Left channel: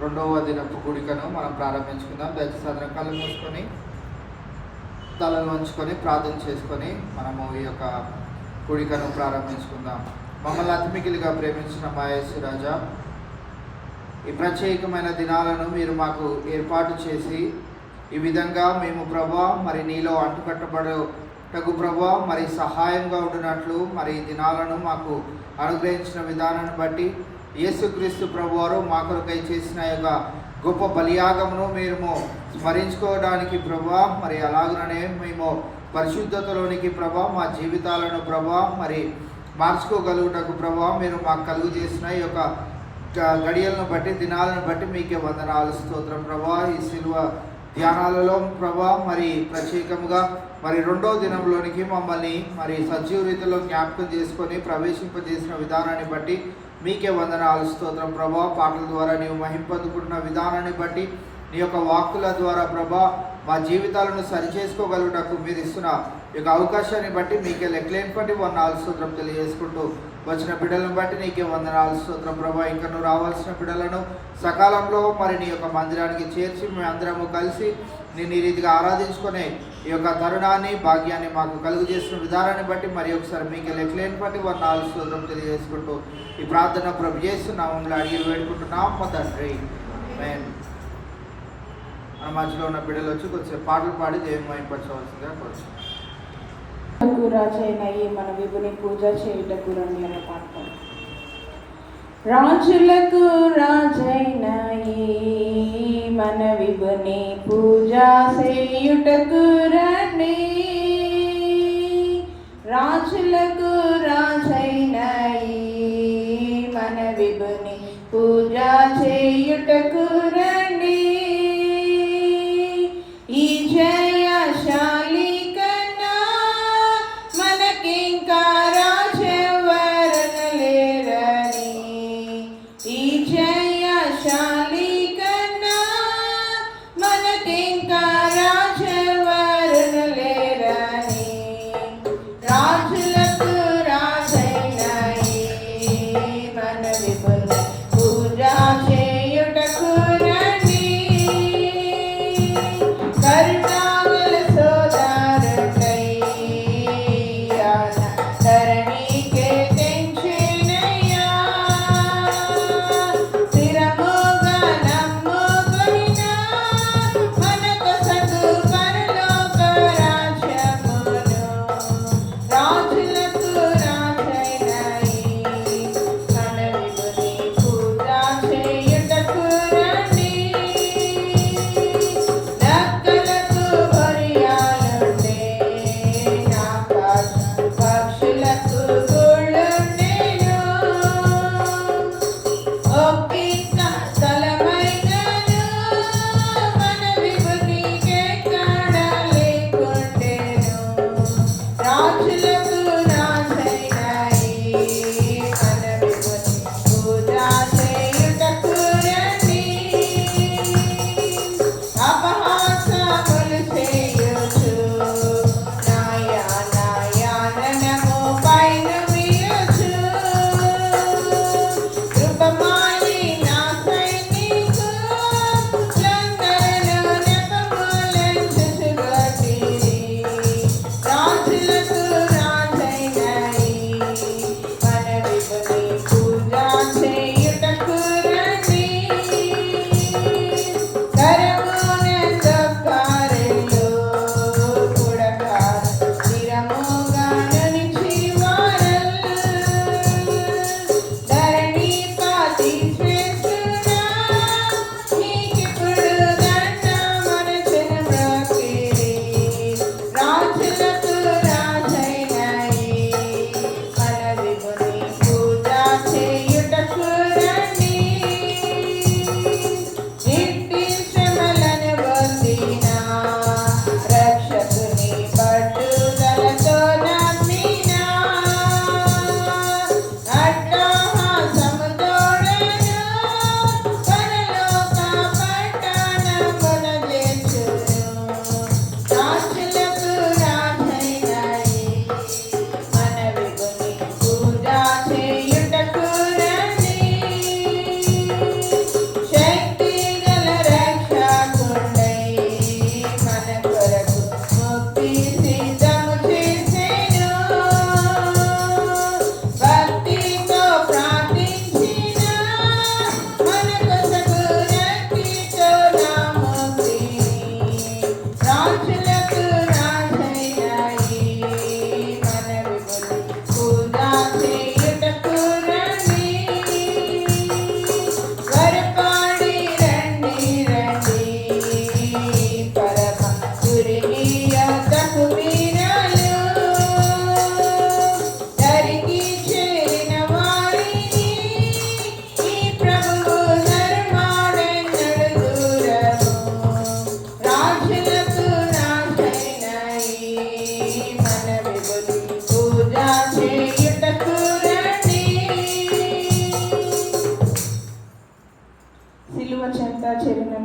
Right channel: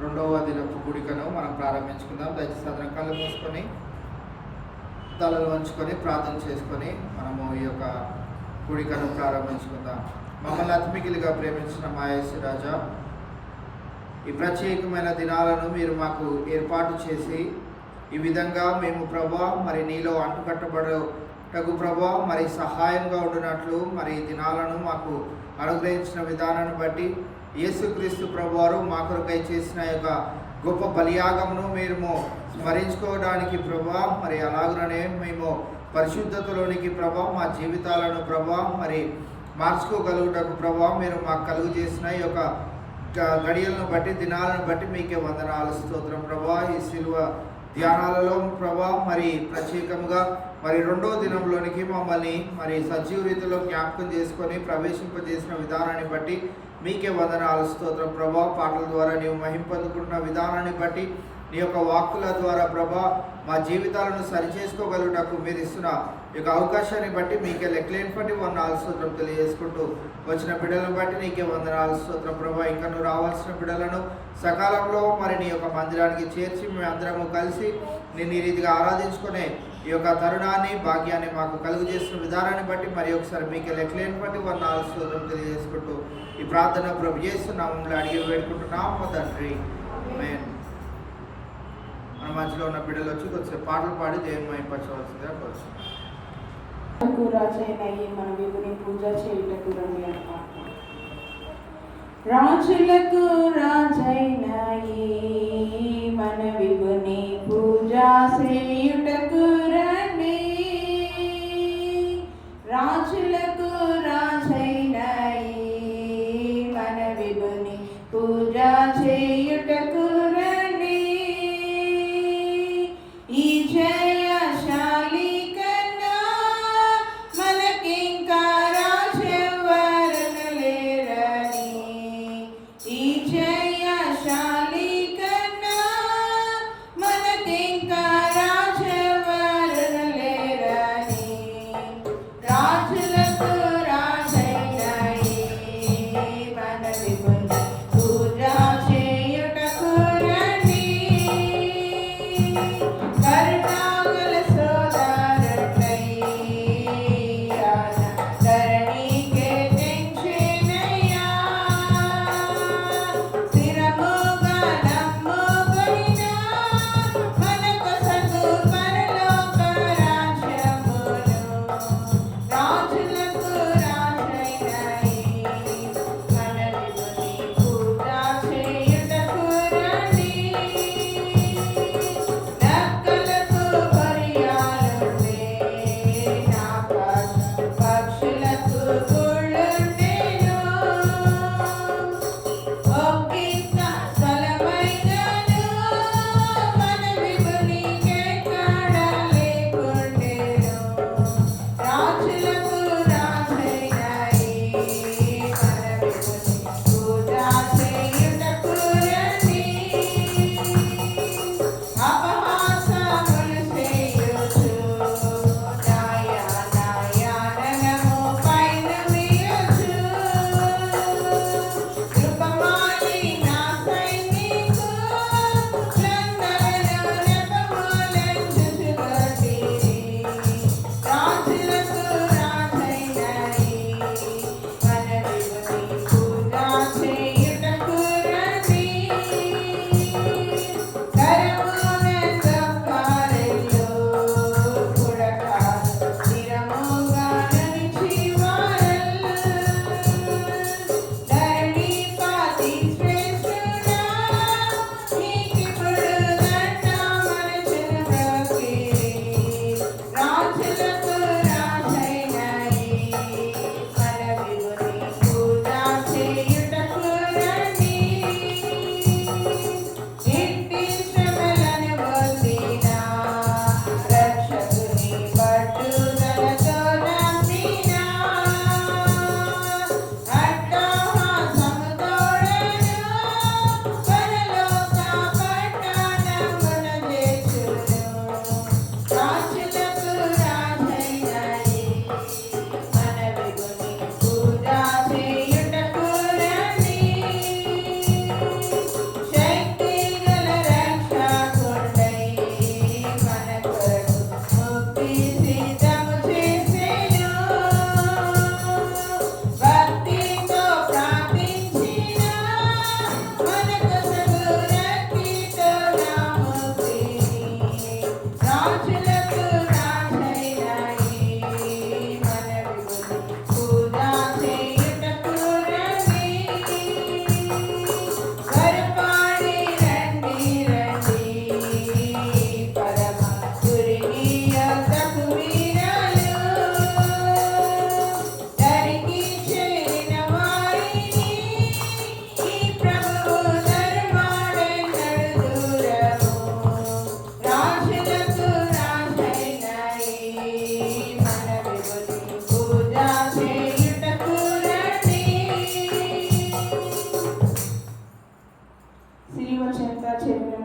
రెండవ దినపు కూడికను మనం ప్రారంభించుకుందాం. దయచేసి అందరం కళ్ళు మూసుకొని తలలు వంచుకొని ప్రార్థన చేసుకొని మనము ఈ యొక్క కూడికను ప్రారంభించుకుందాం. మమ్మల్ని అతిమికిలిగా ప్రేమించిన మా యేసు రాజా, ఈ ప్రత్యేకమైన దినాలను మీరు మాకు ఏర్పాటు చేసి ఈ విధంగా మేము ప్రభా మరి నీలో అంటుకట్టబడటకు ప్రభా మరి సహాయంగా ఉండినట్లు మరి ఈ దినాలను మాకు అనుగ్రహించిన విధానాన్ని బట్టి యేసుక్రీస్తు ప్రభువారు మా కొరకై చేసిన యొక్క గొప్ప బలియాగమును మేము స్మరించుకోవడానికి ప్రభా మరి అలాగనే మేము పరిశుద్ధతలోనికి ప్రభా మా జీవితాలను ప్రభా మరి మార్చుకోగలుగుటకు ప్రభా మీరు మాకు కలుగు చేసిన ఈ యొక్క గడియలను బట్టి దినాలను బట్టి మీకే వందనాలు స్తోత్రం ప్రభా. ఈ శిలువ ధ్యానాలలో ప్రభా మరి ప్రత్యేకంగా మరి రెండో దినంలోనికి మమ్మల్ని మరి సజీవ రీతిలో జ్ఞాపకం చేసుకొని ప్రవేశింపజేసిన విధానాన్ని బట్టి మీకే వందనాలు స్తోత్రం ప్రభా. పాటల ద్వారా నీవు మహింపొందుకుంటున్న విధానాన్ని బట్టి నీ యొక్క వాక్కుల ద్వారా ప్రభా మా జీవితాలను సరిచేసుకోగలుగుటకు మీరు ఇస్తున్న ఈ యొక్క అవకాశాన్ని బట్టి మీకే లెక్కలేని బట్టి వందనాలు స్తోత్రం తెలియజేసుకుంటూ వచ్చిన బిడ్డలను బట్టి నీకే వందనాలు స్తోత్రం ప్రభా. ఇంకా నువ్వు రావాల్సిన బిడ్డలను సకాలంలో మరి నీ యొక్క మందిరానికి చేర్చి మేము అందరము కలిసి నేను ఈ రీతిగా ఆరాధించుకునే ఈ యొక్క తరుణాన్ని భాగ్యాన్ని మాకు కలుగు చేస్తున్న విధానాన్ని బట్టి మరి ఒకసారి మీకే లెక్కలేని బట్టి వందనాలు స్తోత్రం తెలియజేసుకుంటూ ఈ ప్రార్థన ప్రభు చేస్తున్నాము అడిగి వేడుకుంటున్నాం మా తండ్రి. ఆమేన్. మన మధ్యలో ఉన్న బిడ్డలు వచ్చి కొద్దిసేపు పాటలు పాడి దేవుని మహిమపరచవలసిందిగా కోరుతున్నాం. మన విభుని పూజ చేయుటకు రమ్య పాట. రాజులకు రాజైన మన విభుని పూజ చేయుటకు రండి. రాజులకు రాజైన మన విభుని పూజ చేయుటకు రండి. ఈ జయశాలి కన్నా మనకింకా రాజెవరను లేరని. ఈ జయశాలి కన్నా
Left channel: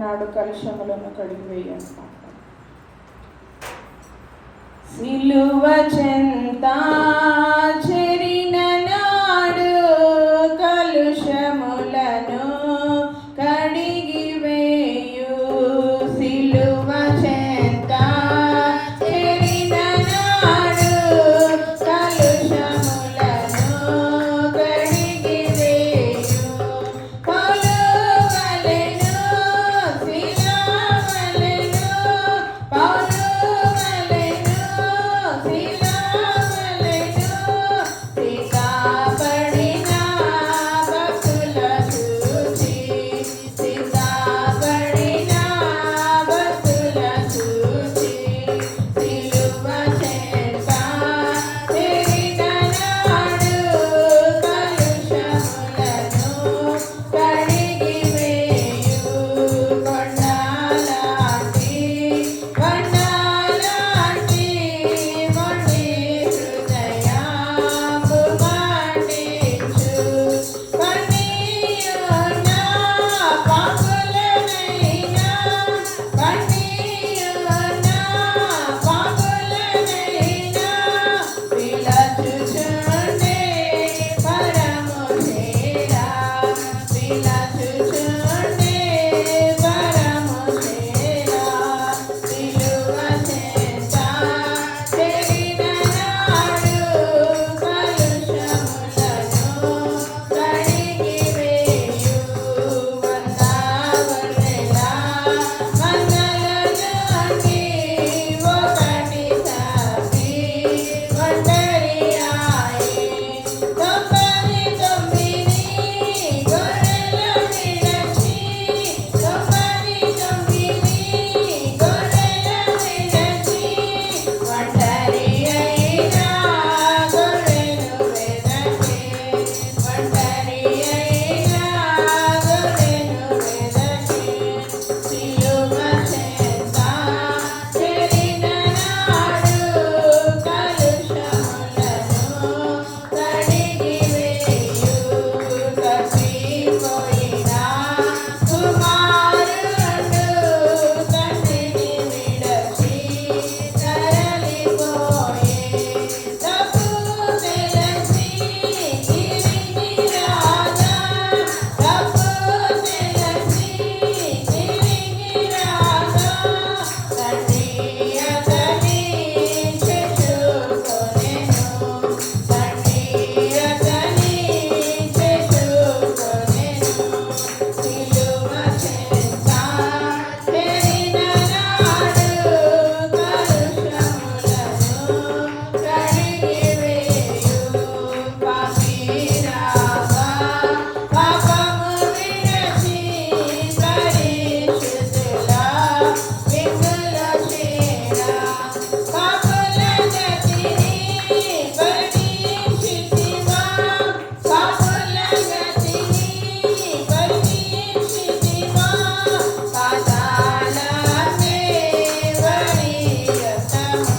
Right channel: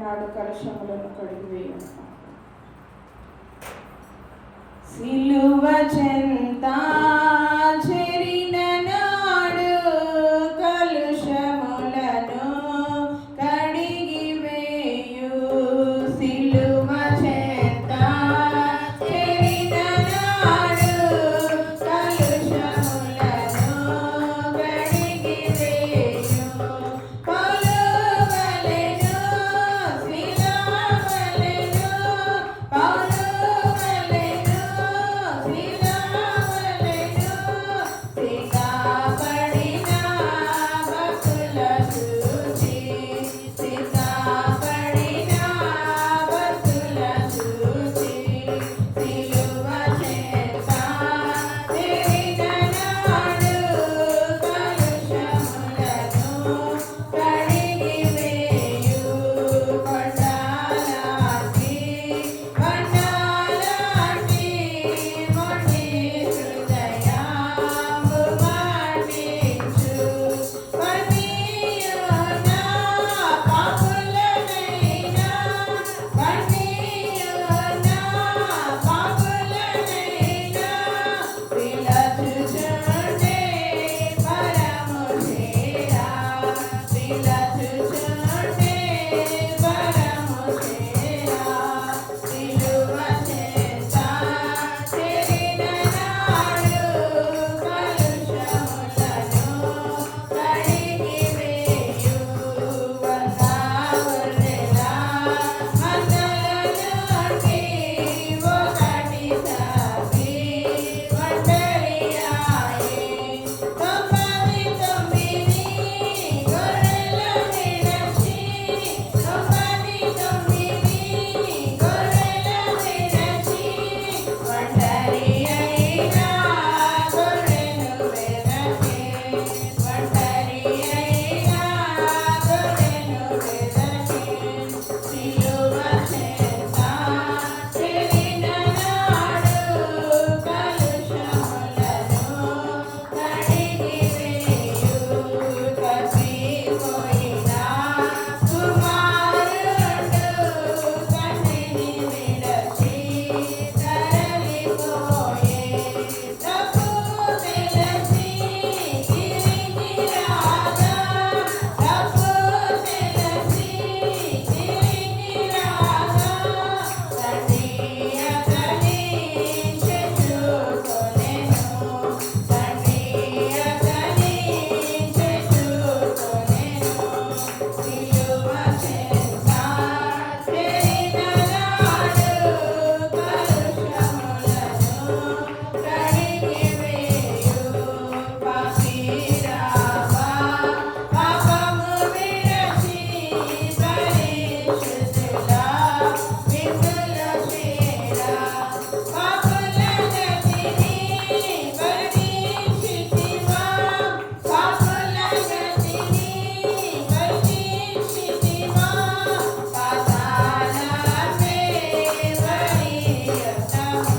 నాడు కలుషములను కడిగివేయను. సిలువ చెంత చెరిన నాడు కలుషములను కడిగివేయు. సిలువ చెంత చెరిన నాడు కలుషములను కడిగివేయు. పౌలువలెను శిలవలెను, పౌలువలెను శిలవలెను, సిద్ధపడిన భక్తుల చూచి, సిద్ధపడిన భక్తుల చూచి, సిలువ చెంత చెరిన నాడు కలుషములను కడిగివేయు. కొండలాంటి కొండలాంటి మొండి హృదయము మండించు, కన్నీయున పాపులనైనా, కన్నీయున పాపులనైనా పిలచుచుండే పరము చేరా, పిలచుచుండే పరము చేరా. సిలువ చెంత చెరిన నాడు కలుషములను కడిగివేయు. వందగొర్రెల మందల నుండి ఒకటి తప్పి ఒంటరియాయె. 99 గొర్రెల విడచి, 99 గొర్రెల విడచి, ఒంటరి అయిన గొర్రెను వెదకి, ఒంటరి అయిన గొర్రెను వెదకి. సిలువ చెంత చెరిన నాడు కలుషములను కడిగివేయు. తప్పిపోయిన కుమారుడు తండ్రిని విడచి తరలిపోయే. తప్పు తెలిసి తిరిగి రాగా, తప్పు తెలిసి తిరిగి రాగా, తండ్రి అతని చేర్చుకొనెను, తండ్రి అతని చేర్చుకొనెను. సిలువ చెంత చెరిన నాడు కలుషములను కడిగివేయు. పాపిరావా పాపము విడచి పరిశుద్ధుల విందుల చేరా. పాపుల గతిని పరీక్షితిమా, పాపుల గతిని పరీక్షితిమా, పాతాళమే వరియతము,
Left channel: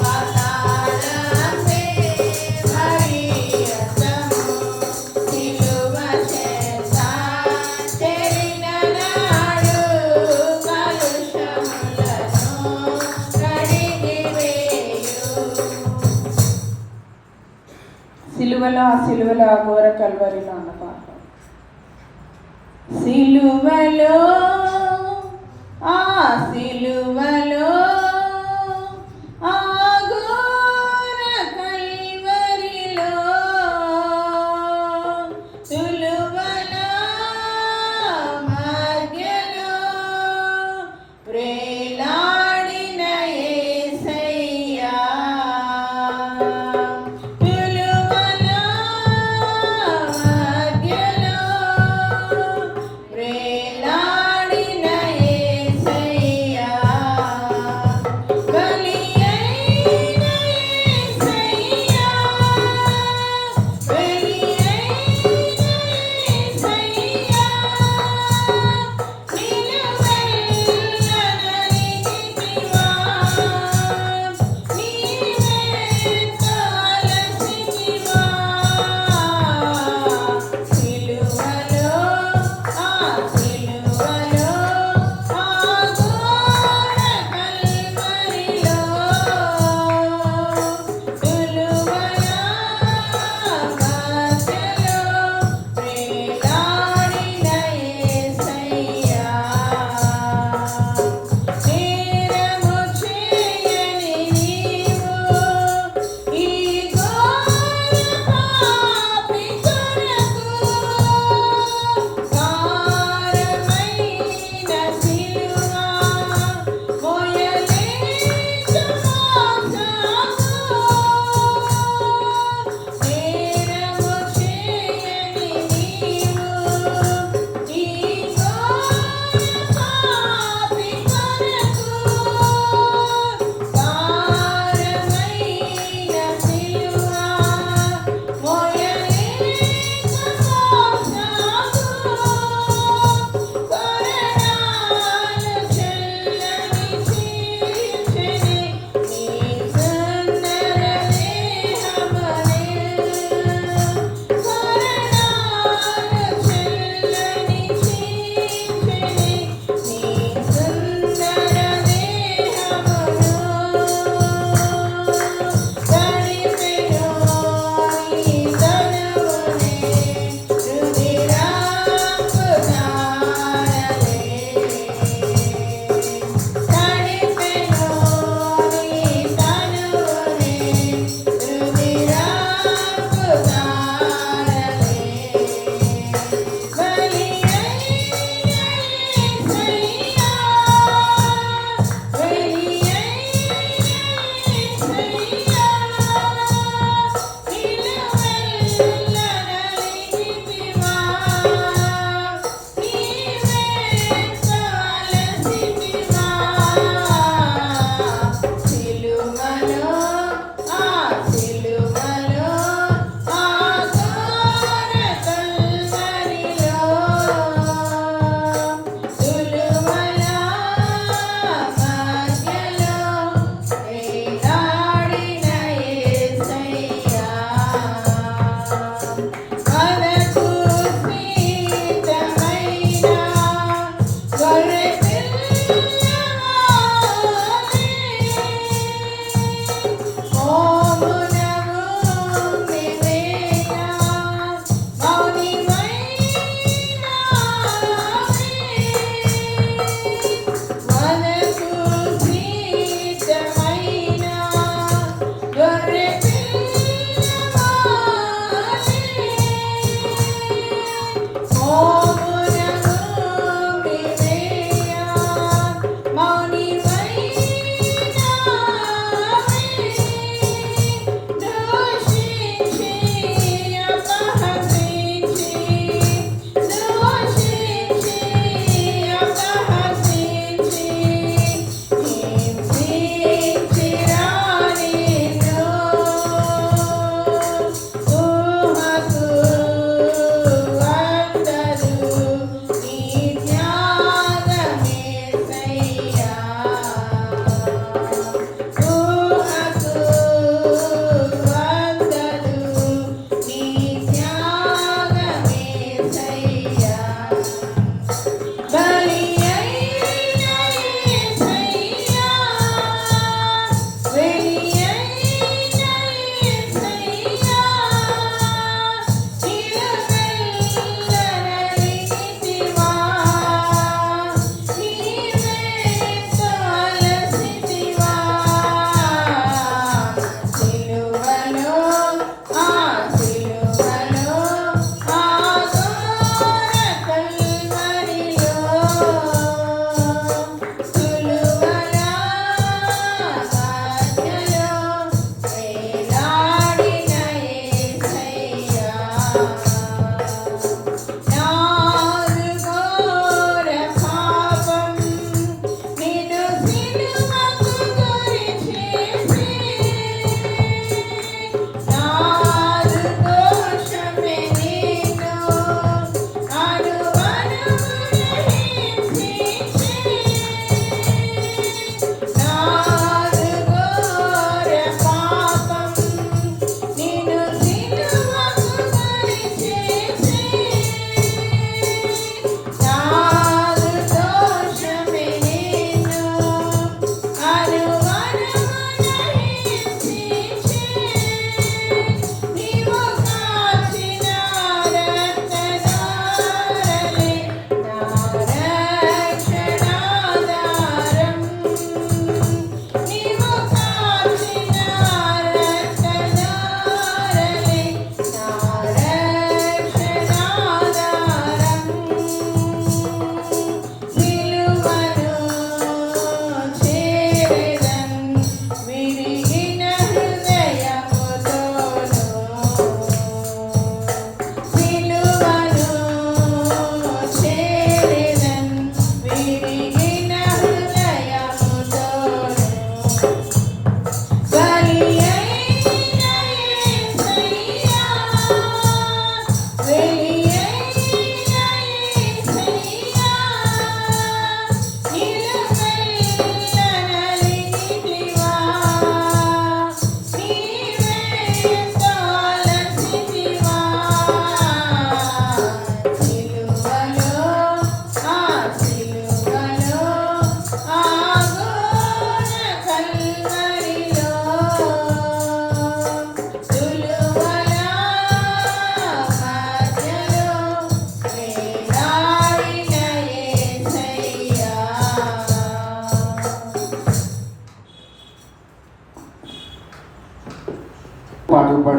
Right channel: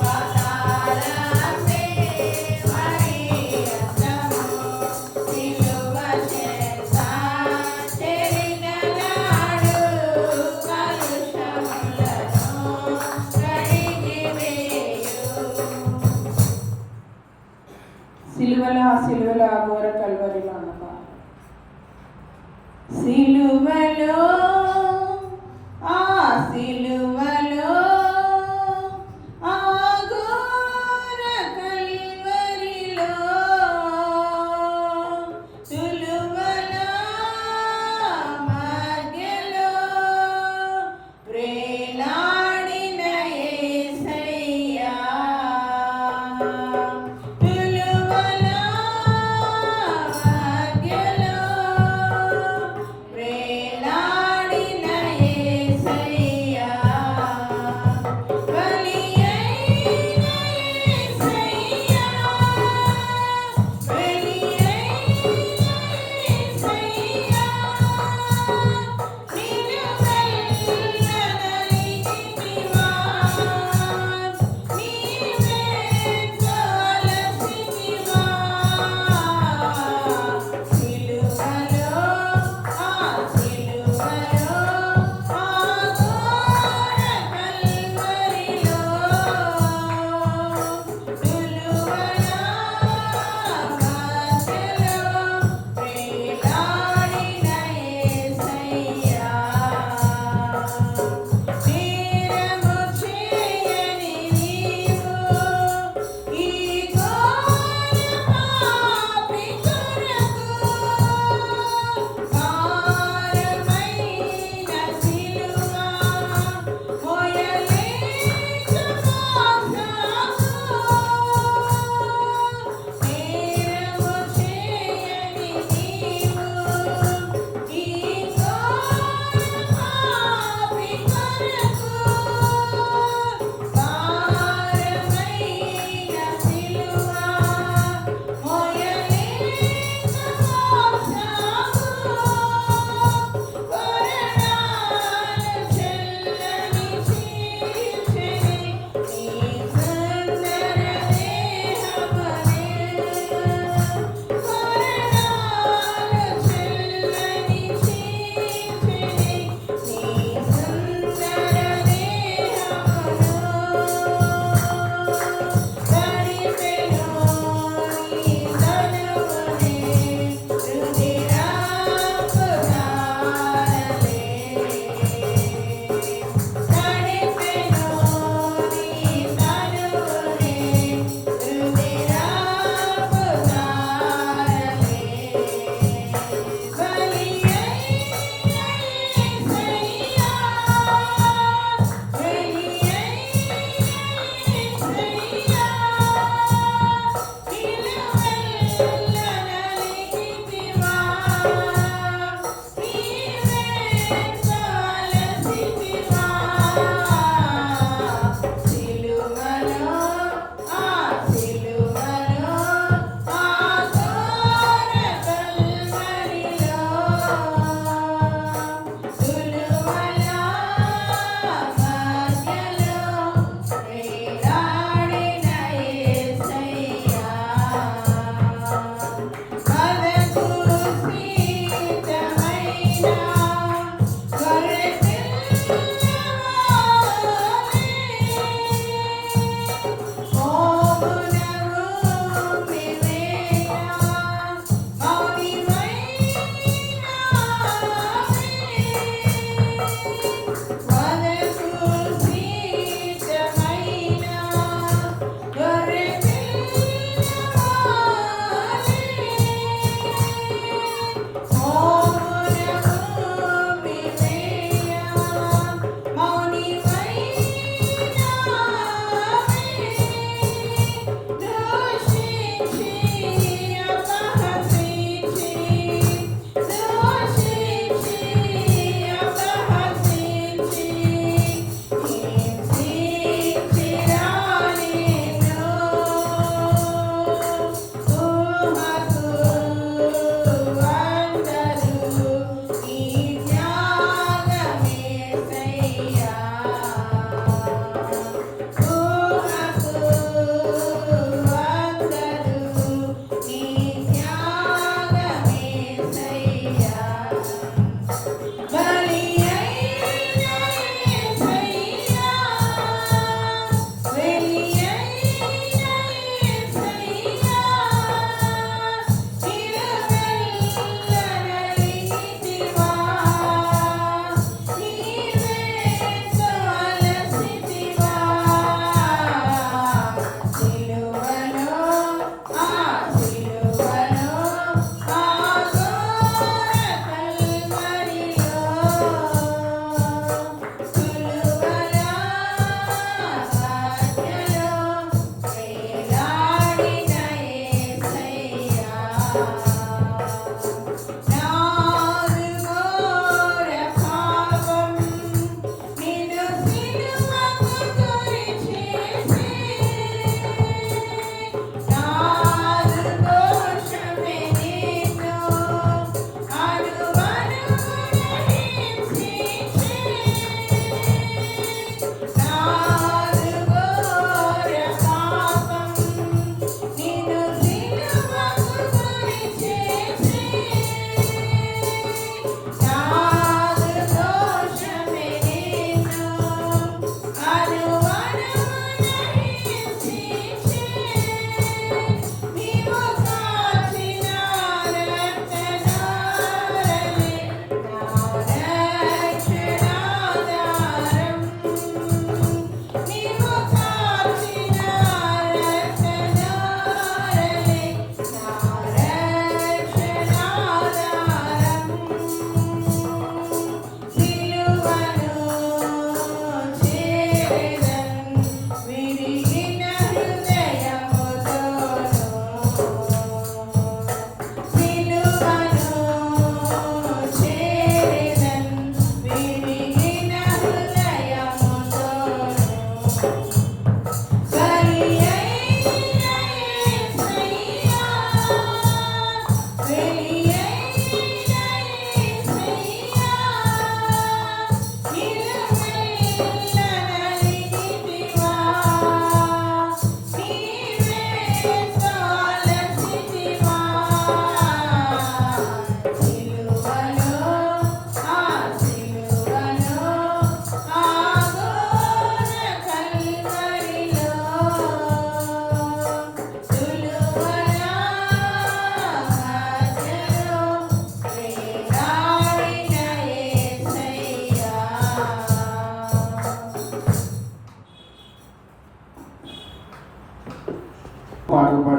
పాతాళమే వరియతము. సిలువ చెంత చెరిన నాడు కలుషములను కడిగివేయు. సిలువలో ఆ సిలువలో ఆ ఘోర కల్వరిలో అన్నమాట. సిలువలో ఆ సిలువలో ఆ ఘోర కల్వరిలో, సిలువల మధ్యలో ప్రేలాడిన యేసయ్యా, సిలువల మధ్యలో ప్రేలాడిన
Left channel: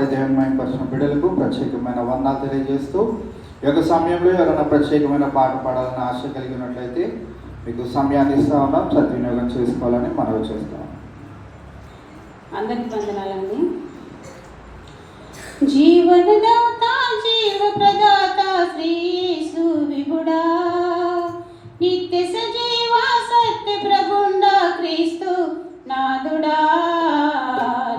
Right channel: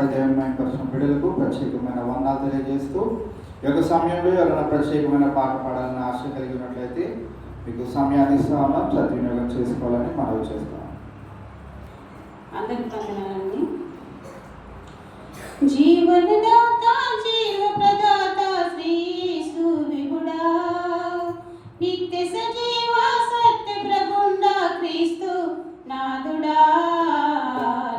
పాడి దేవుని పర్సన బిడ్డలకు ప్రత్యేకమైన వందనాలు తెలియజేస్తూ ఈ యొక్క సమయంలో ఎవరైనా ప్రత్యేకమైన పాట పాడాలని ఆశ కలిగి ఉన్నట్లయితే మీకు సమయాన్ని ఇస్తా ఉన్నాం, సద్వినియోగం చేసుకోవాలని మనవి చేస్తాం. అందరికి వందనాలండి. జీవనదాత జీవ ప్రదాత శ్రీ యేసు విభుడా, నిత్య సజీవ సత్య ప్రబుండ క్రీస్తు నాదుడా,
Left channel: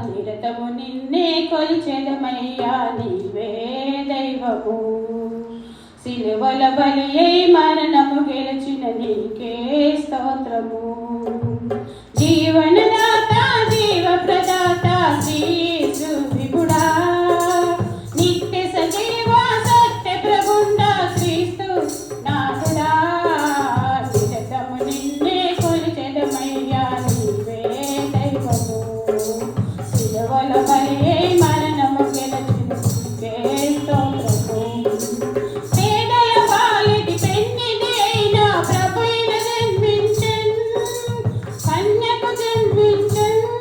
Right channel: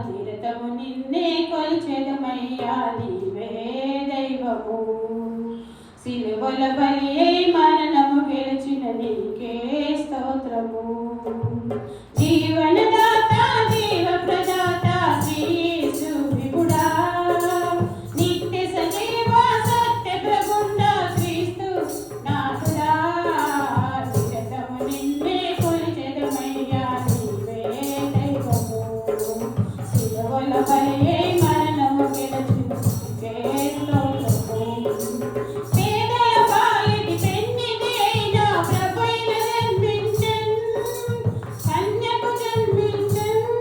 నిరతము నిన్నే కొలిచెదమయ్యా నీవే దైవము, సిలువల బలియే మరణము గెలిచిన నీకే స్తోత్రము. జీవనదాత జీవ ప్రదాత శ్రీ యేసు విభుడా, నిత్య సజీవ సత్య ప్రబుండ క్రీస్తు నాదుడా, నిరతము నిన్నే కొలిచెదమయ్యా నీవే దైవము, సిలువల బలియే మరణము గెలిచిన నీకే స్తోత్రము. పేదల పాలిటి పెన్నిధి అయిన ప్రభువును జన్మించెను, కన్యకు జన్మించెను,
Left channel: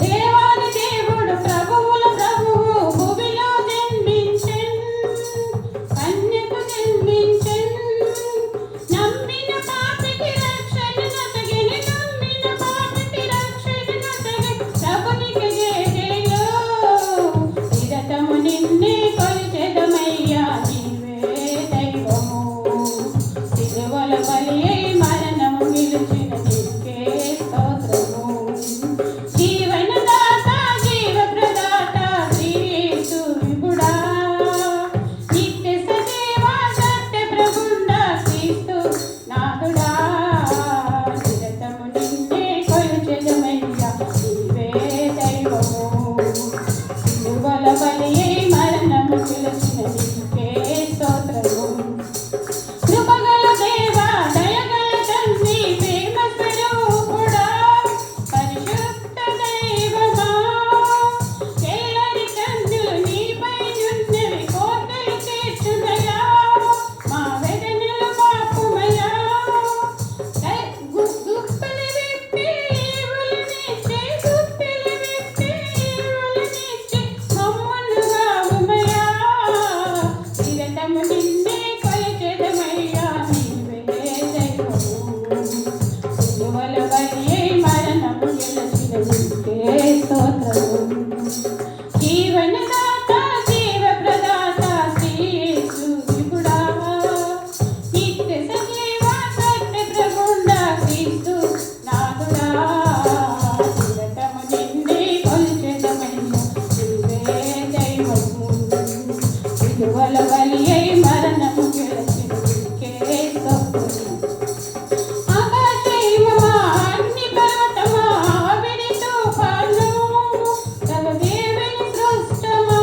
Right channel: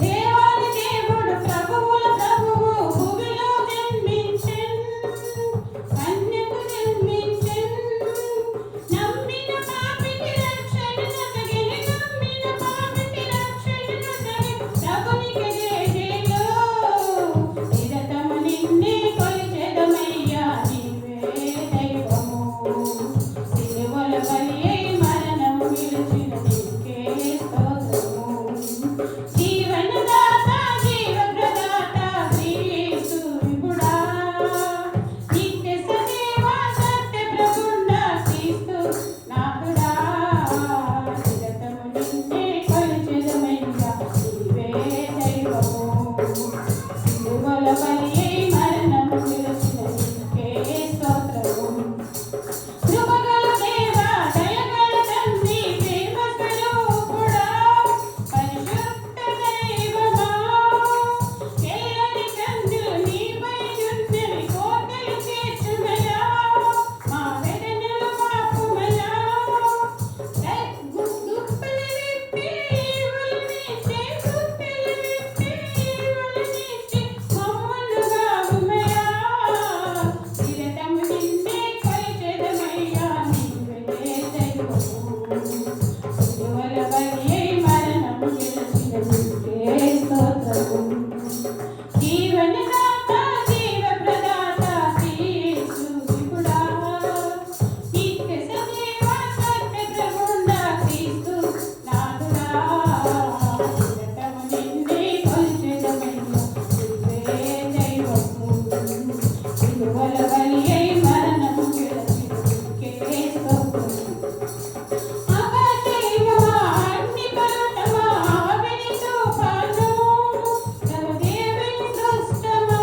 దేవాది దేవుడు ప్రభువుల ప్రభువు భూమిలో జన్మించెను, కన్యకు జన్మించెను. నమ్మిన పాపికి రక్షణ నొసగిన, నమ్మిన పాపికి రక్షణ నొసగిన ప్రభునికి జయజయలు, నిరతము నిన్నే కొలిచెదమయ్యా నీవే దైవము, సిలువల బలియై మరణము గెలిచిన నీకే స్తోత్రము. జీవనదాత జీవ ప్రదాత శ్రీ యేసు విభుడా, నిత్య సజీవ సత్య ప్రబుండ క్రీస్తు నాదుడా, నిరతము నిన్నే కొలిచెదమయ్యా నీవే దైవము, సిలువల బలియై మరణము గెలిచిన నీకే స్తోత్రము. కృపగల దేవా దయగల తండ్రి ప్రేమ స్వరూపుడా, పరిశుద్ధ దైవమా, చెల్లని కన్నులు నీపై చున్నవి కోటలు చేర్చుమయా, మా వేదనలు పాపుమయా, గుప్పెలు విప్పి ఈవులనిచ్చే, గుప్పెలు విప్పి ఈవులనిచ్చే మమ్ములను గావుమయా, నిరతము నిన్నే కొలిచెదమయ్యా నీవే దైవము, సిలువల బలియై మరణము గెలిచిన నీకే స్తోత్రము. జీవనదాత జీవ ప్రదాత శ్రీ యేసు విభుడా, నిత్య సజీవ సత్య ప్రబుండ క్రీస్తు నాదుడా, నిరతము నిన్నే కొలిచెదమయ్యా నీవే దైవము, సిలువల బలియై మరణము గెలిచిన నీకే స్తోత్రము. ఆకాశమా అగ్ని పర్వతమా ఆవిరి తుఫాను, తమ దేవుని సృష్టమా,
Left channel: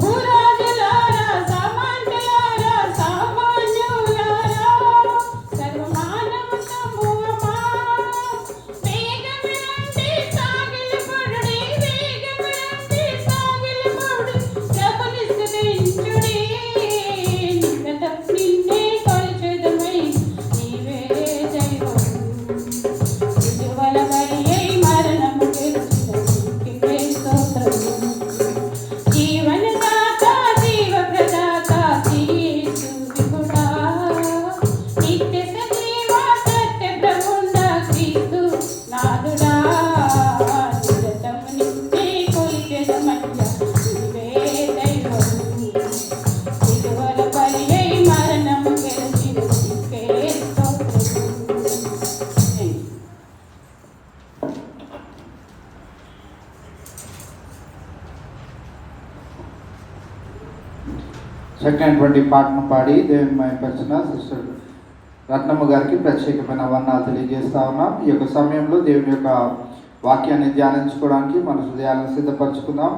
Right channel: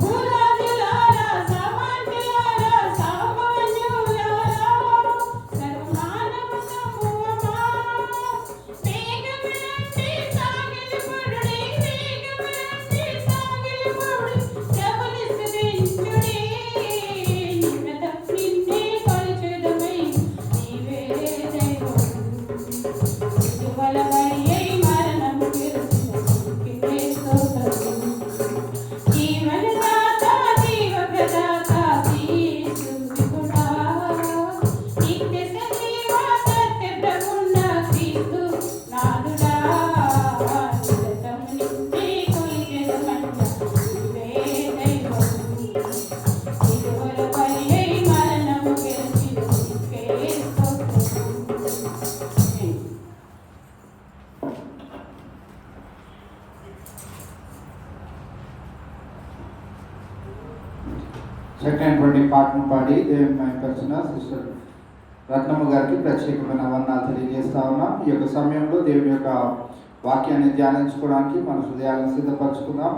భూరాజులారా సామంతులారా సామాన్యులారా, సర్వమానవ సమూహమా, వేగమునంది సాగిలపడుడి, వేగమునంది సాగిలపడుడి, ప్రభుని స్తుతించుడి, నిరతము నిన్నే కొలిచెదమయ్యా నీవే దైవము, సిలువల బలియై మరణము గెలిచిన నీకే స్తోత్రము. జీవనదాత జీవ ప్రదాత శ్రీ యేసు విభుడా, నిత్య సజీవ సత్య ప్రబుండ క్రీస్తు నాదుడా, నిరతము నిన్నే కొలిచెదమయ్యా నీవే దైవము, సిలువల బలియై మరణము గెలిచిన నీకే స్తోత్రము. చక్కనటువంటి పాటను పాడి దేవుని మహిమపరిచిన సిస్టర్ రత్నమ్మ గారికి ప్రత్యేకమైన వందనాలు తెలియజేస్తా ఉన్నాం. ఈ యొక్క సమయంలో దేవుని యొక్క వాక్యాన్ని ధ్యానించుకోవడానికి మన హృదయాలను సిద్ధపరచుకుందాం.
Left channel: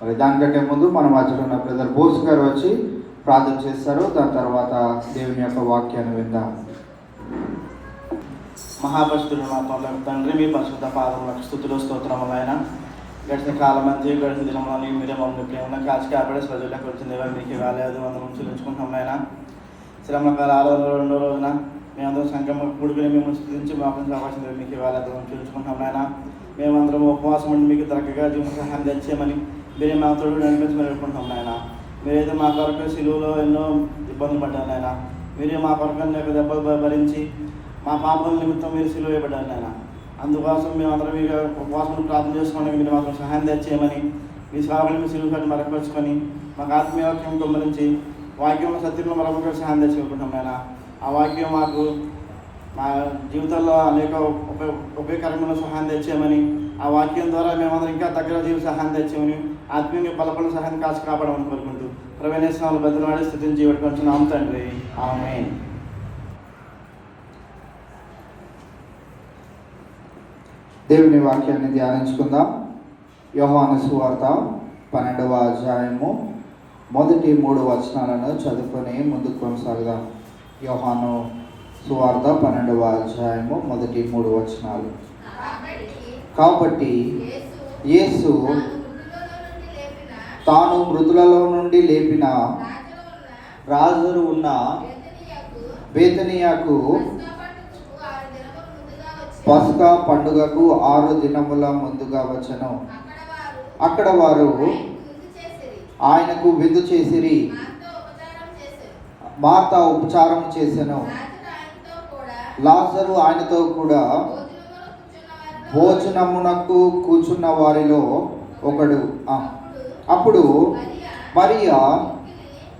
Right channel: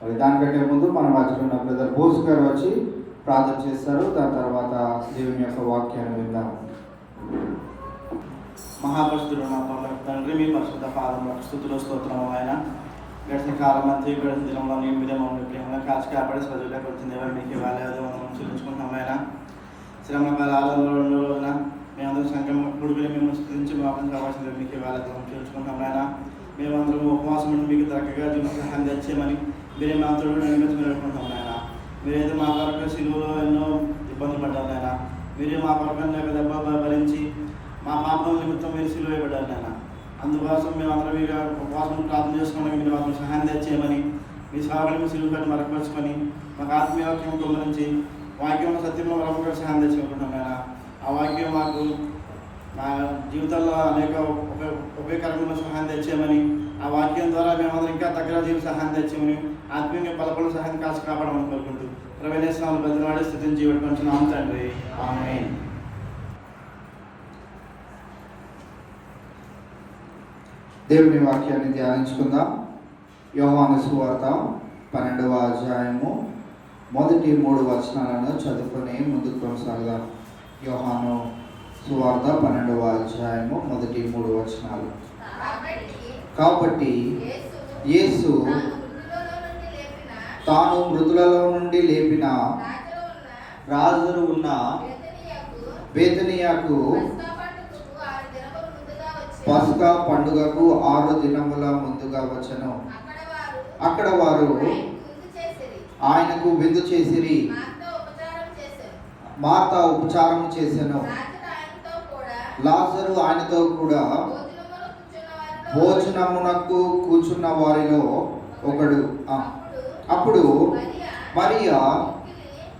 మరి దానికంటే ముందు మన మధ్యలో ఉన్న బ్రదర్ బోస్ గారు వచ్చి ప్రార్థన చేస్తారు. దాని తర్వాత దేవుని యొక్క వాక్యాన్ని విందాం. మహాపరిశుద్ధుడు మా తండ్రి, మీ పరిశుద్ధ పాదములకు స్తుతులు స్తోత్రములు. ఆయన గడిచిన కాలం అంతే, గడిచిన దినంలో మీరే మమ్మల్ని ప్రేమలో కాచి కాపాడే సజీవులకు వచ్చింది మీకు వేలాది వందనం చెల్లించుకుంటున్నాం. ఆయన శ్రమకాల రెండో రోజున మేమందరం సంక్రమ కూడుకుని మేము స్థితించి మోకం అవకాశం మీకు వేలాది వందనం చెల్లించుకుంటున్నాం. ఆయన మేమందరం ఉపవాసం ఉండి మీకు దగ్గరగా జీవన సహాయం తెచ్చేయమని మీరే మా తోడు నడిపించుకుంటున్నాం నాయన. మీరైతే మా కొరకు సిలువలో ఎన్నో ఇబ్బందులు పడ్డారు నాయన. మీరే మా కొరకు యొక్క దెబ్బ భరించి మా పాపం నిమిత్తం మీరు సిలువ వేయబడ్డారు నాయన. అందుకోసం మేము అందరం మీరు ఉపవాసం ప్రార్థన చేసుకోవడానికి మీరు మాకు సహాయం తెచ్చేయమని మీ సేవకులు మీ సిలువ పెట్టి మరపరుచుకొని మాకు ఆత్మీయ వాక్యం గురించి వాక్యం సత్యంలో మరొక సహాయం తెచ్చుకుంటున్నాం నాయన. ఆ వాక్యం మాకు మా జీవితంలో అనేక ఉపయోగకరమైన సహాయం తెచ్చేయమని, ఆ వాక్యం ద్వారా మేమందరం ఇంకా దగ్గర జీవి సహాయం తెచ్చామని, ఆత్మీయ బలపడ సహాయం కాచి కాపాడమని కోరుకుంటూ ప్రవేశనాలు బదిలవాడి స్థితిని జీవించుకుంటున్నాం తండ్రి. ఆమేన్. దేవుని వాక్యాన్ని ధ్యానించుకుందాం. యోహాను సువార్త 12వ అధ్యాయము మొదటి 3 వచనాలను చదువుకొని ముందుకు కొనసాగుదాం. యోహాను సువార్త 12వ అధ్యాయము మొదటి 3 వచనాలు. కాబట్టి యేసు తాను మృతులలో నుండి లేపిన రాజులు ఉన్న బేతనియాకు పస్కా పండుగకు 6 దినముల ముందుగా వచ్చెను. అక్కడ వారు ఆయనకు విందు చేసిరి. మార్త ఉపచారం చేసెను. లాజరు ఆయనతో కూడా భోజనమునకు కూర్చున్న వారిలో ఒకడు. అప్పుడు మరియా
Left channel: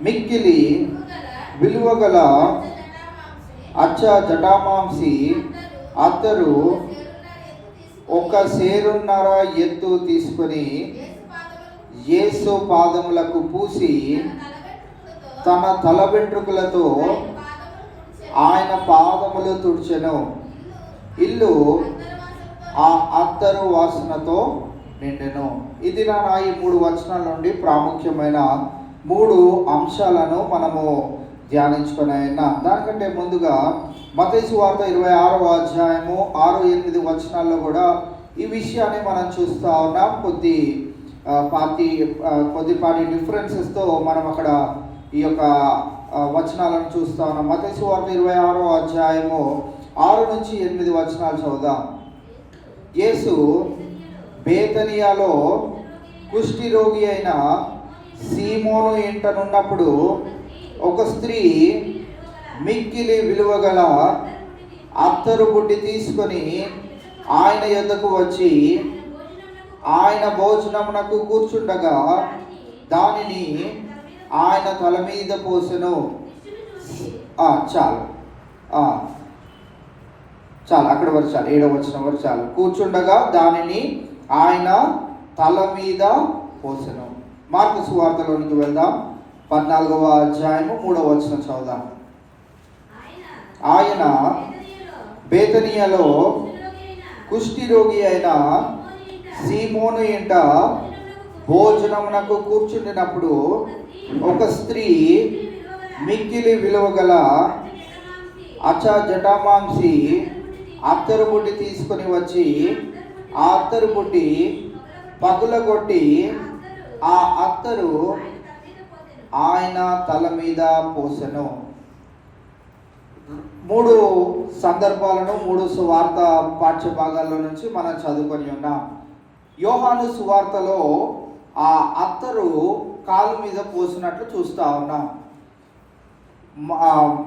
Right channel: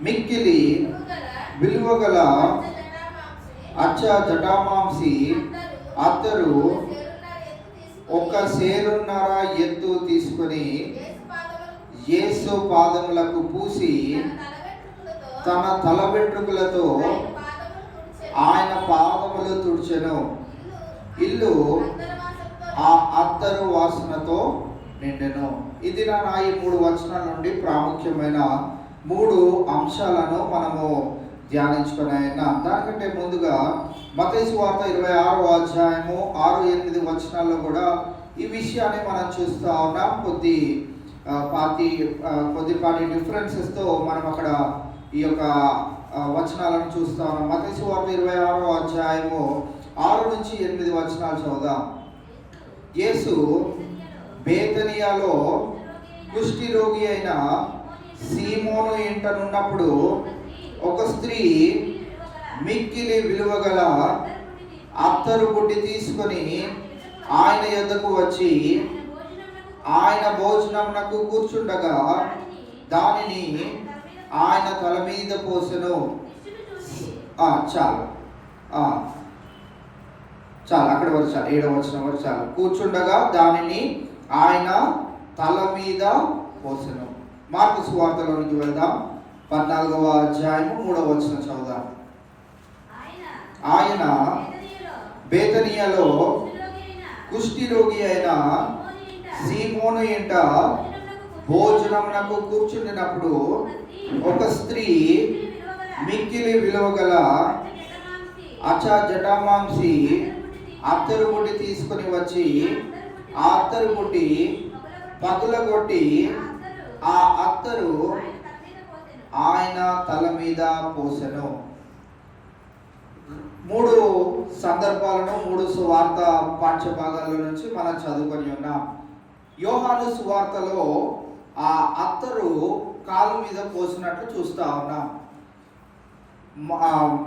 మిక్కిలి విలువగల అచ్చ జటామాంసి అత్తరు 1 సేరున్నర ఎత్తు తీసుకొని యేసు పాదములకు పూసి తన తల వెంట్రుకలతో ఆయన పాదములు తుడిచెను. ఇల్లు ఆ అత్తరు వాసనతో నిండెను. ఇది నా ఈ 3 వచనాల నుండి ప్రాముఖ్యమైన 3 అంశాలను మనము ధ్యానించుకునే. దానికంటే ముందుగా మత్తయి సువార్త 26వ అధ్యాయము 6-8 వచనాల్లో కూడా ఈ విషయాన్ని మనం చూస్తూ ఉన్నాం. కొద్దిపాటి డిఫరెన్సెస్తో మనం అక్కడ ఈ యొక్క వచనాలను చూస్తూ ఉన్నాం. మత్తయి సువార్త 26వ అధ్యాయము 6-8 వచనాలు చదువుదాం. యేసు బేతనియాలో కుష్టి రోగి అయిన సీమోను ఇంటనున్నప్పుడు ఒక స్త్రీ మిక్కిలి విలువగల అత్తరు బుడ్డి తీసుకొని ఆయన యొద్దకు వచ్చి ఆయన భోజనమునకు కూర్చుండగా దానిని ఆయన తల మీద పోసెను. చాలు అక్కడ వరకు చాలు. 7వ వచనం వరకు చాలు. కూర్చుండగా దానిని ఆయన తల మీద పోసెను. మార్కు సువార్తలోనికి వెళ్దాం. 14వ అధ్యాయము 3వ వచనం చదువుదాం. ఆయన బేతనియాలో కుష్టి రోగి అయిన సీమోను ఇంట భోజనమునకు కూర్చుండినప్పుడు ఒక స్త్రీ మిక్కిలి విలువగల అచ్చ జటామాంసి అత్తరు బుడ్డి తీసుకొని వచ్చి ఆ అత్తరు బుడ్డి పగులగొట్టి ఆ అత్తరు ఆయన తల మీద పోసెను. 3 సందర్భాలను 3 సువార్త పాఠ్య భాగాల్లో నుంచి మనం చదువుకొని ఉన్నాం. యోహాను సువార్తలో ఆ అత్తరు కాలు మీద పోసినట్లు చూస్తూ ఉన్నాం.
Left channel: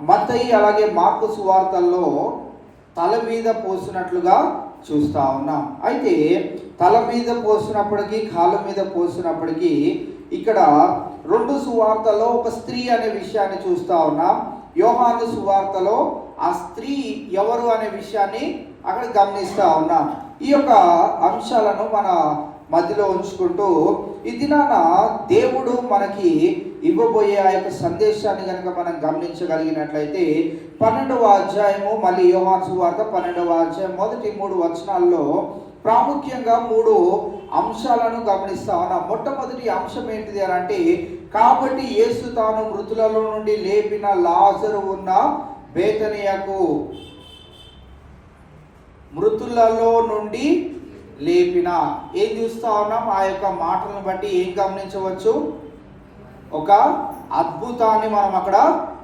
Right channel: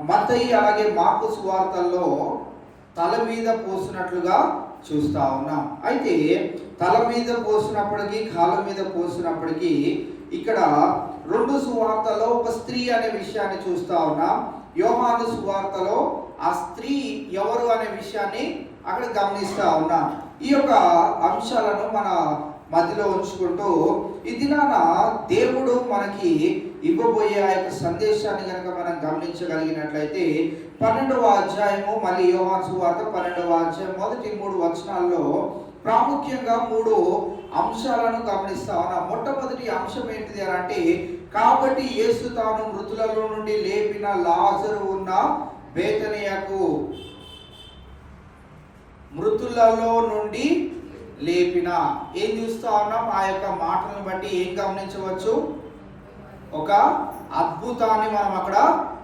మత్తయి అలాగే మార్కు సువార్తల్లో తల మీద పోసినట్లుగా చూస్తూ ఉన్నాం. అయితే తల మీద పోసినప్పటికీ కాళ్ళ మీద పోసినప్పటికీ ఇక్కడ 2 సువార్తల్లో ఒక స్త్రీ అనే విషయాన్ని చూస్తూ ఉన్నాం. యోహాను సువార్తలో ఆ స్త్రీ ఎవరు అనే విషయాన్ని అక్కడ గమనిస్తూ ఉన్నాం. ఈ యొక్క అంశాలను మన మధ్యలో ఉంచుకుంటూ ఈ దినాన దేవుడు మనకి ఇవ్వబోయే ఆ యొక్క సందేశాన్ని కనుక మనం గమనించగలిగినట్లయితే 12వ అధ్యాయము, మళ్ళీ యోహాను సువార్త 12వ అధ్యాయం మొదటి 3 వచనాల్లో ప్రాముఖ్యంగా 3 అంశాలను గమనిస్తా ఉన్నాం. మొట్టమొదటి అంశం ఏంటిది అని అంటే, కాబట్టి యేసు తాను మృతులలో నుండి లేపిన లాజరు ఉన్న బేతనియాకు, మృతులలో నుండి లేపిన. ఏం చూస్తా ఉన్నాం? ఆ యొక్క మాటలను బట్టి ఏం గమనించవచ్చు? ఒక అద్భుతాన్ని మనం అక్కడ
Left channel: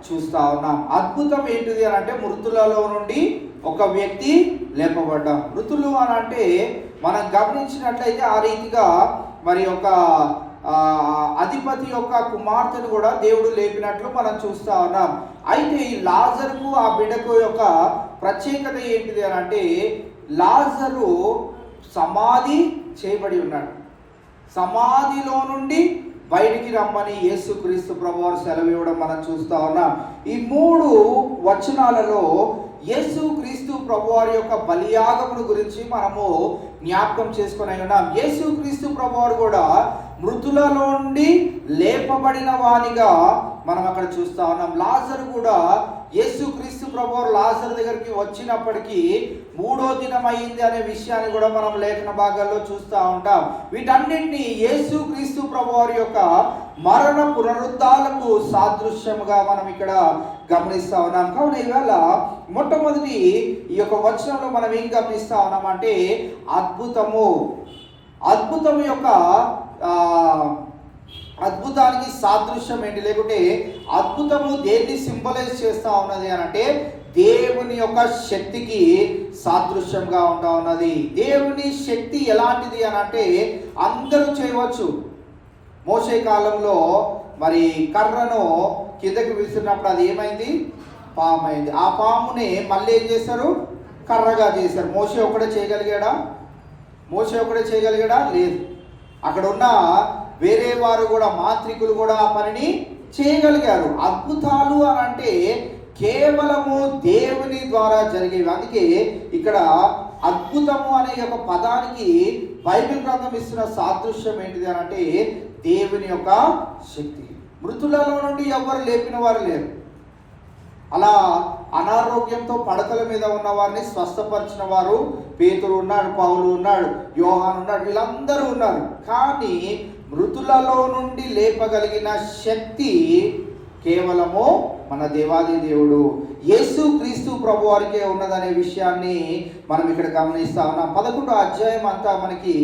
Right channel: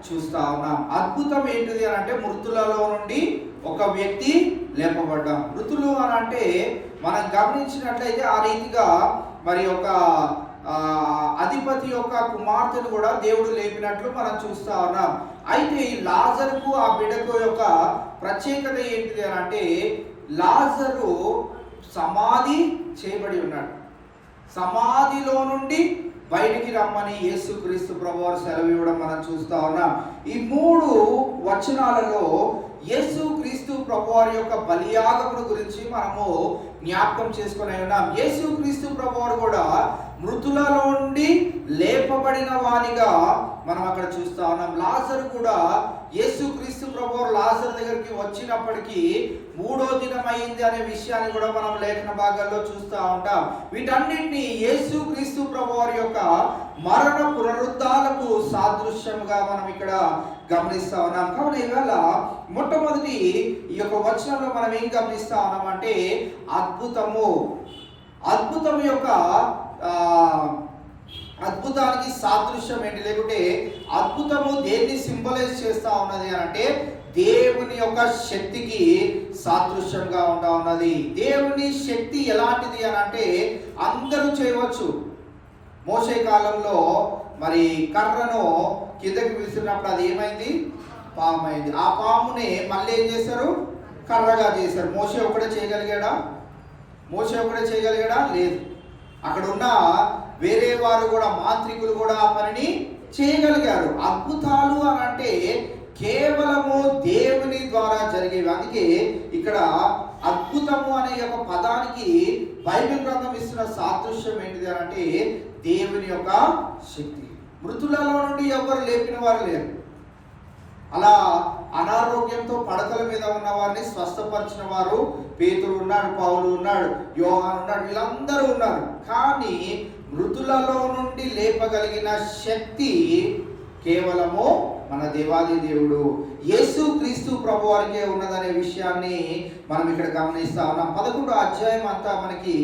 చూస్తా ఉన్నాం. అద్భుతం ఏంటిది అని అంటే, మృతులలో నుండి ఒక వ్యక్తి లేపబడ్డాం. మృతులు అని అంటే మనం గమనించినట్లయితే ఆ రీతిగా మరి ఒక అధిపతి యొక్క కుమార్తెను కూడా దేవుడు లేపినట్లు మనం చూస్తా ఉన్నాం. అయితే ఈ లాజరుకు ఆ బిడ్డకు యొక్క ప్రత్యేకత ఏంటిది అని అంటే, లాజరు సమాధి చేయబడి ఉన్నాడు. సమాధిలో నుండి బయటికి రమ్మని యేసుక్రీస్తు ప్రభువారు సెలవు ఇవ్వడం మనం చూస్తా ఉన్నాం. ఈ 3 వచనాలలో యేసుక్రీస్తు ప్రభువారి యొక్క బలియాగమును గురించి మనము జ్ఞాపకం చేసుకుని ఉన్నాం. యేసుక్రీస్తు ప్రభువారు కూడా మృతులలో నుండి లేపబడిన వానిగా మనం అక్కడ చూస్తా ఉన్నాం. లాజరు కూడా యేసుక్రీస్తు ప్రభువారు లాజరు దగ్గరికి వచ్చినప్పటికీ 3వ దినం అయింది అనే విషయాన్ని కూడా మనం లేఖన భాగాల్లో చూస్తూ ఉంటాం. వీటన్నింటినీ యేసుక్రీస్తు ప్రభువారి యొక్క మరణ పునరుద్ధాలకు సాదృశ్యంగా మనం ఇక్కడ గమనిస్తా ఉన్నాం. కావున ఇవాళ మొట్టమొదటి ఈ యొక్క వచనంలో మనం ఏం గమనిస్తా ఉన్నామంటే, అద్భుతం యొక్క అద్భుతానికి సాదృశ్యం ఏంటి, లేకుంటే అద్భుతము దేన్ని సింబలైజ్ చేస్తా ఉన్నది అని అంటే, దేవుని యొక్క శక్తికి సాదృశ్యంగా ఉంటా ఉన్నది. దేవుని శక్తి ఎలాంటిది అని అంటే, అందరూ చేయవచ్చు. మోషే కాలంలో మరి కర్రను కిందకి విసిరినప్పుడు అది ఏమైంది, పాము అయింది. ఆ పాముని మళ్ళీ ఏం చేశారు, కర్రగా చేశారు. మోషే ఒకడే చేయగలిగాడా? లేదు. అక్కడ ఉన్న వేరే వారు కూడా, మాంత్రికులు కూడా ఆ పనిని చేయగలిగారు. అద్భుతాలు అని అంటే కేవలము దేవుని ద్వారా జరిగేవి. అందుకే ఇక్కడ అద్భుతము అనే ఒక పదానికి బైబిల్ గ్రంథం ఇస్తున్న సాదృశ్యం ఏంటిది అని అంటే, దేవుని యొక్క శక్తి. మృతులలో నుండి ఎవరు లేపిన వారు లేరు. అలా అనారోగ్యంతో పడకల మీద ఉన్న వారిని స్వస్థపరిచిన వారు పేతురు ఉన్నాడు, పౌలు ఉన్నాడు, యోహాను ఉన్నాడు, వీళ్ళందరూ ఉన్నారు. కానీ మృతులలో నుండి లేపగలిగిన శక్తి కేవలము మన దేవాది దేవుడు యేసుక్రీస్తు ప్రభువారికే ఉన్నదనే విషయాన్ని మనం ఇక్కడ గమనిస్తా ఉన్నాం. 11వ అధ్యాయం అంతా మనకి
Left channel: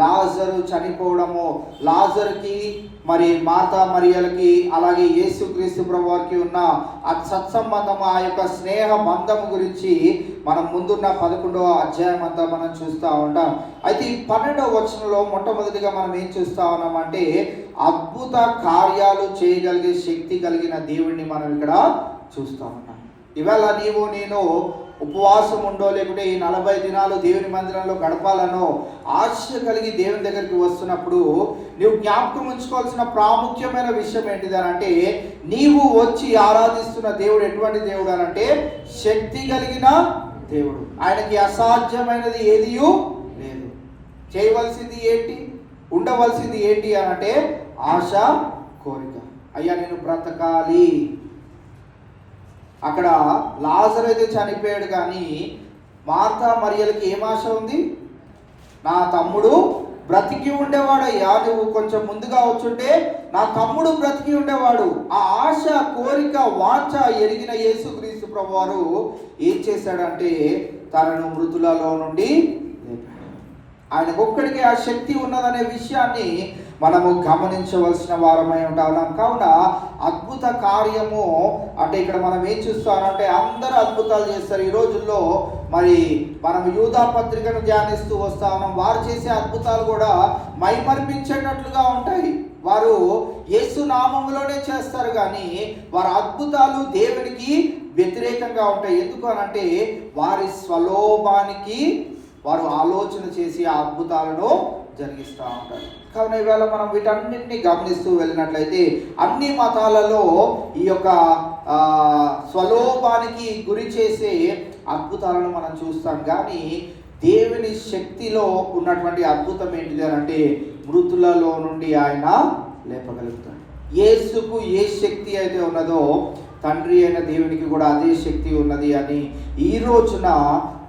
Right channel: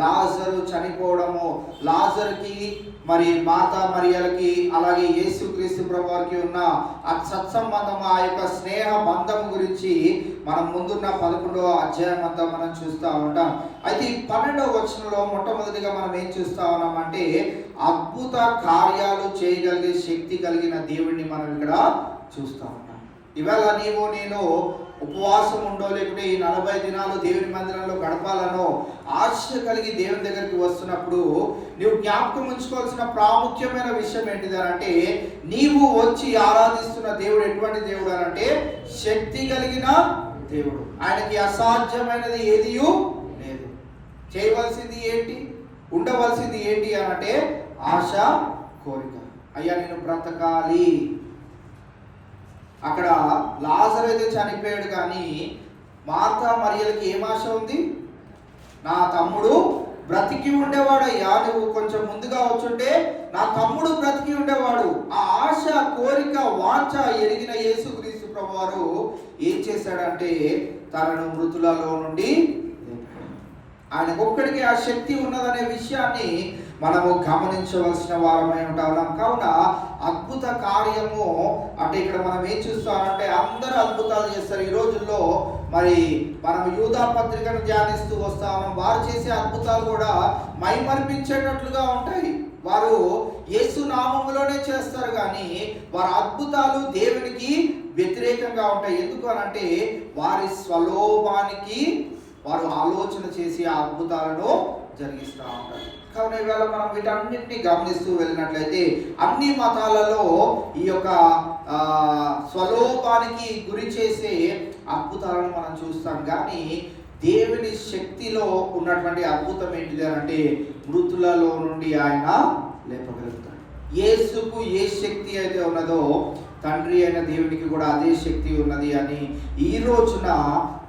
లాజరు చనిపోవడము, లాజరుకి మరి మార్తా మరియలకి అలాగే యేసుక్రీస్తు ప్రభువారికి ఉన్న ఆ సత్సంబంధం, ఆ యొక్క స్నేహ బంధం గురించి మనం ముందున్న 11వ అధ్యాయం అంతా మనం చూస్తూ ఉంటాం. అయితే ఈ 12వ వచనంలో మొట్టమొదటిగా మనం ఏం చూస్తా ఉన్నామంటే, అద్భుత కార్యాలు చేయగలిగే శక్తి కలిగిన దేవుడిని మనం ఇక్కడ చూస్తా ఉన్నాం. ఇవాళ నేను ఉపవాసం ఉండో, లేకుంటే ఈ 40 దినాలు దేవుని మందిరంలో గడపాలనో ఆశ కలిగి దేవుని దగ్గరికి వస్తున్నప్పుడు నువ్వు జ్ఞాపకం ఉంచుకోవాల్సిన ప్రాముఖ్యమైన విషయం ఏంటిది అంటే, నీవు వచ్చి ఆరాధిస్తున్న దేవుడు ఎటువంటి దేవుడు అనంటే శక్తి కలిగిన దేవుడు. ఆయనకి అసాధ్యమైనది ఏదియూ లేదు. చేయవలసింది ఏంటి, ఉండవలసింది ఏంటి అనంటే ఆశ, కోరిక. అయ్యా నేను బ్రతకాలి. అక్కడ లాజరు అయితే చనిపోయాడు, కానీ మార్తా మరియలకి ఏం ఆశ ఉంది, నా తమ్ముడు బ్రతికి ఉండేవాడయ్యా, నువ్వు కొంచెం ముందుగా వచ్చుంటే నా తమ్ముడు బ్రతికి ఉండేవాడు. ఆ ఆశ, కోరిక, వాంఛ ఎరిగిన యేసుక్రీస్తు ప్రభువారు ఏం చేశాడంటే తనను మృతులలో నుండి ఆయనకు ఒక్కడికి ఆ శక్తి ఉన్నదనే విషయాన్ని మనము గమనించవలసిన వారమై ఉంటాం. కావున అద్భుత కార్యము అంటే ఇక్కడ మనం ఏం చూస్తామంటే, అందరూ అద్భుతాలు చేస్తారు ఈ రోజుల్లో. మరి మనం యూదా పత్రికను ధ్యానిస్తూ వస్తా ఉన్నాం. వారు చేసే అద్భుతాలు కూడా మైమరిపించేటట్లుగా ఉంటాయి. వారు యేసు నామములోనే చేస్తారు, కానీ వారి అద్భుతాలు దేవునికి వ్యతిరేకంగా ఉంటాయి. ఎందుకు అనంటే వారి స్వలోభానికి వారు ఆలోచన చేసి ఆ అద్భుతాలను జరిగిస్తూ ఉంటారు. కావున ఈవేళ మనం వీటన్నింటినీ గమనిస్తూ వెళ్ళినట్లయితే అన్ని మతాలలో ఈ యొక్క స్వలోపానికి గురి చేసే అద్భుతాలను మనం చూస్తాం. కానీ దేవుని శక్తిలో ఉన్నటువంటి అద్భుతం ఏంటిది అంటే, మృతులలో నుండి ఆయన లేపగలుగుతాడు. యేసుకు ఏ శక్తి అయితే ఉన్నదో తండ్రి అయిన దేవునికి కూడా అదే శక్తి ఉన్నది అని ఈ రోజున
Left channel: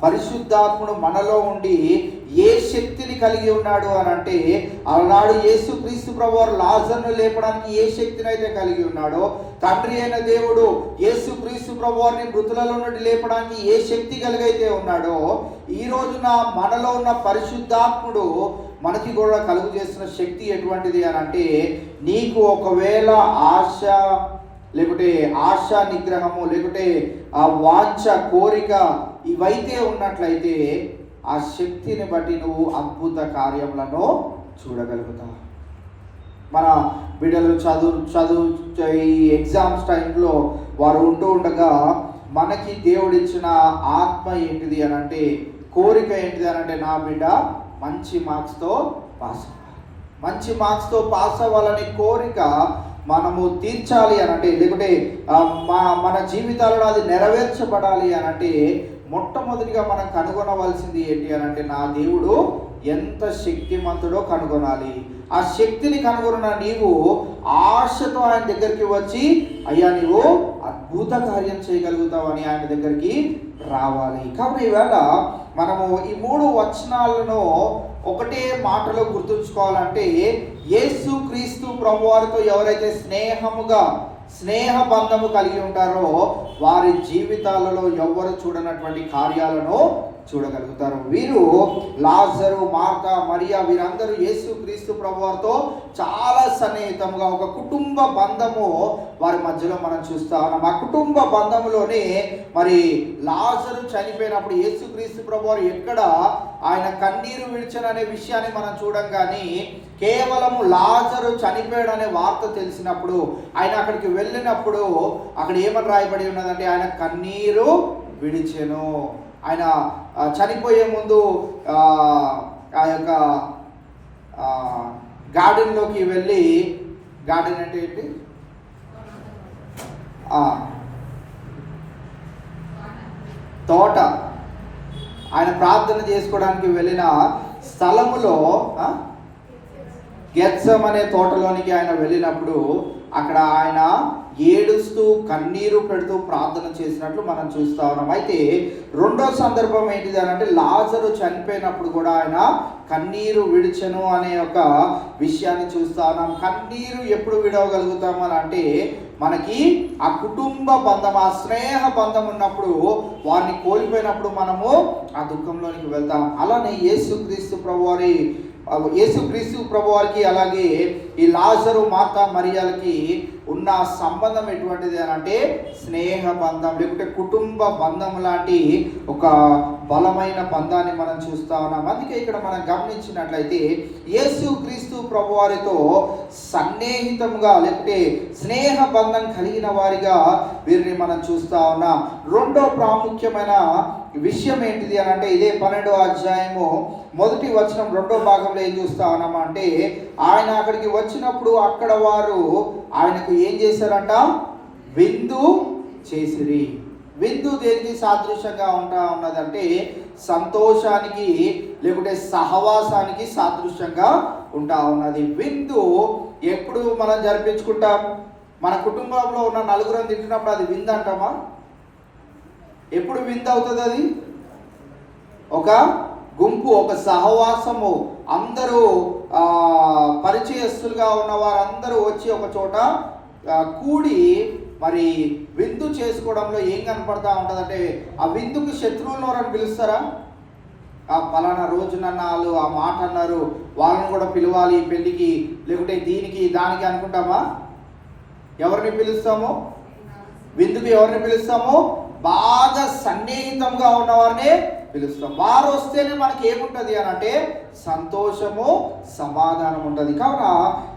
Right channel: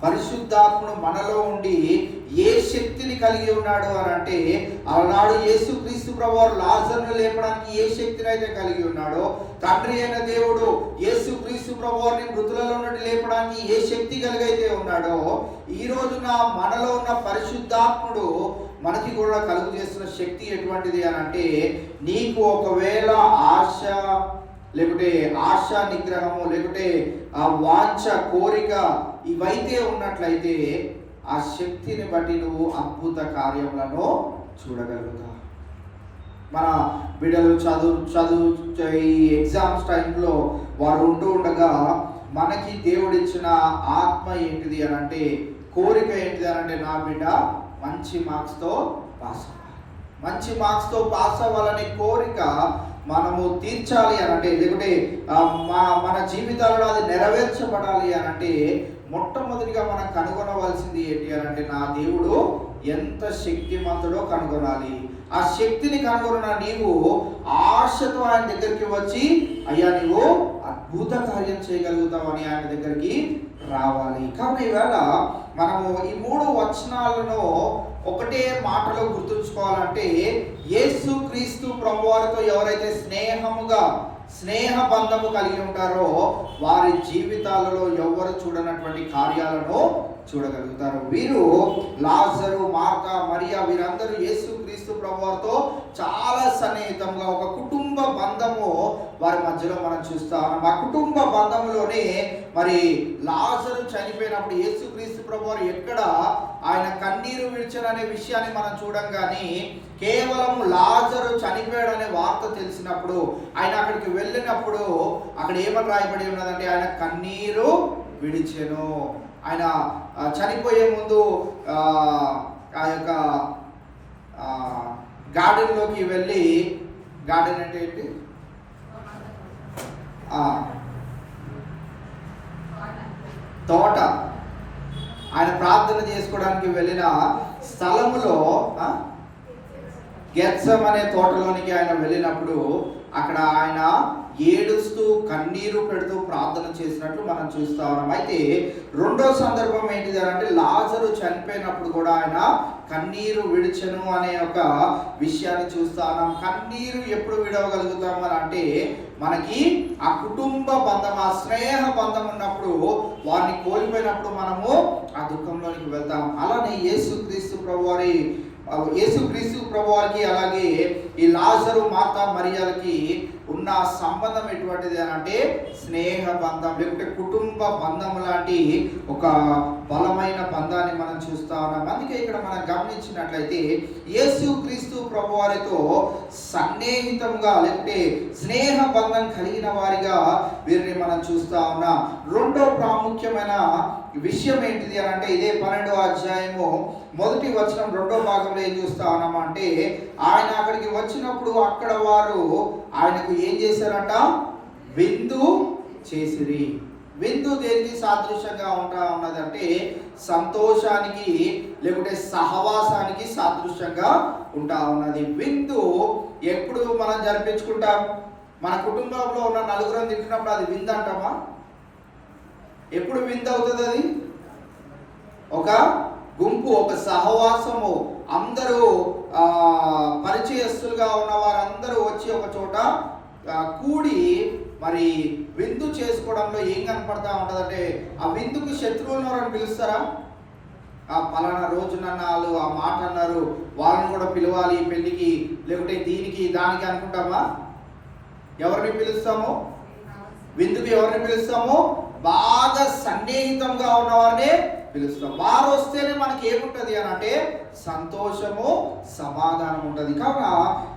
పరిశుద్ధాత్ముడు మనలో ఉండి ఏ శక్తిని కలిగి ఉన్నాడు అని అంటే, ఆనాడు యేసుక్రీస్తు ప్రభువారు లాజరును లేపడానికి ఏ శక్తిని అయితే కలిగి ఉన్నాడో, తండ్రి అయిన దేవుడు యేసుక్రీస్తు ప్రభువారిని మృతులలో నుండి లేపడానికి ఏ శక్తి కలిగైతే ఉన్నాడో, ఈ రోజున మనలో ఉన్న పరిశుద్ధాత్ముడు మనకి కూడా కలుగు చేస్తున్న శక్తి ఎటువంటిది అని అంటే, నీకు ఒకవేళ ఆశ లేకుంటే ఆశా నిగ్రహము లేకుంటే ఆ వాంఛ, కోరిక ఇవైతే ఉన్నట్లయితే ఆ శక్తిని బట్టి నువ్వు అద్భుత కార్యములను చూడగలుగుతావు. మన బిడ్డలు చదువు ఈ ఎగ్జామ్స్ టైంలో వారు ఉంటూ ఉండగా మనకి దేవుడిచ్చిన ఆత్మ ఏంటిది అని అంటే, కోరిక ఏంటిది అని అంటే, నా బిడ్డ మంచి మార్క్స్తో పాస్ అవ్వాలి, మంచి మార్క్స్తో పాస్ అవ్వాలనే కోరిక మనము తీర్చాలి అని అంటే, లేకుంటే మన జీవితాలలో అది నెరవేర్చబడాలి అని అంటే, మొట్టమొదటిగా మనం కనుగొనవలసింది ఏంటి అని అంటే, నా దేవుడు ఎంత శక్తిమంతుడో కనుగొనాలి. ఆ శక్తిని కనుగొన్న నీవు ఆశతో ఆయన దగ్గరికి వచ్చి, అయ్యా నీవు అద్భుత కార్యం చేయగలుగుతావు అని ఆయన దగ్గరికి రావాలి. కాబట్టి ఈవేళ మనము ఈ 3 వచనాలను ఒకటే మాటలో గుర్తుంచుకోవాలంటే, యేసు క్రీస్తు ప్రభువారితో ఎవరైతే స్నేహ బంధము కలిగి ఉంటారో వారి జీవితాలలో ఎవరు చూడనటువంటి కార్యాలను చూడగలుగుతారు. వీరు లాజరు, మార్తా, మరియా వీరందరూ యేసు క్రీస్తు ప్రభువారితో చాలా సన్నిహితంగా ఒక కుటుంబ బంధము వారి మధ్యలో మనం చూస్తా ఉన్నాం. ఆ కుటుంబ బంధములోనే మరి లాజరు చనిపోయినప్పుడు యేసు క్రీస్తు ప్రభువారు ఎక్కడ ఆయన కన్నీరు విడిచననే విషయాన్ని మనం చూడం, కానీ కేవలము లాజరు చనిపోయాడు అనే వార్త తెలిసినప్పుడు ఆయన అక్కడికి వెళ్ళినప్పుడు అక్కడ ఏమని రాయబడి ఉన్నదంటే, ఆయన కన్నీరు విడిచెను. ఆయన చనిపోయే ముందు ఆ యొక్క గార్డెన్లోకి వెళ్ళి, గార్డెన్ అంటే ఏంటి, తోట, ఆయన ప్రార్థన చేసుకోవడానికి వెళ్ళిన స్థలములో గెత్సెమనే తోటలోనికి ఆయన వెళ్ళినప్పుడు అక్కడ ఆయన ఏడుస్తూ కన్నీరు పెడుతూ ప్రార్థన చేసినట్లు మనం చూస్తా ఉన్నాం. అయితే రెండో సందర్భం ఏంటిది అంటే, లాజరు చనిపోయినప్పుడు కూడా ఆయన కన్నీరు విడిచెను అనే ఒక విషయాన్ని చూస్తా ఉన్నాం. కన్నీరు ఎప్పుడు విడవగలుగుతాము అని అంటే, మనకి ఆ కుటుంబ బంధం, ఆ స్నేహ బంధం ఉన్నప్పుడు, వారిని కోల్పోయినప్పుడు మనము ఆ దుఃఖంలోనికి వెళ్తాం. అలానే యేసుక్రీస్తు ప్రభువారికి అలాగే ఈ లాజరు, మార్తా, మరియాలకి ఉన్న సంబంధం ఎటువంటిది అని అంటే, స్నేహ బంధం లేకుంటే కుటుంబ బంధం లాంటి ఒక బలమైన బంధాన్ని మనం చూస్తా ఉన్నాం. అందుకే ఇక్కడ మనం గమనించినట్లయితే యేసుక్రీస్తు ప్రభువారితో సన్నిహితంగా లేకుంటే స్నేహ బంధం కలిగిన వారిగా వీరిని మనం చూస్తా ఉన్నాం. రెండో ప్రాముఖ్యమైన విషయం ఏంటిది అని అంటే, ఇదే 12వ అధ్యాయము 1వ వచనం 2వ భాగంలో ఏం చూస్తా ఉన్నాము అంటే, ఆయన అక్కడికి వచ్చినప్పుడు అక్కడ వారు ఆయనకు ఏం చేశారంట, విందు చేసిరి. విందు దేనికి సాదృశ్యంగా ఉన్నదంటే, సంతోషానికి లేకుంటే సహవాసానికి సాదృశ్యంగా ఉంటా ఉన్నది. విందు ఎప్పుడు మనం జరిపించుకుంటాం? మన కుటుంబంలో ఉన్న నలుగురం తింటున్నప్పుడు అది విందు అంటామా? ఎప్పుడు విందు అవుతుంది? అది ఒక గుంపు, ఒక సహవాసము, అందరూ పరిచయస్తులుగా ఉన్న వారందరూ వచ్చి ఒక చోట కూడి మరి విందు చేసుకోవడంలో ఏం కనపడతా ఉంటుందంటే, ఆ విందుకు శత్రువులను ఎవరని పిలుస్తారా? ఆ పలానా రోజున వాళ్ళు ఆ మాట అన్నారు, వాళ్ళని కూడా పిలవాలి పెళ్లికి, లేకుంటే దీనికి దానికి అనుకుంటామా? ఎవరిని పిలుస్తాము విందుకు? ఎవరిని పిలుస్తాము? బాగా సన్నిహితంగా ఉన్నవారిని పిలుస్తాం. వారు వస్తేనే మనకి ఏముంటది అని అంటే, సంతోషము, సమాధానం ఉంటుంది. కావున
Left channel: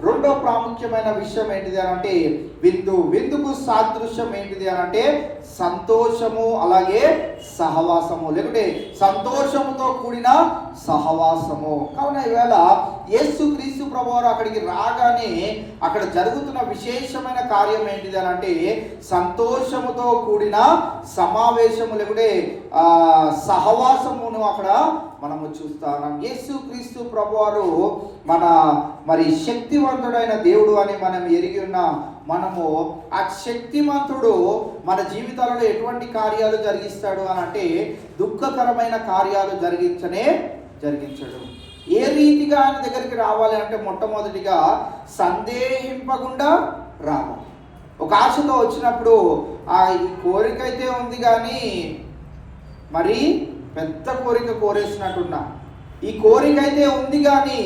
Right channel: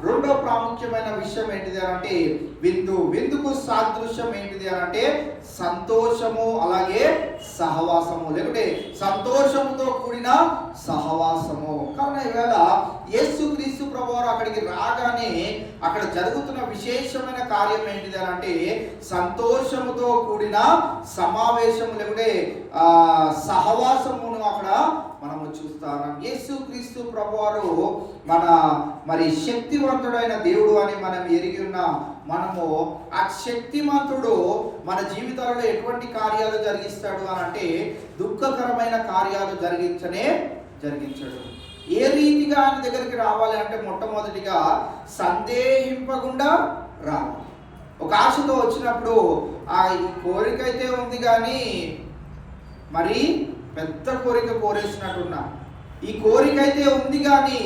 రెండో ప్రాముఖ్యమైన విషయం ఏంటిది అని అంటే, విందుకు సాదృశ్యం ఏంటిది అని అంటే, సంతోషము అలాగే సహవాసము, లేకుంటే సంతోషముతో కూడిన సహవాసము. కావున ఈవేళ యేసుక్రీస్తు ప్రభువారు అక్కడికి రాగానే అక్కడ జరుగుతున్న విశేషమైన కార్యం ఏంటిది అని అంటే, సంతోషముతో కూడిన సమావేశము లేకుంటే సహవాసమును అక్కడ మనము చూస్తాం. యేసుక్రీస్తు ప్రభువారు మరి శక్తివంతుడైన దేవుడు అని మనం ఎరిగి ఉన్న మనము, ఆ శక్తిమంతుడు మన జీవితాలలో ఎటువంటి కార్యాలు జరిగిస్తాడు అని అంటే, దుఃఖకరమైన కార్యాలు జరిగించడు. ఏ రీతిగా ఆయన దగ్గరికి రావాలి అంటే, మొట్టమొదటిగా సందేహింపకుండా రావాలి. ఒక ఆశతో వచ్చినప్పుడు ఈ కోరిక అయితే ఉంది కానీ మరి పెద్ద కోరిక కోరేసినట్టున్నా, ఈ కోరిక అయితే ఉంది కానీ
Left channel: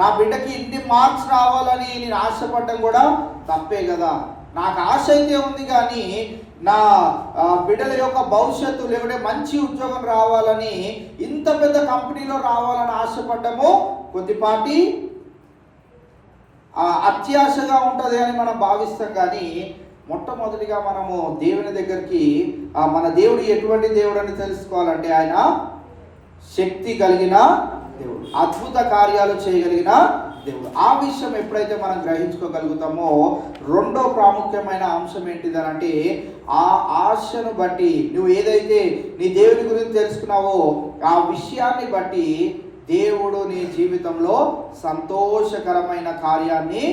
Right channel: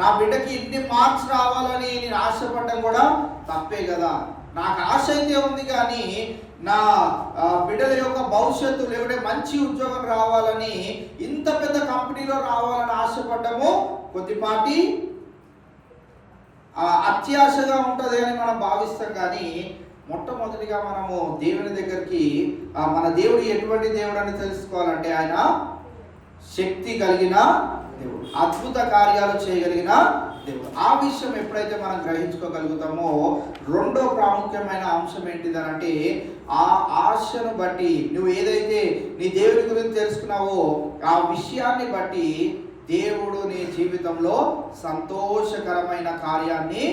నా బిడ్డకి ఇన్ని మార్క్స్ రావాలని నేను ఆశపడటం కూడా తప్పే కదా. నాకు ఆశ అయితే ఉంది కానీ నా బిడ్డల యొక్క భవిష్యత్తు లేకుంటే మంచి ఉద్యోగం రావాలని, ఇంత పెద్ద కంపెనీలో రావాలని ఆశపడ్డము కొద్దిపాటి అత్యాశగా ఉంటుంది అని మనం భావిస్తాం. కానీ మొట్టమొదటిగా మనము దేవుని దగ్గరికి మన దేవుడు ఎటువంటి దేవుడు అని తెలుసుకోవాలంటే ఆయన శక్తి కలిగిన దేవుడు, అద్భుత కార్యాలు చేయగలిగిన దేవుడు. ఆ విషయం ఎప్పుడైతే మనం గ్రహించుకోగలుగుతామో రెండో ప్రాముఖ్యమైన అంశం ఏంటిదనంటే ఆ ఆశను బట్టి నువ్వు ఏదైతే నీ దేవుని గురించి తెలుసుకున్నావో ఆ విషయాన్ని బట్టి దేవుడు నీ జీవితంలో సంతోషకరమైన కార్యాన్ని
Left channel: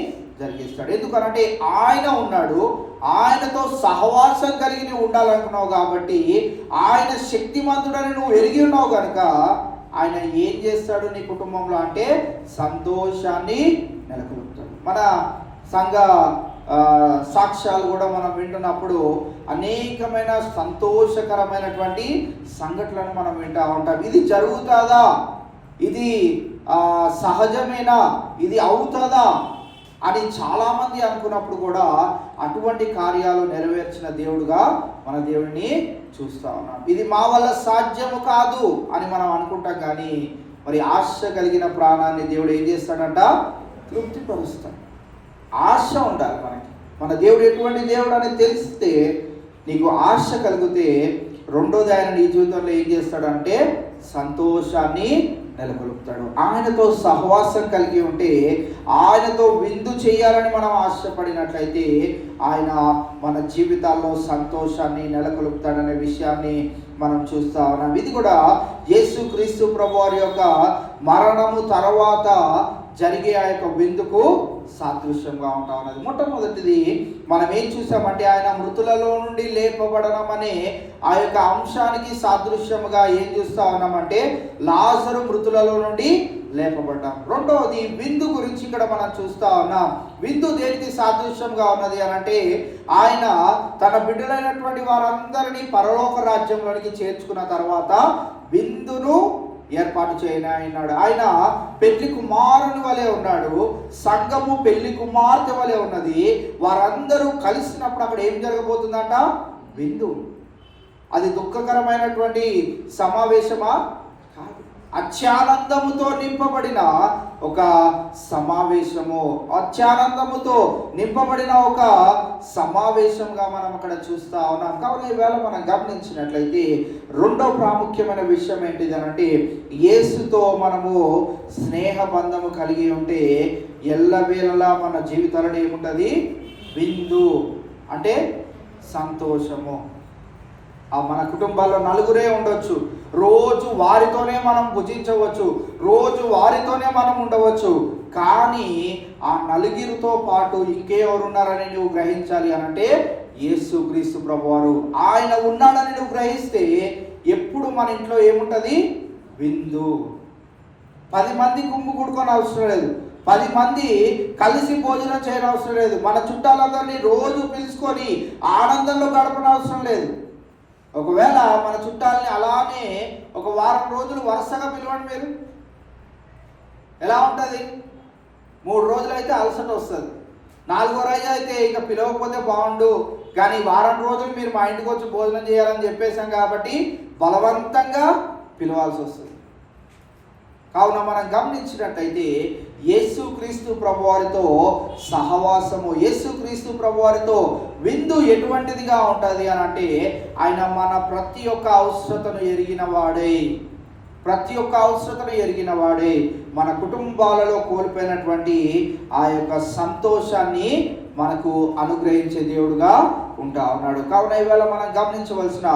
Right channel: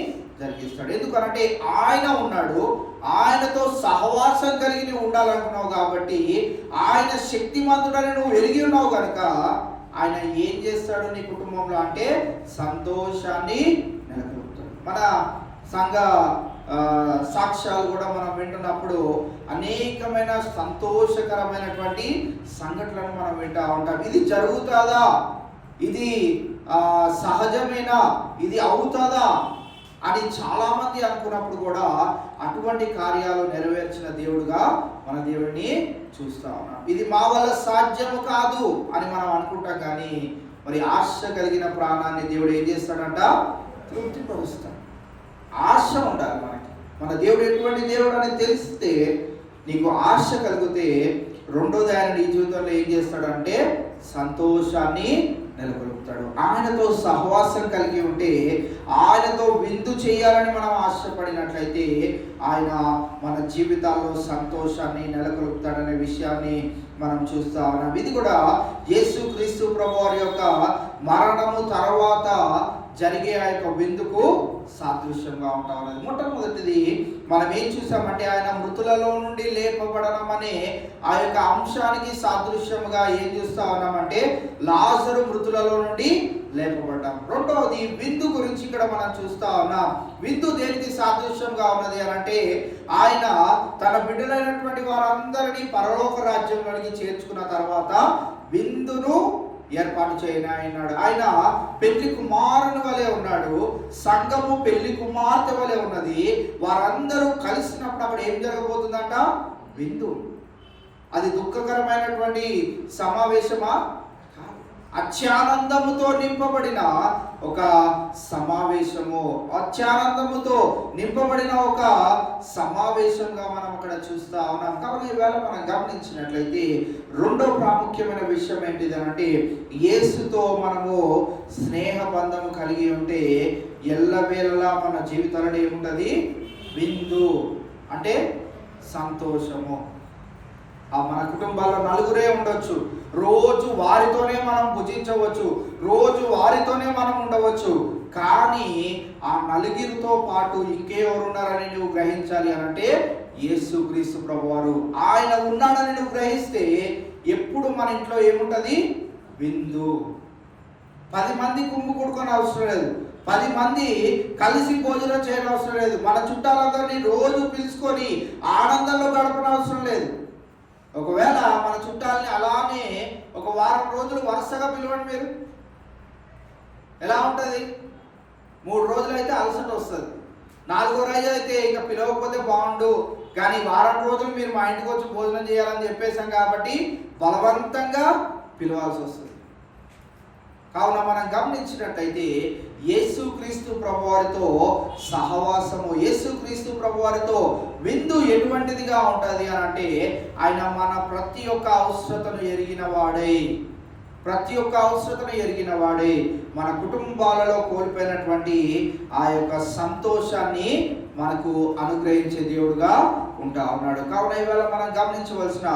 జరిగిస్తాడు. ఎందుకనంటే ఆయన ఉన్నాడు, ఆయనతో సహవాసం కలిగి నువ్వు ఉండాలనుకున్నావు కాబట్టి, ఆయన శక్తిమంతుడని నువ్వు ఎరిగి ఉన్నావు కనుక ఆయన ఏం చేస్తాడు నీ కుటుంబంలో అంటే సంతోషాన్ని నెలకొల్పుతాడు. మన సంఘ సాక్ష్యాలు కూడా మనం వింటున్నప్పుడు అనేకమైన సంతోషకరమైనటువంటి సంఘటనలను మనం వింటూ ఉంటాం. ఇది జరుగుతుందా, ఇది సహజమేనా, ఇది అవుతుందా అని చాలామంది అనుకున్నప్పుడు కూడా అటువంటి కార్యాలు నెరవేర్చిన దేవుడుగా మన దేవుడిని చూస్తా ఉన్నాం. ఇది మా వల్ల సాధ్యము కాదు అని మనం అనుకుంటాం. కానీ మరి ఆశ కలిగిన ప్రాణాన్ని దేవుడు ఏం చేస్తాడంట? తృప్తిపరుస్తాడు. ఆశ ఉండాలి మనకి. మన దేవుడు ఎటువంటి దేవుడు అని తెలిస్తే నీకు ఆశ కలిగితే రెండోది ఆయన నీ జీవితంలో ఏం చేస్తాడంటే సంతోషాన్ని నెలకొల్పుతాడు. ఆయనతో సహవాసం కలిగి ఉంటే, ఆయనతో విందు చేయాలని మనం ఆశపడినట్లయితే ఆయన మన జీవితాల్లో సంతోషాన్ని నెలకొల్పుతాడనే విషయాన్ని మనం చూస్తా ఉన్నాం. ఇది కూడా యేసుక్రీస్తు ప్రభువారి యొక్క మరణము తర్వాత జరిగే ఆ యొక్క విందుకు సాదృశ్యంగా ఉంటా ఉన్నది. మొట్టమొదటిది మనం ఏం చూసామంటే ఆయన మృతులలో నుండి లేపబడడం అనే ఆ యొక్క అంశానికి సాదృశ్యముగా ఏం చూస్తా ఉన్నామంటే లాజరు మృతులలో నుండి లేపబడ్డాం. రెండవది విందు గురించి ఇక్కడ మనం చూస్తా ఉన్నాం. విందు దేనికి సాదృశ్యంగా ఉన్నది అని అంటే ఆయన తన బిడ్డలైనటువంటి వారందరినీ పరలోక రాజ్యంలోనికి చేర్చుకున్న తర్వాత విందును ఏర్పాటు చేయనాడు. ఆయన పెళ్లి కుమారుని వలె ఉన్నాడు, సంఘము పెళ్లి కుమార్తె వలె ఉన్నది. వారందరూ కలిసినప్పుడు అక్కడ ఏం జరగబోతుందంట? విందు. అది దుఃఖకరమైనటువంటి సమావేశమా? అత్యానందముతో నింపబడిన ఒక సమావేశము, అత్యానందముతో నింపబడిన ఒక సమావేశంగా మనం అక్కడ చూస్తా ఉన్నాం. కాబట్టి ఈవేళ మనం గమనించినట్లయితే రెండో ప్రాముఖ్యమైన విషయం ఏంటిది అంటే యేసుతో మనము స్నేహ బంధము కలిగి ఉంటే ఎల్లవేళలా మన జీవితాలలో ఏముంటుంది? విందు అంటే సంతోషము. మన కుటుంబాల్లో నలుగురే ఉండొచ్చు, రోజు వారితోనే మనం భుజించవచ్చు, రోజు వారితోనే మనం ఉండవచ్చు. కానీ ఆ నలుగురితో పాటు ఇంకెవరున్నారని నువ్వు గ్రహించాలి అంటే యేసుక్రీస్తు ప్రభువారు ఆయన ఉన్నాడని నువ్వు గ్రహిస్తే ఎప్పుడు మన ఇంట్లో ఏముంటది? విందు. 10 మంది గుంపు కూడుకొని అవసరం లేదు, 10 మంది కలిసి భోజనం చేయడం అవసరం లేదు, మన చుట్టాలందరినీ రోజు పిలుచుకొని ఆనందంలో గడపడం అవసరం లేదు. ఒకవేళ మన చుట్టాలని అలానే ఒక వారం రోజులు వరుసగా పిలవండి. మీరు ఎలా ఉంటుంది? 3 రోజులు అయితే అలసట వస్తుంది, 4వ రోజు అయితే ఇక పిలవకపోతే బాగుండు, కానీ వారం రోజులు మీరు మా ఇంటికి వచ్చి భోజనం చేయాలని చెప్పేశాం కాబట్టి బలవంతంగా పిలవాల్సి వస్తుంది. కావున మనం గమనించినట్టయితే యేసుక్రీస్తు ప్రభువారితో సహవాసము, యేసుక్రీస్తు ప్రభువారితో విందు ఎటువంటిదిగా ఉంటుంది అని అంటే ఆయన మన ప్రతి ఒక్క అవసరతను ఎరిగిన వాడే, ప్రతి ఒక్క అవసరతను ఎరిగిన వాడే. మన కుటుంబాలలో కోల్పోయినటువంటి ఆ యొక్క సంతోషాన్ని మనకు అనుగ్రహించే దేవుడుగా ఉంటా ఉన్నాడు. కావున ఇవాళ మనం గమనించవలసిన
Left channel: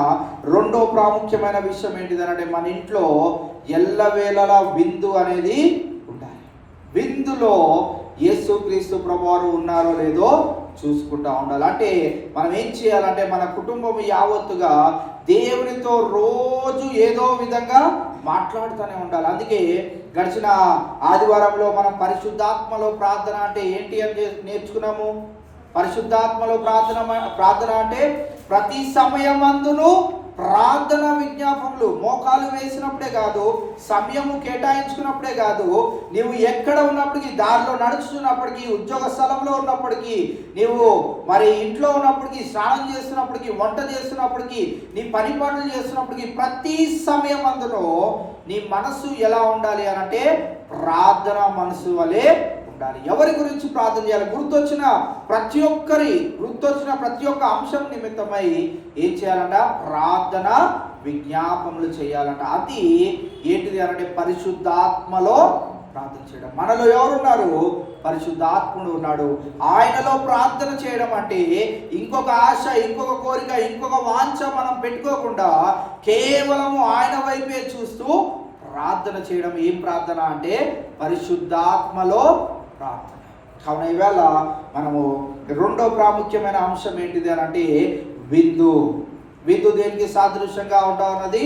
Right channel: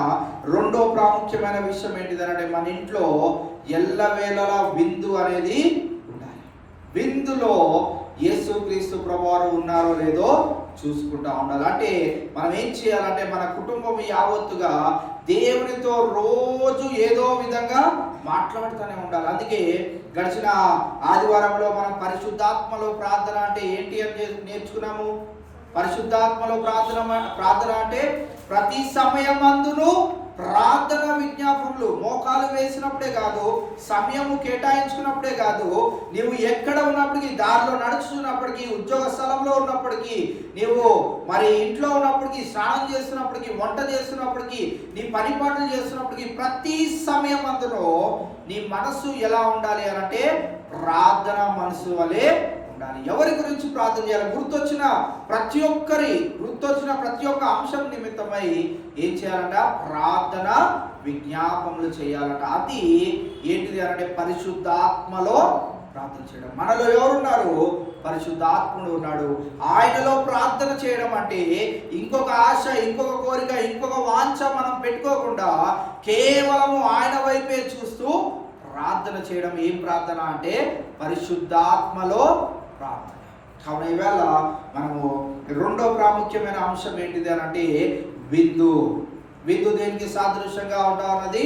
రెండో ప్రాముఖ్యమైన విషయం ఏంటిదనంటే మన ఇంట్లో ఎల్లవేళలా విందు అనేది ఉండాలి. విందులో యేసుక్రీస్తు ప్రభువారు ఉన్నారో లేదో చూసుకుంటా ఉండాలి. అంటే మనం ఏం చేయాలంటే మన కుటుంబం యావత్తుగా దేవునితో రోజు ఏదో విధంగా మాట్లాడుతూనే ఉండాలి. అందుకే గడిచిన ఆదివారంలో మనం పరిశుద్ధాత్మలో ప్రార్థన అంటే ఏంటి అని నేర్చుకున్నాము. పరిశుద్ధాత్మలో ప్రార్థన అంటే ప్రతి సమయమందును ప్రార్థన విజ్ఞాపనలు, మోకాలు వేసినప్పుడే కాదు, సమయము కేటాయించుకున్నప్పుడే కాదు, నీవు ఎక్కడ ఉన్నప్పటికీ, దారిలో నడుచుకున్నప్పటికీ, ఉద్యోగ స్థలంలో ఉన్నప్పటికీ, నీవు మరి ఇంట్లో ఉన్నప్పటికీ, స్నానం చేస్తున్నప్పటికీ, వంట చేస్తున్నప్పటికీ, నీ పని పనులు చేస్తున్నప్పటికీ, ప్రతి సమయం అందులో నీ మనసు ఎలా ఉండాలి అనంటే ప్రార్థన మనసు వలె ఉండాలి. ఉండాలి. ఎవరి గురించి ప్రార్థన చేయాలి? గుర్తొచ్చిన ప్రతి ఒక్క అంశం నిమిత్తమై ఏం చేయాలంట? ప్రార్థన విజ్ఞాపనలు చేయాలంట. అది ఏంటిది అంటే పరిశుద్ధాత్మలో ప్రార్థన చేయడం. మనలో ఎవరున్నారు? పరిశుద్ధాత్ముడు ఉన్నాడు. ఆయనలో ప్రార్థన చేయడం అంటే ఇంకొక ఆశ, ఇంకొక కోరిక, ఇంకొక వాంఛ మనం పెట్టుకోకుండా కేవలము ఆయన వైపే చూస్తూ ప్రార్థన చేయడం. ఏం ప్రార్థన అంటే పరిశుద్ధాత్మలో ప్రార్థన. కావున ఈవేళ మనము రెండో ప్రాముఖ్యమైన అంశం ఏంటిది అని అంటే విందు. విందు దేనికి సాదృశ్యంగా ఉంటా ఉన్నది?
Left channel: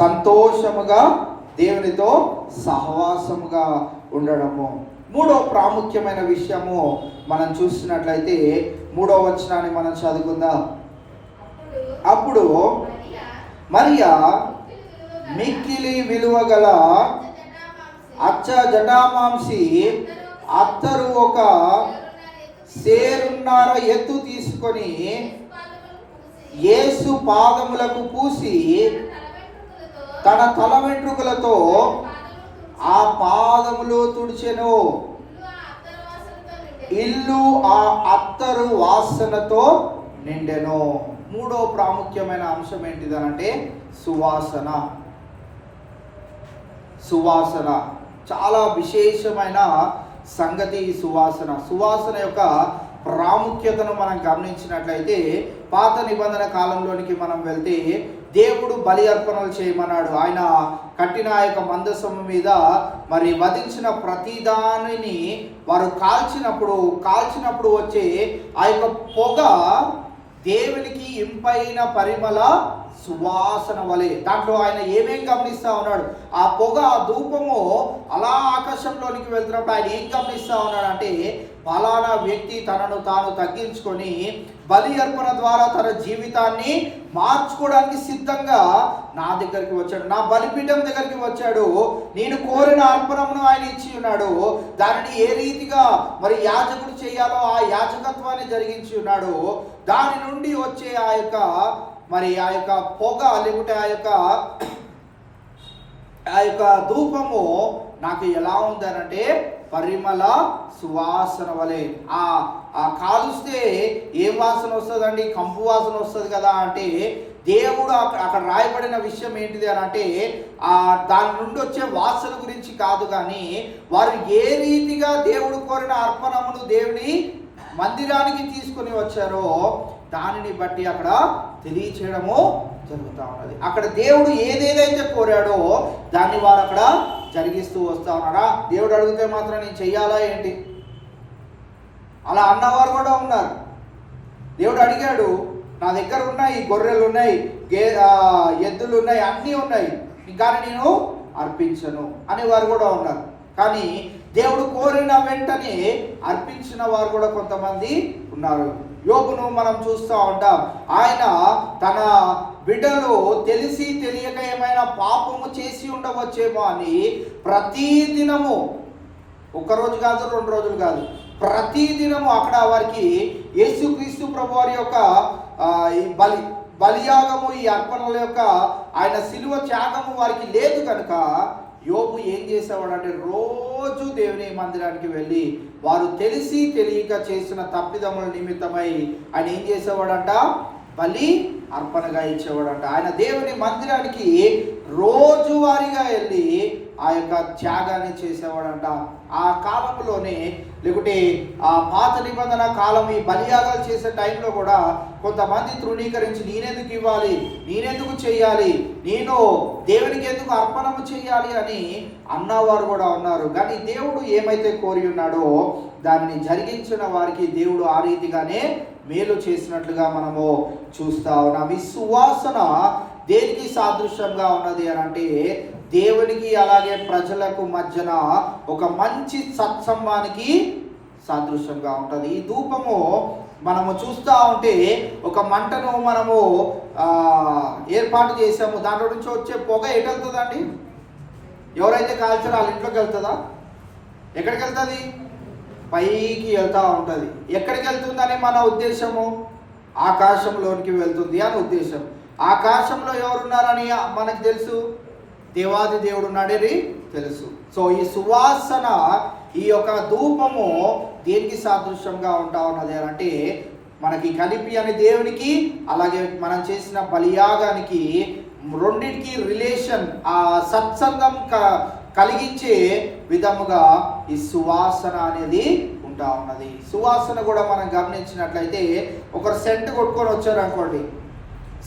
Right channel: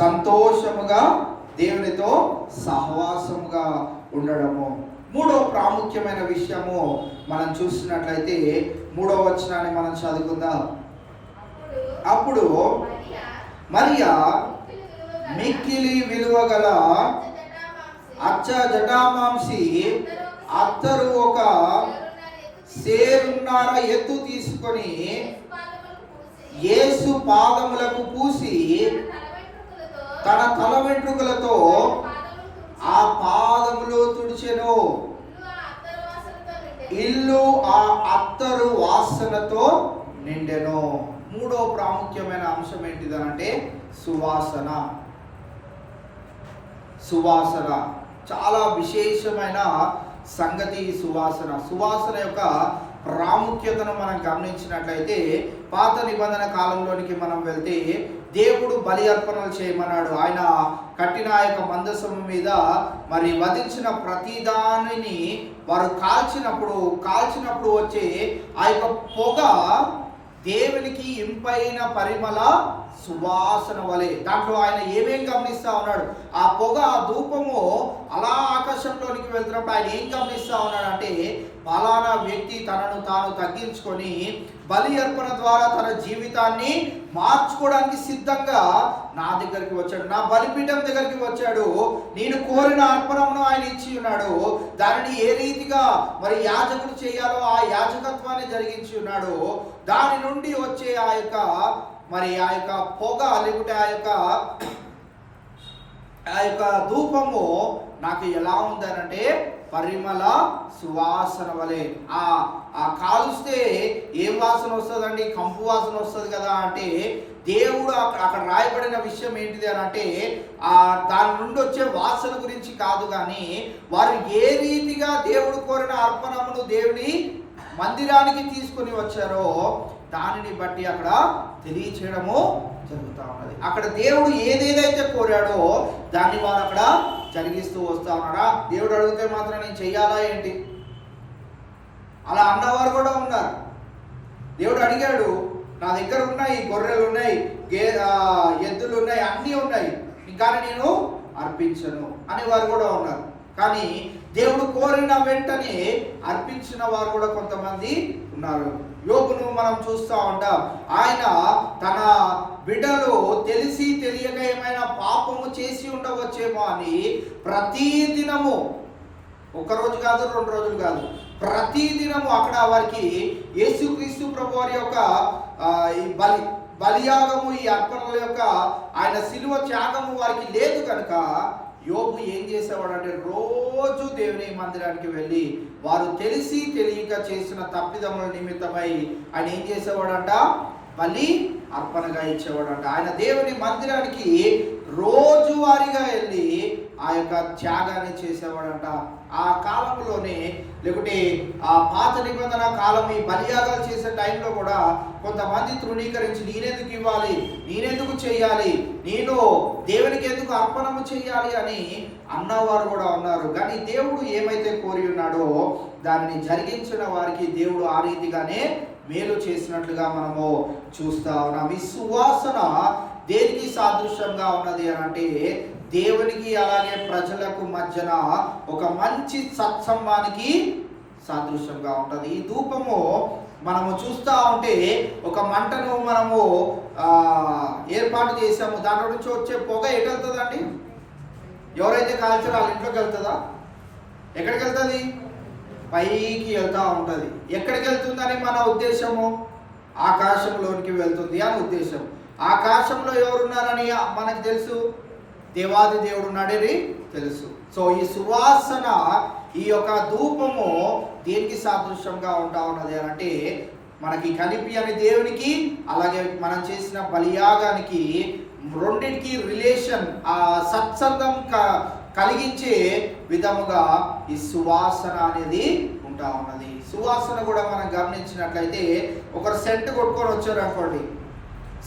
సంతోషముగా దేవునితో సహవాసముగా ఉండడము. మూడో ప్రాముఖ్యమైన విషయము మనం చూసినట్లయితే 3వ వచనాన్ని మనం చదువుకుందాం. అప్పుడు మరియా మిక్కిలి విలువ గల అచ్చ జటామాంసి అత్తరు ఒక సేరున్నర ఎత్తు తీసుకొని యేసు పాదములకు పూసి తన తల వెంట్రుకలతో ఆ పాదములో తుడిచెను. ఇల్లు ఆ అత్తరు వాసనతో నిండెను. మూడో ప్రాముఖ్యమైన అంశం ఏంటిదనంటే సువాసన. సువాసన చాలా విశేషమైన సంగతి. సువాసన యొక్క ప్రాముఖ్యతను మనం గమనించినట్లయితే పాత నిబంధన కాలంలోనికి మనం వెళ్తే దేవుడు బలి అర్పణలు చేయమన్నాడు. ఆయన కట్టిన ఆ యొక్క మందసము మీద మరి వధించిన ప్రతి దానిని వారు కాల్చినప్పుడు వచ్చే ఆ యొక్క పొగ దేవునికి ఇంపైన పరిమళ సువాసన వలె. దాంట్లో ఆయన ఏమేం గమనిస్తా ఉన్నాడు? ఆ పొగ, ఆ ధూపము అలా ఆకాశంలోనికి వెళ్తున్నప్పుడు ఆయన ఏం గమనిస్తా ఉన్నాడు అంటే ఫలానా వ్యక్తి తనను తాను తగ్గించుకొని బలి అర్పణ ద్వారా తన జీవితాన్ని మార్చుకోవడానికి సిద్ధంగా నా దగ్గరికి వచ్చాడు, నా బలిపీఠం దగ్గరికి వచ్చాడు. నేను కోరిన అర్పణను ఆయన ఇచ్చి ఉన్నాడు. దానిని ఏ రీతిగా మరి యాజకుడు చేయాలో ఆ యాజకత్వాన్ని జరిగించి ఉన్నాడు. దాని నుండి వచ్చే ఆ యొక్క పొగ లేకుంటే ఆ యొక్క ధూపము నాకు ఎలా ఉందనంటే పరిమళ సువాసన వలె. ఆ కాలుస్తే ఏం వాసన వస్తుందండి? కంపు వాసన వస్తుంది కదా. అంటే దేవుడు అక్కడ రాయబడిన విషయం ఏంటిది అని అంటే దాని నుండి వచ్చే వాసన గురించి కాదు, కానీ వారు ఏ రీతిగా దేవుడు కోరిన అర్పణమును దేవుని మందిరానికి తీసుకుని వచ్చారో దానిని బట్టి అక్కడ తెలియచేయడము జరుగుతూ ఉన్నది. అక్కడ దేవుడు ఏదేదైతే కోరాడో దాన్ని వారు అక్కడ జరిగిస్తూ వస్తా ఉన్నారా? దేవుడు అడిగితే మాత్రం నేను చెయ్యాలా ఏంటి? అలా అన్నవారు కూడా ఉన్నారు. దేవుడు అడిగాడు, నా దగ్గర ఉన్నాయి, గొర్రెలు ఉన్నాయి, ఎద్దులు ఉన్నాయి, అన్నీ ఉన్నాయి, కానీ నేను అర్పించను అనేవారు కూడా ఉన్నారు. కానీ దేవుడు కోరిన వెంటనే అర్పించిన వారు కూడా కొంతమంది ఉన్నారు. యోబును మనం చూస్తూ ఉంటాం. ఆయన తన బిడ్డలు తెలిసి తెలియక ఏమైనా పాపము చేసి ఉండవచ్చేమో అని ప్రతిదినము, ఒకరోజు కాదు, 2 రోజులు కాదు, ప్రతిదినము అక్కడ వారికి యేసుక్రీస్తు ప్రభు వారి యొక్క ఈ బలియాగము, ఈ అర్పణల యొక్క ఆయన శిలువ త్యాగము వారికి లేదు కనుక యోబు ఏం చేసేవాడు అంటే రోజు దేవుని మందిరానికి వెళ్ళి వారు తెలిసి తెలియక చేసిన తప్పిదముల నిమిత్తమై ఆయన ఏం చేసేవాడంట? బలి అర్పణగా ఇచ్చేవాడంట. ఆయన దేవుని మందిరానికి రోజువారీగా వెళ్ళి ఆ యొక్క త్యాగాన్ని చేసేవాడంట. ఆ కాలంలోనే లేకుంటే ఆ పాత నిబంధన కాలం ఈ బలియాగాలు చేసే టైంలో కూడా కొంతమంది తృణీకరించి నేనెందుకు ఇవ్వాలి, నేనెందుకు చెయ్యాలి, నేను దేవునికి ఎందుకు అర్పణము చెయ్యాలి అని అన్నవారు కూడా ఉన్నారు. కానీ దేవుడు ఏమైతే కోరి ఉన్నాడో దానిని జరిగించిన వారికి దేవుడు ఆ రీతిగానే మేలు చేసినట్లుగా మనము చూస్తా ఉన్నాం. ఈ సువాసన దేనికి సాదృశ్యంగా ఉన్నది అని అంటే దేవునికి అలాగే ప్రజలకు మధ్యన ఒక మంచి సత్సంబానికి సాదృశ్యంగా ఉంటుంది. ఈ ధూపము మనము చూస్తూ ఉంటే ఒక మంటను మనము ఏర్పాటు చేసాము, దాంట్లో నుంచి వచ్చే పొగ ఎటు వెళ్తుందండి? ఎవరైతే కాల్చారో వాళ్ళ ఇంట్లోకి వెళ్తుందా? ఎక్కడికి వెళ్తుంది? పైకి వెళ్తూ ఉంటుంది. ఎక్కడికి వెళ్తుందని మన ఉద్దేశము? ఆకాశంలోనికి వెళ్తుంది అని ఉద్దేశం. ఆకాశంలో ఎవరున్నారని మనకు తెలుసు? దేవాది దేవుడు ఉన్నాడని తెలుసు. సో ఈ సువాసన, ఈ యొక్క ధూపము దేనికి సాదృశ్యంగా ఉంటా ఉన్నది అని అంటే మనకి కనిపించని దేవునికి, అలాగే మనం చేసిన బలియాగానికి రెండింటికి రిలేషన్, ఆ సత్సంగం కలిగించే విధముగా ఈ సువాసన అనేది ఉంటా ఉన్నది. సువాసన కూడా మనం గమనించినట్లయితే ఒకరు సెంటు కొట్టుకొని వచ్చారు అనుకోండి,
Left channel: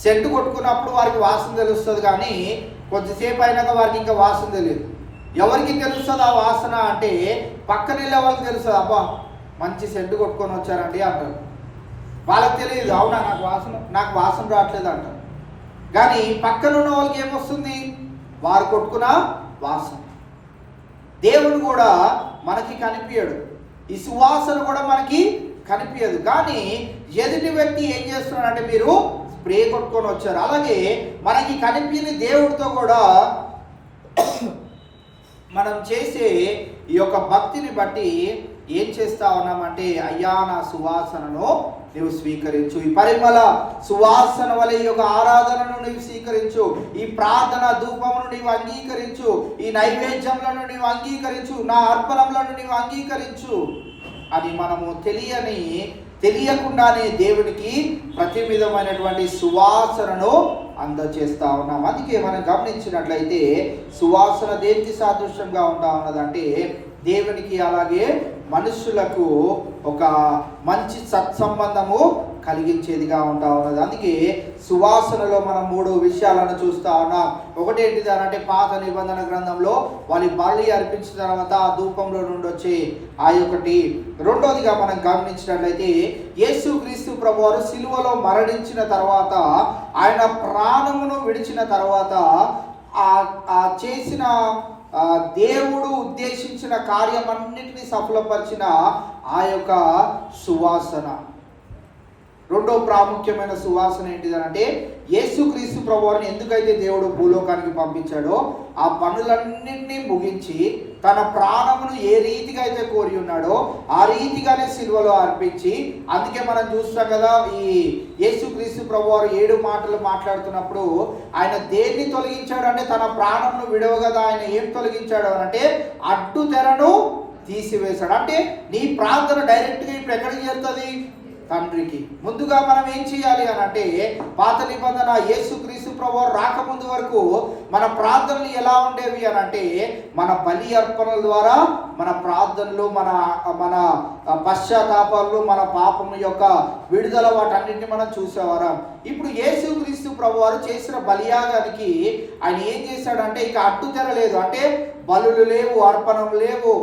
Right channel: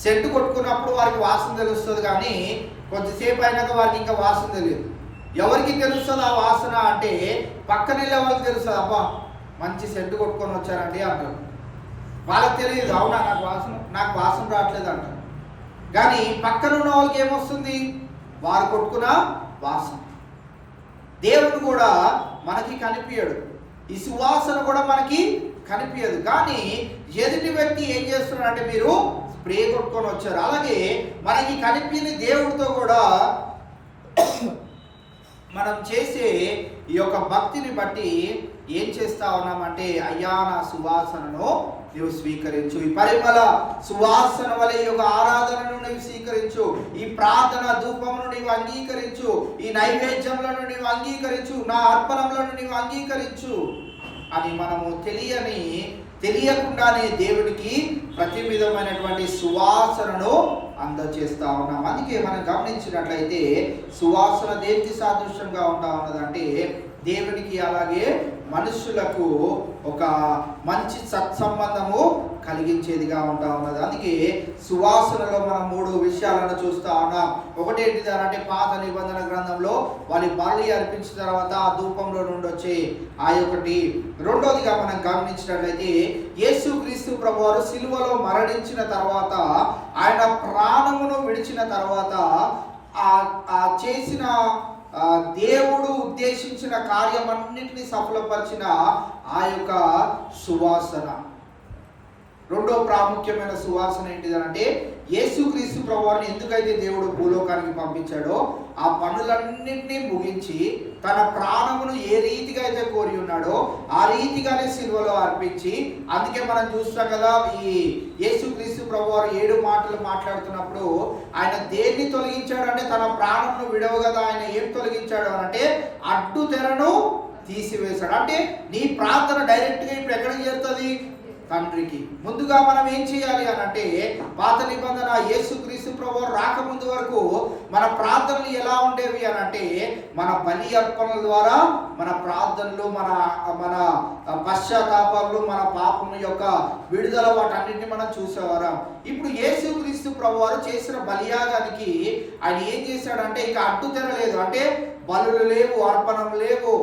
సెంటు కొట్టుకున్నప్పుడు వారికి వాసన తెలుస్తుంది, కానీ కొద్దిసేపు అయినాక వారికి ఇంకా వాసన తెలియదు. ఎవరికి తెలుస్తుంది ఆ వాసన అంటే పక్కన వెళ్ళే వాళ్ళకి తెలుస్తుంది. అబ్బా మంచి సెంటు కొట్టుకొని వచ్చారండి అంటారు. వాళ్ళకి తెలియదు, అవునా నాకు వాసన రావట్లేదు అంటారు. కానీ పక్కన ఉన్న వాళ్ళకి ఏమొస్తుంది? వారు కొట్టుకున్న వాసన. దేవుడు కూడా మనకి కనిపించడు, ఈ సువాసన కూడా మనకి కనిపించదు, కానీ ఎదుటి వ్యక్తి ఏం చేస్తున్నాడంటే మీరు స్ప్రే కొట్టుకొని వచ్చారు. అలాగే మనకి కనిపించని దేవుడితో కూడా మనం చేసే ఈ యొక్క భక్తిని బట్టి ఏం చేస్తా ఉన్నామంటే, అయ్యా నా సువాసనను నీవు స్వీకరించు, ఈ పరిమళ సువాసన వలె ఈ యొక్క ఆరాధనను నీవు స్వీకరించు, ఈ ప్రార్థన ధూపమును నీవు అంగీకరించు, ఈ నైవేద్యములను నీవు అంగీకరించు, నా అర్పణములను నీవు అంగీకరించు అని మనము తెలియకుండానే దేవుడికి ప్రతి విధమైనటువంటి సువాసనను అందజేస్తా ఉన్నాం. అందుకే మనం గమనించినట్లయితే సువాసన దేనికి సాదృశ్యంగా ఉంటా ఉన్నదంటే దేవునికి, అలాగే మనుషులకు ఒక మంచి సత్సంబంధము కలిగించేదిగా ఉంటా ఉన్నది. అందుకే సువాసనలో మనం 3 విషయాలను చూస్తా ఉన్నాం. ఒకటి ఏంటిది అంటే పాత నిబంధన గ్రంథంలో వాళ్ళు బలి అర్పించిన తర్వాత ఆ ధూపంలో నుండి వచ్చే ఆ ఒకటి. రెండోదిగా మనం గమనించినట్లయితే యేసుక్రీస్తు ప్రభువారు సిలువలో మరణించిన తర్వాత, ఆయన ప్రాణమును విడిచిన తర్వాత ఆ చేసిన దేవుడు ఉద్దేశించిన కార్యమన్నిటిని సఫలపరిచిన ఆ యొక్క సువాసన. రెండో ప్రాముఖ్యమైన సువాసన ఏంటిదనంటే యేసుక్రీస్తు ప్రభువుని ఎందుకైతే దేవుడు భూలోకానికి పంపించాడో ఆ పనులన్నింటినీ ముగించి తన ప్రాణమును ఏ రీతిగా అయితే కోరి ఉన్నాడో ఆ రీతిగానే సిలువలో అర్పించి, అందుకే మనం చూస్తాం కదా ఈ యేసుక్రీస్తు ప్రభువారు 7 మాటలు మాట్లాడుతున్నప్పుడు ఆయన దేన్ని తొలగించాడు అంటే తన ప్రాణమును విడవ కదా ఆయన ఏం తొలగించాడు అంటే అడ్డు తెరను తీసివేశాడు. అంటే నీ ప్రార్థన డైరెక్ట్గా ఇప్పుడు ఎక్కడికి చేరుతుంది? తండ్రికి. ముందుగా మనం ఏం చేయాలి అని అంటే పాత నిబంధన యేసుక్రీస్తు ప్రభువు రాకముందు వరకు మన ప్రార్థనలు ఎలా ఉండేవి అని అంటే మన బలి అర్పణల ద్వారా మన ప్రార్థనలు, మన పశ్చాత్తాపాలు, మన పాపం యొక్క విడుదల వాటన్నింటినీ మనం చూసేవారం. ఇప్పుడు యేసుక్రీస్తు ప్రభువారు చేసిన బలియాగానికి ఆయన ఏం చేశాడంటే ఇక అడ్డు తెరలేదు. అంటే బలులు లేవు, అర్పణలు లేవు,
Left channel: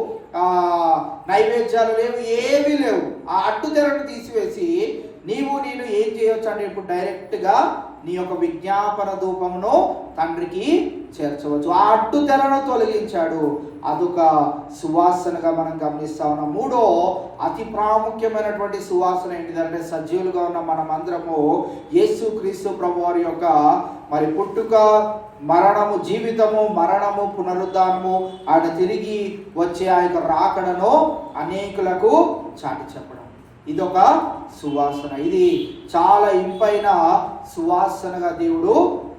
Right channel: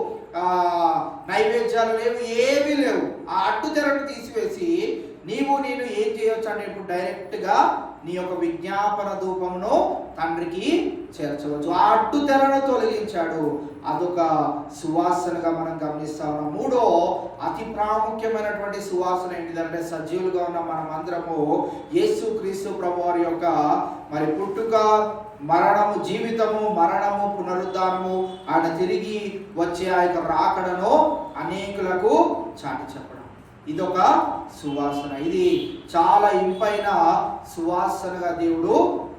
నైవేద్యాలు లేవు, ఏమీ లేవు. ఆ అడ్డు తెరను తీసివేసి నేను ఏం చేయొచ్చు అంటే ఇప్పుడు డైరెక్ట్గా నీ యొక్క విజ్ఞాపన ధూపమును తండ్రికి చేర్చవచ్చు. ఆ అడ్డు తెరను తొలగించాడు. అదొక సువాసనగా మనం గమనిస్తా ఉన్నాం. మూడో అతి ప్రాముఖ్యమైనటువంటి సువాసన ఏంటిదంటే సజీవులుగా ఉన్న మనం అందరము యేసుక్రీస్తు ప్రభువారి యొక్క మరి పుట్టుక, మరణము, జీవితము, మరణము, పునరుద్ధానము, ఆయన తిరిగి వచ్చే ఆ యొక్క రాకడను అనేకులకు చాటి చెప్పడం, ఇదొక సువాసన. ఇది చాలా ఇంపైన సువాసనగా దేవుడు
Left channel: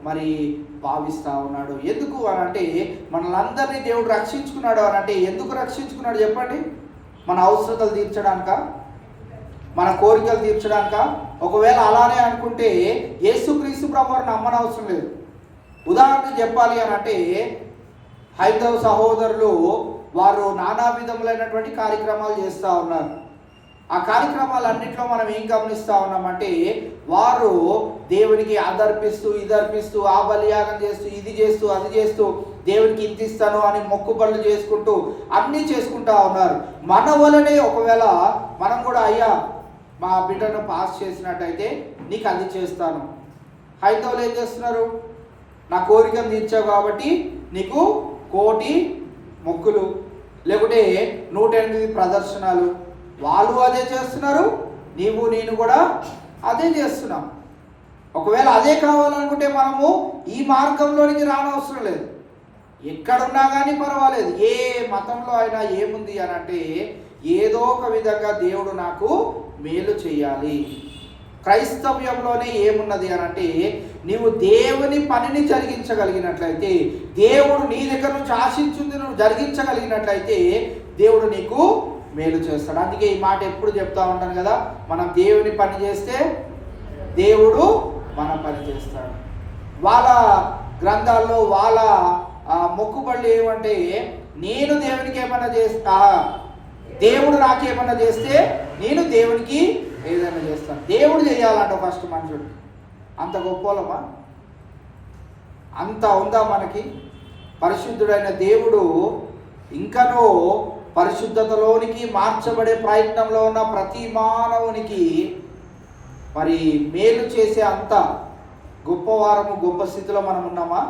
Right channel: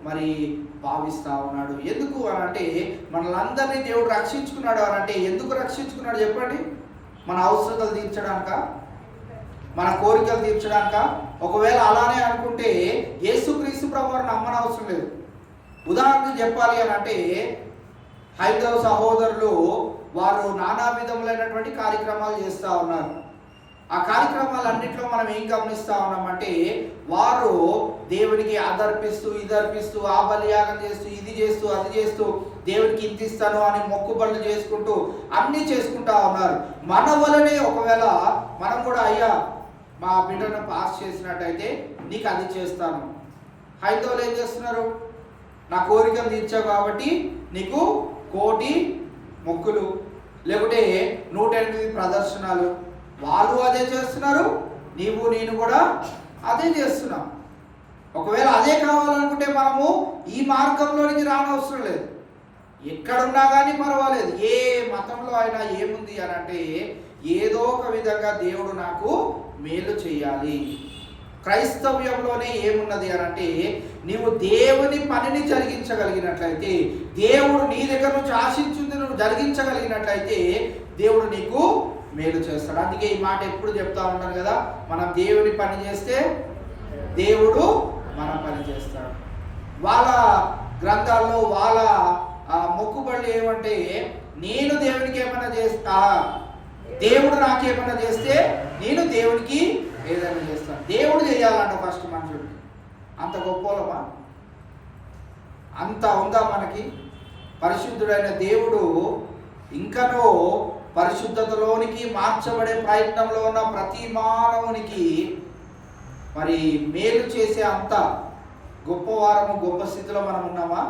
మరి భావిస్తా ఉన్నాడు. ఎందుకు అని అంటే మనలందరినీ దేవుడు రక్షించుకున్నాడు అని అంటే ఎందుకు రక్షించుకున్నాడు చెప్పండి? మన అవసరతలు తీర్చడానిక, మన కోరికలు తీర్చడానిక? ఒకవేళ అలానే అనుకుంటే యేసుక్రీస్తు ప్రభువుని నమ్మనవసరం లేదు. ఉదాహరణకు చెప్పాలి అని అంటే హైందవ సహోదరులు వారు నానా విధములైనటువంటి కార్యక్రమాలు చేస్తూ ఉన్నారు. ఆ కార్యక్రమాలన్నింటిలో మనం ఏం గమనిస్తూ ఉన్నామంటే వారు దేవునికి అదర్పిస్తూ, ఇదర్పిస్తూ, ఆ బలియాగం చేస్తూ, ఇది చేస్తూ, అది చేస్తూ, దేవునికి ఇంత ఇస్తాను అని మొక్కుబడులు చేసుకుంటూ అన్నీ చేసుకుంటా ఉన్నారు. మన వలనే ఒకవేళ మనం కూడా అయ్యా మా బిడ్డను పాస్ చేసినట్టయితే నీకు అది చేస్తాను. హైందవులు ఏం చేస్తున్నారు? నా కోరికను తీర్చావు కాబట్టి నీకు 1,000,000 మొక్కులు, లేకుంటే 108 ప్రదర్శనలు. వాళ్ళు అదే చేస్తున్నారు, నేను కూడా అదే చేస్తున్నాం. ఒకవేళ అదే కావాలనుకుంటే మనము ఈ మార్గంలోనికి రానవసరం లేదు. ఎక్కడున్నా కానీ పర్వాలేదు. ఏ మతంలో అయినా ఏముంది అని అంటే ఏదో ఒక విధంగా దేవుడు నాకు మేలు చేయాలి, క్రైస్తవ్యంలోనే ఏమున్నది అని అంటే, నీవు దేవుని పనిని జరిగించగలిగినట్లయితే, దేవుడు నీ దగ్గర నుంచి ఆశించింది నువ్వు జరిగించగలిగినట్లయితే దేవుడు నీకు మేలు చేస్తాడు. అందుకే ఈ మాట ఎప్పుడు చెప్తా ఉంటాను కదా, మనం దేవుని పని చేస్తే దేవుడు మన పని చేస్తాడు. వాళ్ళ గ్రంథాల్లో వాళ్ళ మొక్కుబళ్ళు ఏమంటే, నేను దేవునికి ఏమన్నా చేస్తా, దేవుడు నాకేమన్నా చేస్తే నేను దేవునికి ఏదైనా చేస్తాను. దేవుడు చేయాలంట ఫస్ట్ మనుషుడు. అంత గొప్పలమా? అంత ఉందా మనకి? పరిశుద్ధుడైన దేవుడు ఇంకనో పరిశుద్ధతలోనికి మార్చబడే ప్రయత్నంలో ఉన్న ప్రతి మానవునికి మరి మేలు చేసే అంత గొప్పవారము, గొప్ప స్థితిలో మనం ఉన్నామా?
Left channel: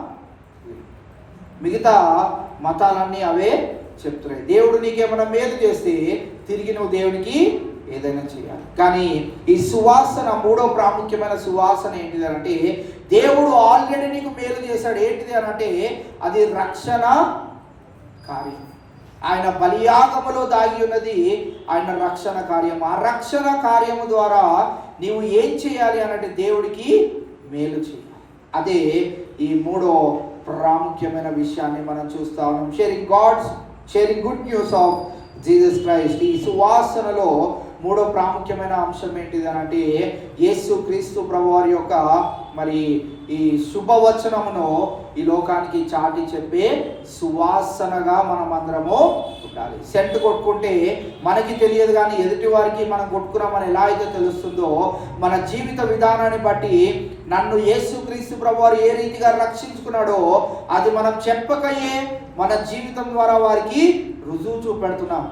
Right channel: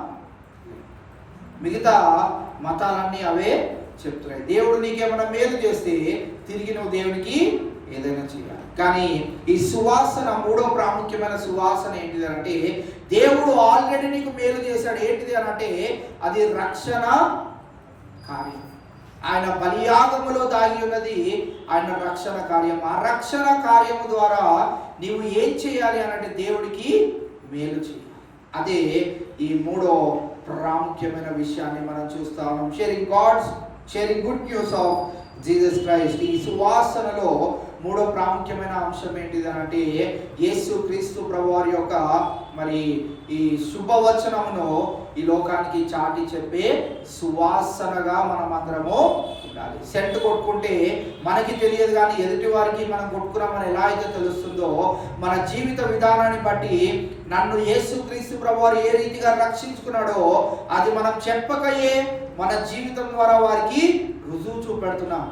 మిగతా మతాలన్నీ అవే చెప్తున్నాయి. దేవుడు నీకేమైనా మేలు చేస్తే తిరిగి నువ్వు దేవునికి ఏదైనా చేయాలి. కానీ ఈ సువాసన, మూడో ప్రాముఖ్యమైన సువాసన ఏంటిది అంటే, దేవుడు ఆల్రెడీ నీకు మేలు చేశాడు. ఏంటిది అని అంటే, అది రక్షణ కార్యం. ఆయన బలియాగములో దాగి ఉన్నది ఆయన రక్షణ కార్యం. ఆ రక్షణ కార్యము ద్వారా నీవు ఏం చేయాలి అనంటే, దేవుడికి మేలు చేయాలి. అదే ఈ మూడో ప్రాముఖ్యమైన విషయాన్ని మనం చూస్తా ఉన్నాం. Sharing good news of Jesus Christ. ఈ సువాసనలో మూడో ప్రాముఖ్యమైన అంశం ఏంటిది అంటే, యేసు క్రీస్తు ప్రభువారి యొక్క మరి ఈ శుభవచనమును ఈ లోకానికి చాటి చెప్పే సువాసనగా మనం అందరము ఉండాలి. సెంట్ కొట్టుకుంటే మనకి తెలియదు, కానీ ఎదుటి వారికి మనం కొట్టుకున్నామని ఎలా అయితే తెలుస్తుందో, మన జీవిత విధానాన్ని బట్టి నన్ను యేసు క్రీస్తు ప్రభువారు ఏ రీతిగా రక్షించుకున్నాడో అది మనం చెప్పకయే మన జీవితం ద్వారా వారికి రుజువు చూపెడుతున్నాం.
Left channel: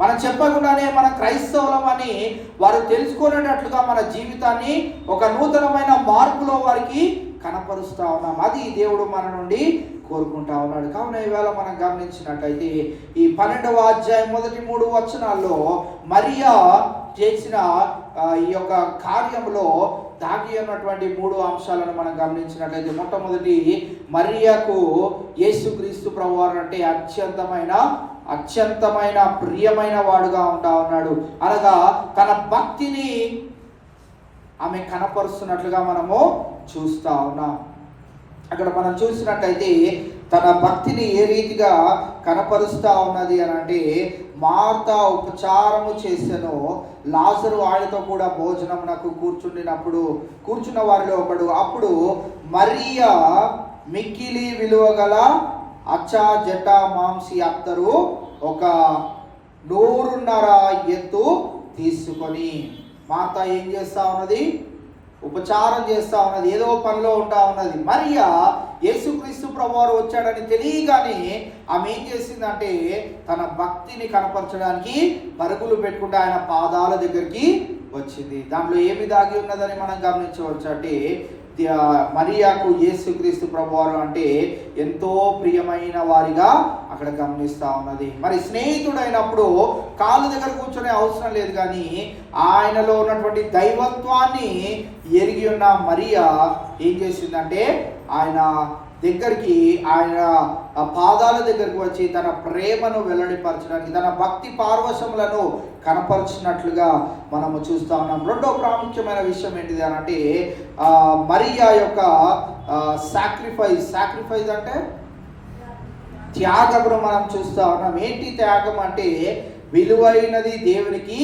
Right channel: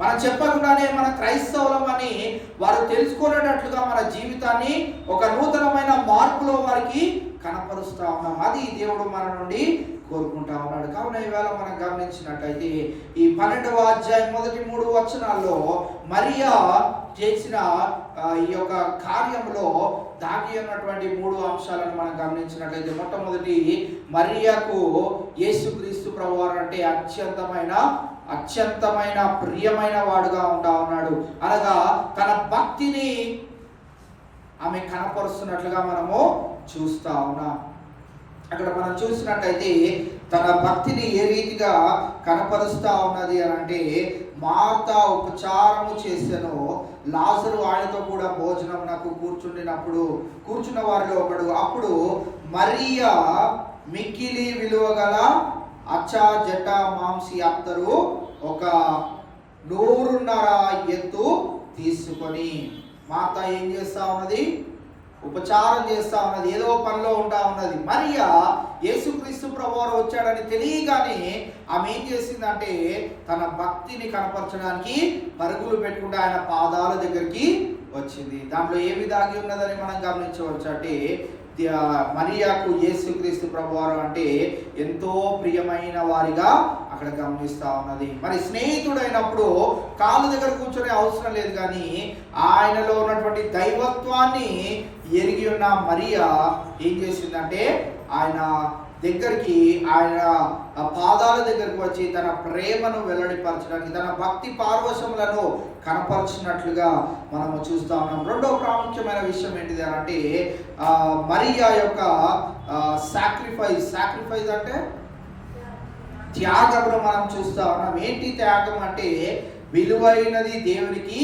మనం చెప్పకుండానే మన క్రైస్తవులం అని వారు తెలుసుకునేటట్లుగా మన జీవితాన్ని ఒక నూతనమైన మార్పులో వారికి కనపరుస్తా ఉన్నాం. అది దేవుడు మన నుండి కోరుకుంటా ఉన్నాడు. కావున ఈవేళ మనం గమనించినట్టయితే ఈ 12వ అధ్యాయం మొదటి 3 వచనాల్లో మరియా చేసిన ఈ యొక్క కార్యంలో దాగి ఉన్నటువంటి 3 అంశాలను మనం గమనించినట్లయితే, మొట్టమొదటి, మరియాకు యేసుక్రీస్తు ప్రభువారు అంటే అత్యంతమైన ప్రియమైన వాడుగా ఉంటా ఉన్నాడు. అనగా తన భక్తిని ఆమె కనపరుస్తున్నట్లుగా మనము చూస్తా ఉన్నాం. అక్కడ మనం చూసినట్టయితే తన భక్తిని ఏ రీతిగా కనపరుస్తా ఉన్నది అని అంటే, మార్త ఉపచారము చేసెను, లాజరు ఆయనతో కూడా భోజనమునకు కూర్చున్న వారిలో ఒకడు. అప్పుడు మరియా మిక్కిలి విలువ గల అచ్చా జట మాంసి అత్తరు 100 ఎత్తు తీసుకొని, మాత ఏం చేస్తా ఉన్నది? ఉపచారం చేస్తా ఉన్నది, ఏదో పనిలో ఉంటా ఉన్నది. మరియా యేసుక్రీస్తు ప్రభువారు వచ్చాడని తెలియగానే ఆమె ఏం చేసిందంటే, తన భక్తిని కనపరచడానికి పరుగులు పెట్టుకుంటే ఆయన పాదాల దగ్గరికి వచ్చింది. దాంట్లో ఏమి దాగి ఉన్నదని మనం గమనించవచ్చు అంటే, మరియాకు యేసుక్రీస్తు ప్రభువారు అంటే ఎంతో ప్రియమైన వారిగా అక్కడ గమనిస్తా ఉన్నది. మరి స్నేహితుడైనప్పుడు కాళ్ళ దగ్గర కూర్చొనే అవసరం లేదు, కానీ ఆయనలో ఉన్నటువంటి దైవత్వాన్ని ఎరిగి ఉన్న మరియా ఏం చేసిందంటే, ఆయన దగ్గరికి, ఆయన పాదాల దగ్గరికి వచ్చి తన ప్రేమను వెల్లడిపరచడానికి, తన భక్తి పార్వశములను కనపరిచినట్లుగా మనము చూస్తా ఉన్నాం. రెండో ప్రాముఖ్యమైన విషయం ఏంటిది అని అంటే, మరియా యొక్క సాక్రిఫైస్ అంటే త్యాగమును మనం చూస్తా ఉన్నాం. ఏంటి త్యాగం అంటే, విలువైనది దేవునికి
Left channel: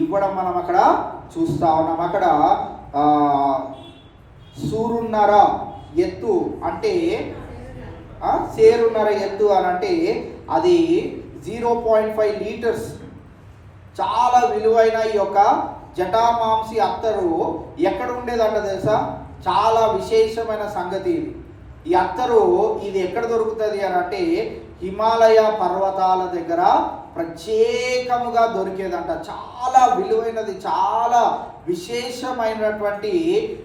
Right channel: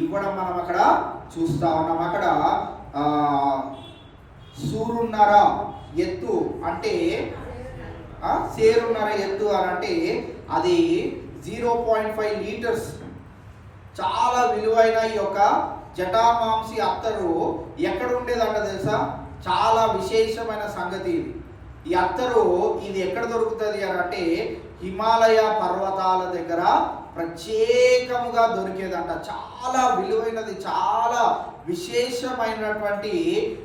ఇవ్వడం మనం అక్కడ చూస్తా ఉన్నాం. అక్కడ 100 ఎత్తు అంటే సేరున్నర ఎత్తు అని అంటే అది 0.5 లీటర్స్. చాలా విలువైన ఈ యొక్క జటామాంసి అత్తరు ఎక్కడ ఉండేదంట తెలుసా? చాలా విశేషమైన సంగతి ఇది. ఈ అత్తరు ఇది ఎక్కడ దొరుకుతుంది అని అంటే, హిమాలయ పర్వతాల దగ్గర ప్రత్యేకముగా దొరికేదంట. చాలా విలువైనది, చాలా విశేషమైనటువంటి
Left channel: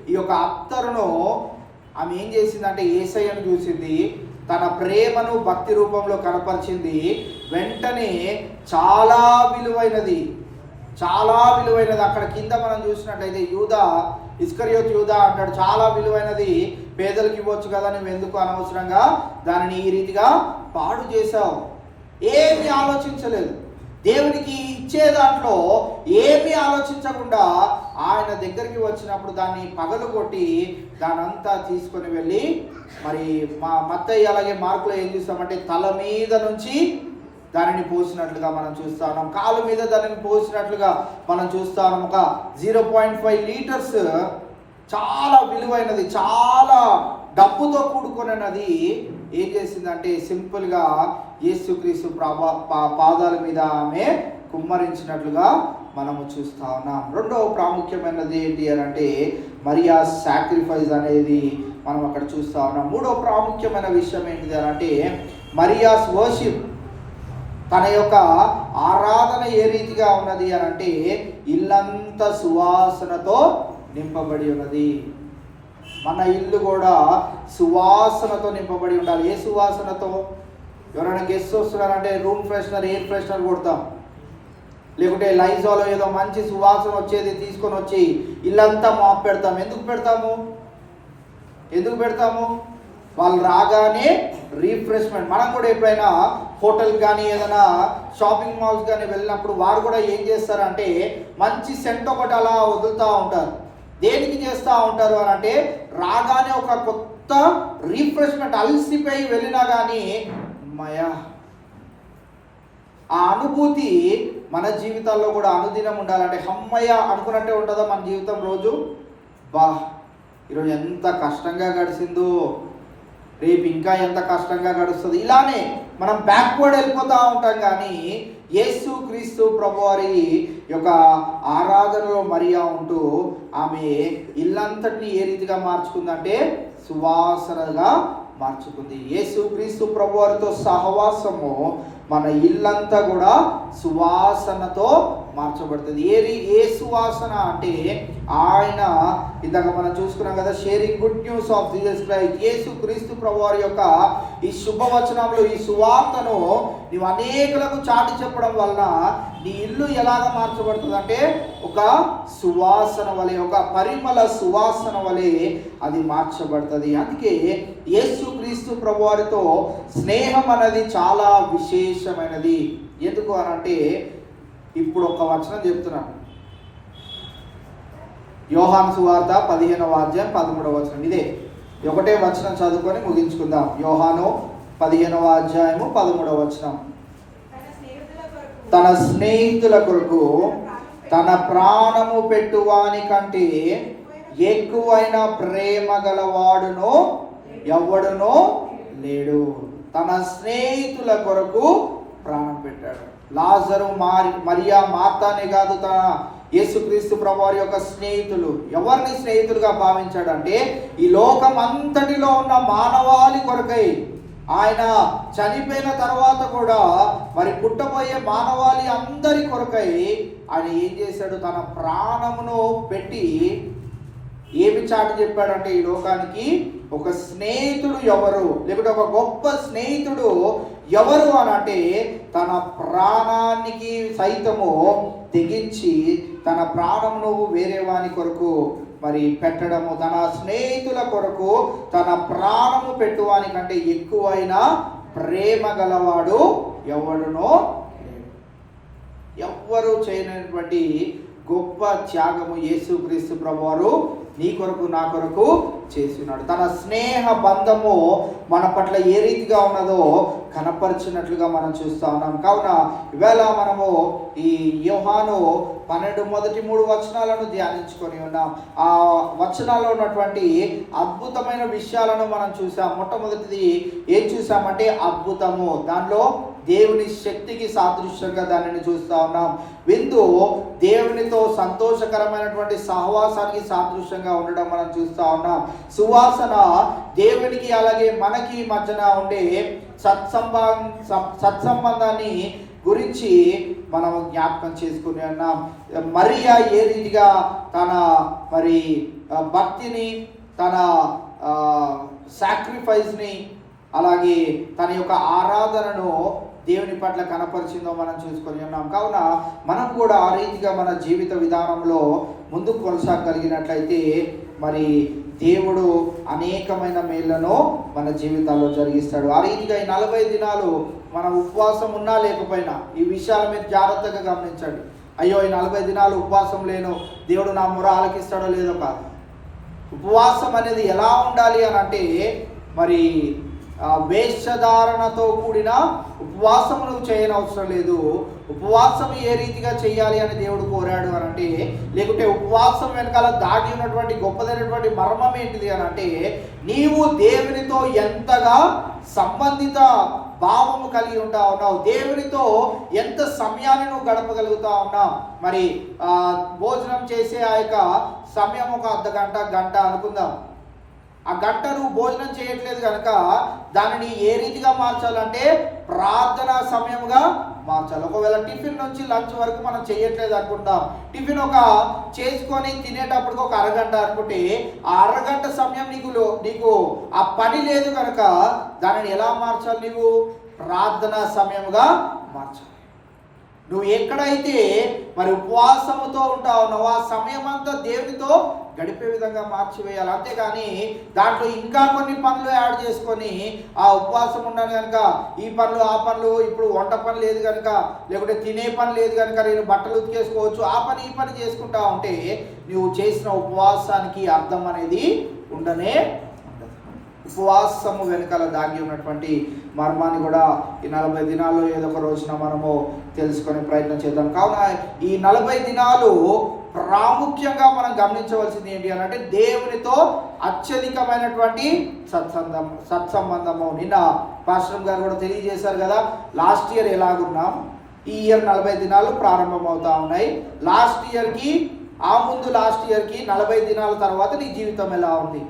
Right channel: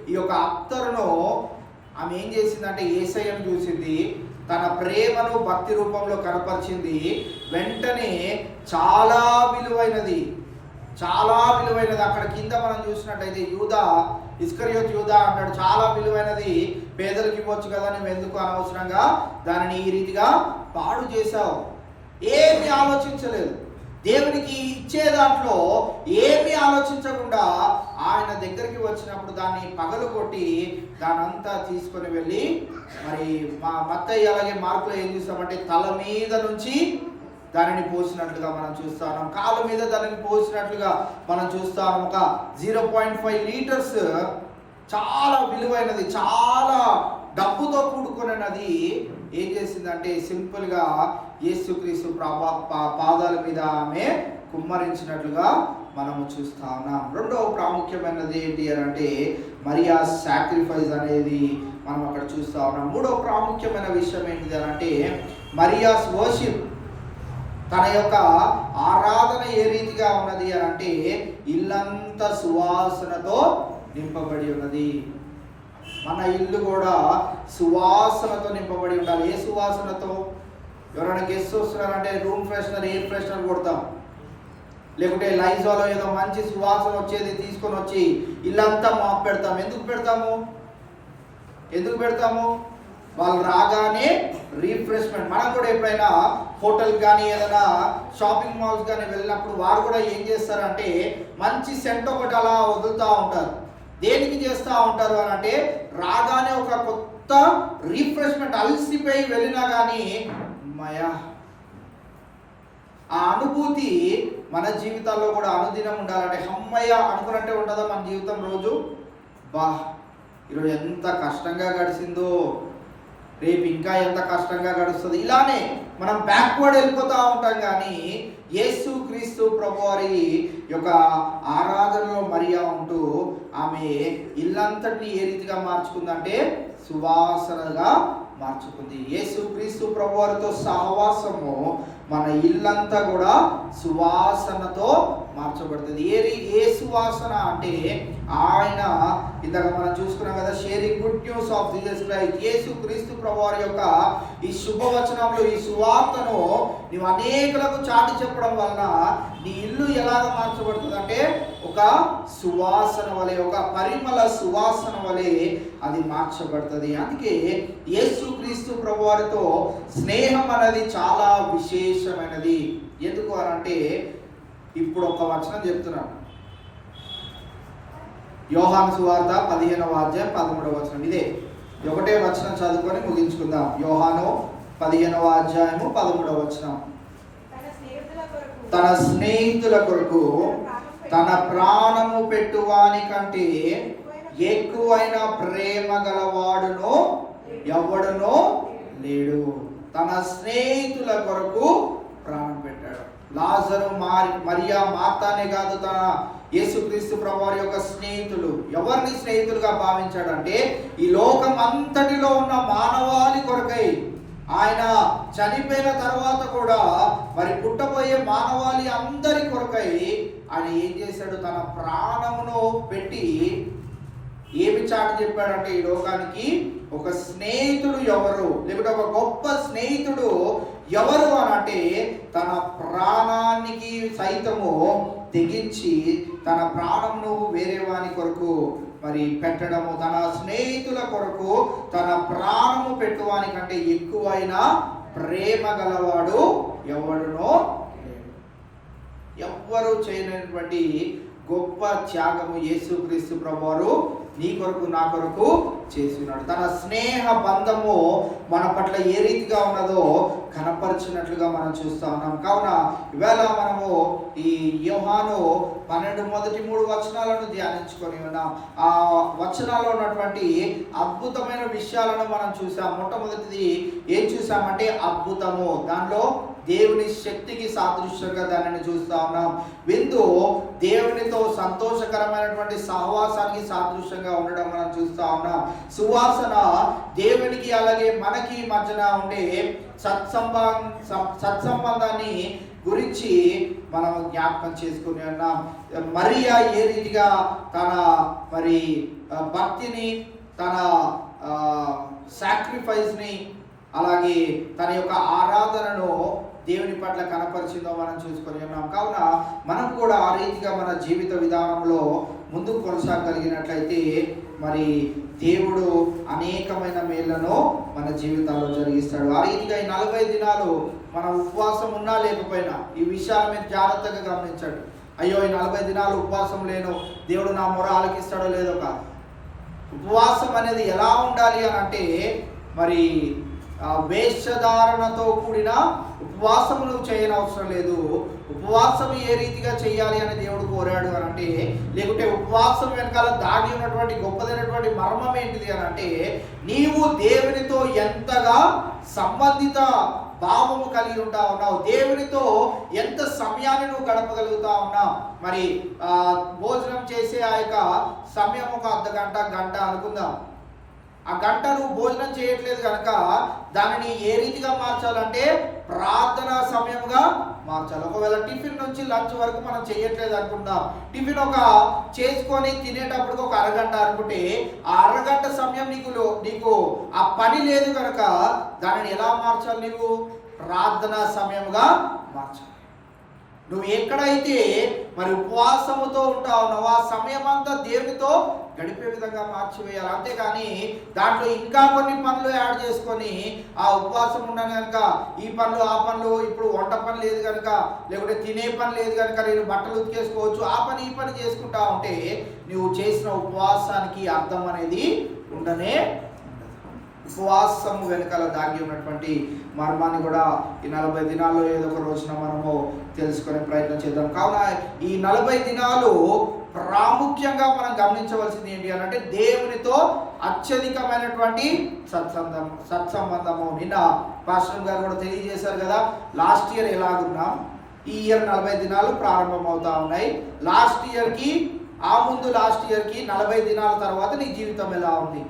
ఈ యొక్క అత్తరును ఆమె ఏం చేసిందంటే, యేసయ్యను చూసింది, తన ప్రేమను భక్తి రూపంలో కనపరిచింది. వెంటనే చాలా విలువైనది అక్కడ కింద మనం చూసినట్టయితే, ఇస్కరియోతు యూదా అంటాడు, చాలా విలువైనది, పేదలకు ఇవ్వచ్చు కదా, నువ్వు ఎందుకు అనవసరంగా దానిని ఈ రీతిగా పాడు చేశావు? ఏమీ ఆలోచించలేదు. దేవునికి ఇచ్చే దాంట్లో ఏమీ ఆలోచించకుండా ఆయన దగ్గరికి వచ్చినప్పుడు దాన్ని పగలగొట్టి దానంతా తీసుకొని వెళ్ళి మరి మత్తయి అలాగే మార్కులో ఏం చూస్తామంటే తల మీద నుంచి దానిని పోసినట్లుగా మనం చూస్తాం, కాలు మీద దానిని పోసినట్లుగా మనం చూస్తాం. ఒక 0.5 లీటర్స్ చాలా విలువైనది, చాలా డబ్బుతో కూడుకున్నది ఏం చేసిందంటే సింపుల్గా యేసుక్రీస్తు పాదాల మీద ఆమె కుమ్మరించినట్లుగా మనము చూస్తా ఉన్నాం. రెండవ ప్రాముఖ్యమైనది ఏంటి అని అంటే మరియా సాక్రిఫైస్ అనేది మనం అక్కడ చూస్తా ఉన్నాం. మూడవ ప్రాముఖ్యమైన విషయం ఏంటిది అని అంటే మరియాస్ వర్షిప్. తన యొక్క ఆరాధన ఏ రీతిగా ఉన్నది అని అంటే ఇల్లంతా సువాసనతో నింపబడి ఉన్నది. మన ఇల్లు కూడా సువాసనతో నింపబడి ఉండాలి. ఏ సువాసనతో? ఎవరైనా గెస్ట్ వస్తున్నారంటే రూమ్ ఫ్రెషనర్, ఎయిర్ ఫ్రెషనర్ కొడతాం, లేకుంటే లైజాలో ఏదో మంచి సువాసన వచ్చేది తీసుకొని వచ్చి ఇల్లంతా మాప్ పెడతాం. ఎందుకు పెడతాము? వాళ్ళు రాగానే రీఫ్రెష్మెంట్. మనం కూడా ఎప్పుడైనా హోటల్ కానీ ఏదైనా షాపింగ్ మాల్స్ కానీ వెళ్ళినప్పుడు వారు కూడా ఏం చేస్తారంటే మంచి సెంట్ ఒకటి అలా వదులుతూ ఉంటారు. దేనికి చేస్తూ ఉంటారు అని అంటే రాగానే ఒక కొత్త రీఫ్రెష్మెంట్. అలసిపోయి వెళ్ళినా కానీ మయా ఆ అనుభూతి మన జీవితాల్లో కూడా అనుదినం ఉండాలంటే హమ్మయ్య అనుకున్నట్టే ఉంటుందా మన జీవితం? రోజు ఈరోజు ఎంత కష్టంగా గడిచిందో, రేపు ఇంకా ఎంత కష్టంగా గడుస్తుంది, ఇలానే మనం బ్యాక్వర్డ్ వెళ్ళిపోతూ ఉంటాం. కానీ యేసు క్రీస్తు ప్రభువారి యొక్క ఆరాధనలో మరియా ఉంటూ ఆమె ఇల్లంతటిని ఏ రీతిగా మార్చుకుందంటే సువాసనగా మార్చుకుంది. యేసు క్రీస్తు ప్రభువారితో సహవాసము మన ఇల్లంతా కూడా సువాసనతో మార్చబడుతుంది. ఏ సువాసన అంటే ఆయన ఇందాక మనం చూసుకున్నాం కదా, sharing good news of Jesus Christ. Yesu Kristu ప్రభువారి యొక్క ఈ శుభవచనంలో ఈ సువార్తను నీవు అనేకులకు చాటి చెప్పడం వలన నీ ఇల్లు ఎలాగ మార్చబడుతుంది అంటే ఒక సువాసన వలె, ఒక పరిమళ సువాసన వలె అది మార్చబడుతుంది. అందుకే యేసు క్రీస్తు ప్రభువారితో స్నేహం అనేది చాలా విశేషమైనది. ఎందుకు అని అంటే ఇప్పుడు ఒక వచనం చెప్తున్నాను. యోహాను సువార్త 15వ అధ్యాయం 13వ వచనం. ఇదే ఒకటే వచనం చదువుకొని ముగించుకుందాం. యోహాను 15వ అధ్యాయము 13వ వచనం. తన స్నేహితుల కొరకు తన ప్రాణము పెట్టువాని కంటే ఎక్కువైన ప్రేమ గలవాడును ఎవడునో లేడు. తన స్నేహితుల కొరకు ప్రాణం పెట్టాడు. లాజరు, మరియా, మార్తానే కాదు, తన యేసుక్రీస్తు ప్రభువారి యొక్క స్నేహితులు. ఎవరిని స్నేహితులుగా భావించాడు అంటే ఈ లోకం అంతటిలో ఉన్న మానవాళి కొరకై, ఆయన చనిపోయిన తర్వాత కూడా మరి పుట్టబోయే మానవాళి అందరి కొరకై ఆయన ఏం చేశాడు? తన ప్రాణమును పెట్టి ఏమి చాటి చెప్పాడంటే ఈ లోకానికి ఒక స్నేహితుడు ఎవరు, లేకుంటే ఒక గొప్ప స్నేహితుడు ఎవరు అని అంటే తన ప్రాణానికి సైతము తెగించి తన ప్రాణమును వేరే వాని కొరకు మరి పెట్టడము, తన స్నేహితుల కొరకు తన ప్రాణము పెట్టువాని కంటే ఎక్కువైన ప్రేమ గలవాడు ఎవడునో ఎవ్వరు చేయనటువంటి గొప్ప త్యాగము యేసుక్రీస్తు ప్రభువారు నీ కొరకు నా కొరకు చేస్తున్నాడు. తన స్నేహ బంధము మన పట్ల ఏ రీతిగా ఉన్నదో కనపరిచినట్లుగా మనం చూస్తా ఉన్నాం. కావున ఇవాళ మనము ఈ యోహాను 12 మొదటి 3 వచనాలను ధ్యానించుకొని ఉన్నాం. ఆ వచనాల్లో ఉన్నటువంటి అద్భుతమైన విషయాలను మనం చూసాం. మొట్టమొదటిది ఏం చూసామంటే అద్భుతము. దానిలో దేవుని శక్తికి సాదృశ్యంగా దానిని చూస్తా ఉన్నాం. విందు దేవునితో సంతోషకరమైనటువంటి సహవాసానికి సాదృశ్యంగా ఉండడం మనం చూస్తా ఉన్నాం. సువాసన దేవునికి అలాగే మనకి మధ్యన ఉండే సత్సంబంధాన్ని గురించి మనం జ్ఞాపకం చేసుకుని ఉన్నాం. మరియా ఏ రీతిగా తన మరి భక్తిని, తన సాక్రిఫైస్ని, అలాగే తన యొక్క ఆరాధనను దేవుని పట్ల కనపరిచిందో మనం చూసుకొని ఉన్నాం. కావున మనం కూడా ఆ రీతిగా మన జీవిత విధానంలో ముందుకు కొనసాగలిగినట్లయితే మరి దేవుడు అనేకమైన మేళ్లను మన జీవితాల్లో జరిగిస్తాడు. ఆ రీతిగా ఈ 40 దినాలు మనం ఉపవాసం ఉన్నా లేకపోయినా ఈ విషయాల మీద జాగ్రత్తగా గమనించండి. అయ్యో ఈ 40 దినాలు ఉపవాసం లేను, దేవుడు నా మొర ఆలకిస్తాడో లేదో కాదు. ఉపవాసం అనేది ఎలా ఉండాలి అని అంటే, మరి వేషధారణతో కూడిన ఉపవాసం నువ్వు చేయనవసరం లేదు. ఉపవాసం ఏ రీతిగా చేయాలి అని దేవుడు కోరాడు అని అంటే, లేకుంటే ఉపవాసం వెనకాల దాగి ఉన్నటువంటి గొప్పదైనటువంటి మర్మం ఏంటిది అని అంటే, నీవు దేవునితో ఎంతగా సంబంధిత భావము కలిగి ఉంటా ఉన్నావు, దేవునితో ఎంత సమయాన్ని నువ్వు గడపగలుగుతా ఉన్నావు. మరి భోజనం చేసే ఆ యొక్క సమయం ఒక అర్ధగంట గంట అనుకుందాం. ఆ గంట నువ్వు భోజనం చేయట్లేదు కనుక దానిని ఏ రీతిగా మార్చాలంటే ప్రార్థనా సమయంగా మార్చాలి. ఒకవేళ టిఫిన్ నుంచి లంచ్ వరకు మనం చేయట్లేదు అనుకుంటాం, టిఫిన్ ఒక చేసుకొని తినేటప్పటికి ఒక అరగంట అనుకుంటే, ఆ అరగంట సమయం నీకు ఆ పని లేదు కనుక దానిని ఎలా మార్చాలి? నీవు ప్రార్థనా సమయంగా మార్చాలి. నువ్వు ఎక్కడైతే మరి ఉపవాసముతో ఉంటావు నువ్వు ఆ సమయం అంతా దేవునితో గడిపే విధంగా మార్చివేయాలి. అంతేగాని దాంట్లో ఇంకా కొన్ని పనులు యాడ్ చేసుకొని ఆ ఉపవాసం ఉన్నాను కనుక ఈ పనులు ఆ పనులు, ఇప్పుడు వంట పని లేదు కనుక, లేకుంటే తినే పని లేదు కనుక నేను బట్టలు ఉతికేసుకోవచ్చు, ఆ పని ఈ పని చేసుకుంటా ఉంటే నువ్వు చేసిన ఉపవాసానికి అర్థం అనేది ఉండనే ఉండదు. ఉపవాసము వెనకాల దాగి ఉన్నటువంటి మర్మాన్ని కూడా ఈ 40 దినాల్లో ఏదో ఒక రోజున మనము తెలుసుకొని ప్రయత్నం చేద్దాం. కావున ఈ 40 దినాలు ప్రాముఖ్యంగా మనం గమనించవలసింది ఏంటి అని అంటే, దేవునితో అత్యధికమైనటువంటి సత్సంబంధము. నిన్న పాస్టర్ గారు కూడా తెలియజేశారు కదా, లాస్ట్ ఇయర్ ఎలాగున్నాం, ఈ ఇయర్ 40 దినాలు ప్రారంభం అవుతా ఉన్నాయి. లాస్ట్ ఇయర్కి లాస్ట్ ఇయర్కి 40 దినాల తర్వాత నీ జీవితం ఎలా ఉంది,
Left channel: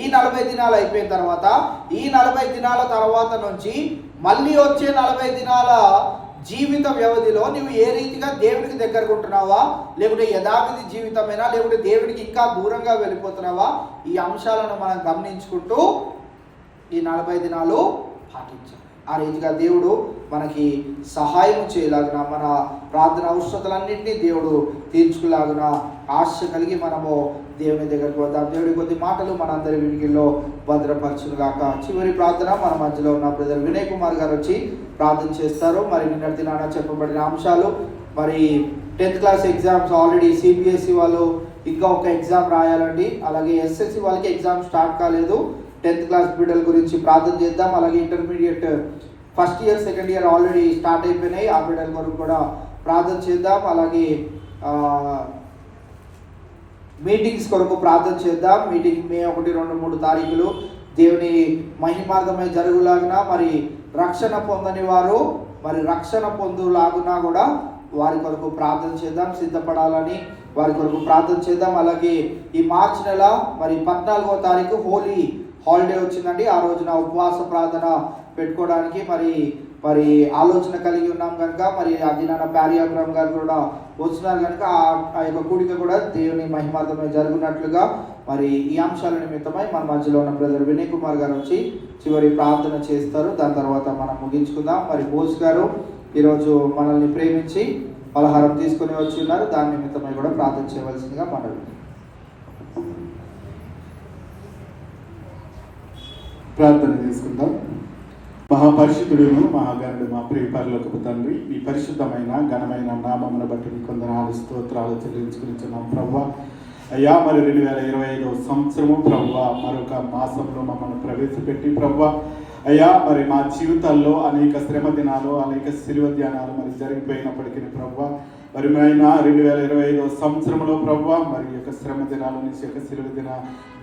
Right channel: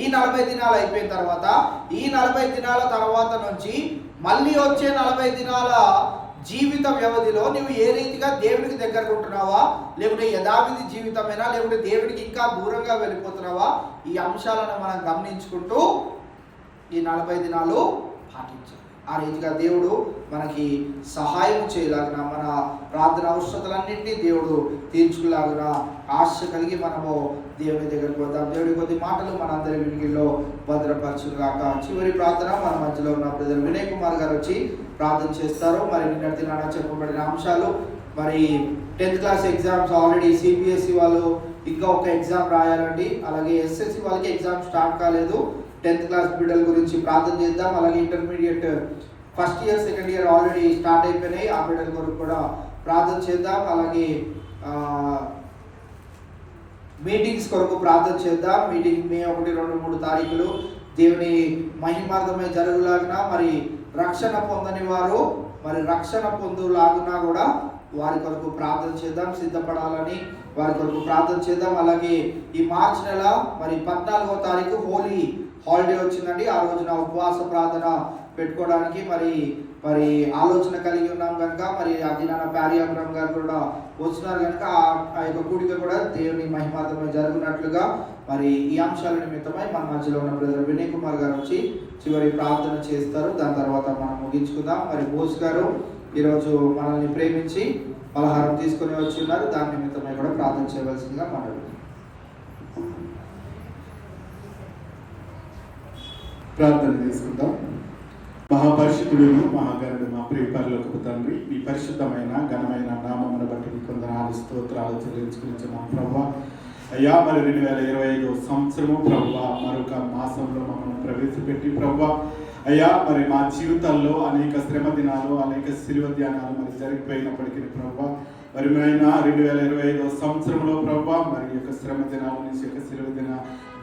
ఈ 40 దినాలు అయిపోయిన తర్వాత, ఈ 40 దినాల తర్వాత నుంచి మళ్ళీ వచ్చే 40 దినాల జీవిత వ్యవధిలో నువ్వు ఏ రీతిగా దేవునికి దగ్గరకుంటున్నావా, లేకుంటే యథావిధి జీవితమేనా, లేకుంటే దేవునికి ఇంకా దూరంగా వెళ్ళిపోతున్నావా, ఈ అంశాలను మనం గమనించుకుంటూ ఈ 40 దినాలు పాటించాలి. ఆ రీతిగా దేవుడు మనకి సహాయం చేయలాగున, మన ప్రార్థన అవసరతలన్నింటినీ దేవుడు తీర్చుకులాగున ఆశ కలిగి మనము దేవుని దగ్గరకు వద్దాం. దేవుడి కొద్ది మాటలు మనందరి వినికిల్లో భద్రపరచుగాక. చివరి ప్రార్థన మన మధ్యలో ఉన్న బ్రదర్ వినయ్ కుమార్ గారు వచ్చి ప్రార్థన చేస్తారు. మరి నిన్నటి నాన్న చెప్పబడిన అంశాలు, మరి 10th class exams already CBSE వాళ్ళు ఇంకా ఒక ఎగ్జామ్ రాయాలండి, అలాగే ఎస్ఎస్సి వాళ్ళకి ఎగ్జామ్ స్టార్ట్ కాలేదు. 10th క్లాస్ బిడ్డల గురించి ప్రార్థన చేద్దాం. అలాగే intermediate first year second year already start అయిపోయినాయి, ఆ బిడ్డల కొరకు కూడా ప్రార్థన చేద్దాం. అలాగే మీటింగ్స్ కొరకు ప్రార్థన చేద్దాం. మీటింగ్ మే 1, 2, 3 తారీఖులు దేవుని మహిమార్థమై జరుగులాగున, మరి రక్షణ పొందని వారు మరి రక్షణ పొందులాగునా కూడా వారి కొరకు ప్రార్థన చేద్దాం. సిద్ధపడాలని వారి కొరకు ప్రార్థన చేద్దాం. అలాగే ఈ మార్చి నెల మరి 14వ తారీఖు హోలీ హాలిడే వచ్చిందండి. ఆ రోజున ఉపవాస ప్రార్థన పెట్టుకోవడానికి మరి ఆలోచన కలిగి ఉన్నాం కనుక, మరి అది నాన్న ప్యారియాపురం గారు కూడా వచ్చినారు కనుక ఆ యొక్క కూడిక కూడా దేవుని మహిమార్థమై జరుగునట్లుగా మరి ఈ అంశాల నిమిత్తమై మన మధ్యలో ఉన్న బ్రదర్ వినయ్ కుమార్ గారు వచ్చి చివరి ప్రార్థన చేస్తారు. దాని తర్వాత మనం ముగించుకుందాం. మరి బోస్ గారు ఈరోజు మనల్ని ప్రేమించి పలహారం తీసుకుని వచ్చి ఉన్నారు, దాని నిమిత్తమై కూడా ప్రార్థన చేయవలసిందిగా మనవి. ప్రార్థన చేసుకుందాం. మహాపరిశుద్ధుడును మహాగణుడు మా ప్రియ పరలోకపు తండ్రి, మీ పరిశుద్ధమైన ఘనమైన నామమును బట్టి మీ కొందనాలు స్తోత్రాలు చెల్లించుకునిచున్నాం ప్రభువా. అయ్యా, మరి 2025 సంవత్సరము ప్రభువా మరొక మాసంలో మమ్మల్ని ప్రవేశపెట్టి ప్రభువా అయ్యా, మరి మా జీవితాల్లో అనేక శ్రమ దినాలు, అనేక శిలువ ధ్యానాలు మరి జరిగిపోయినప్పటికీ ప్రభువా, మరి ఆయన 2025 సంవత్సరంలో ప్రభువా మరి యొక్క శ్రమ దినాల నుంచి యొక్క శిలువ దిన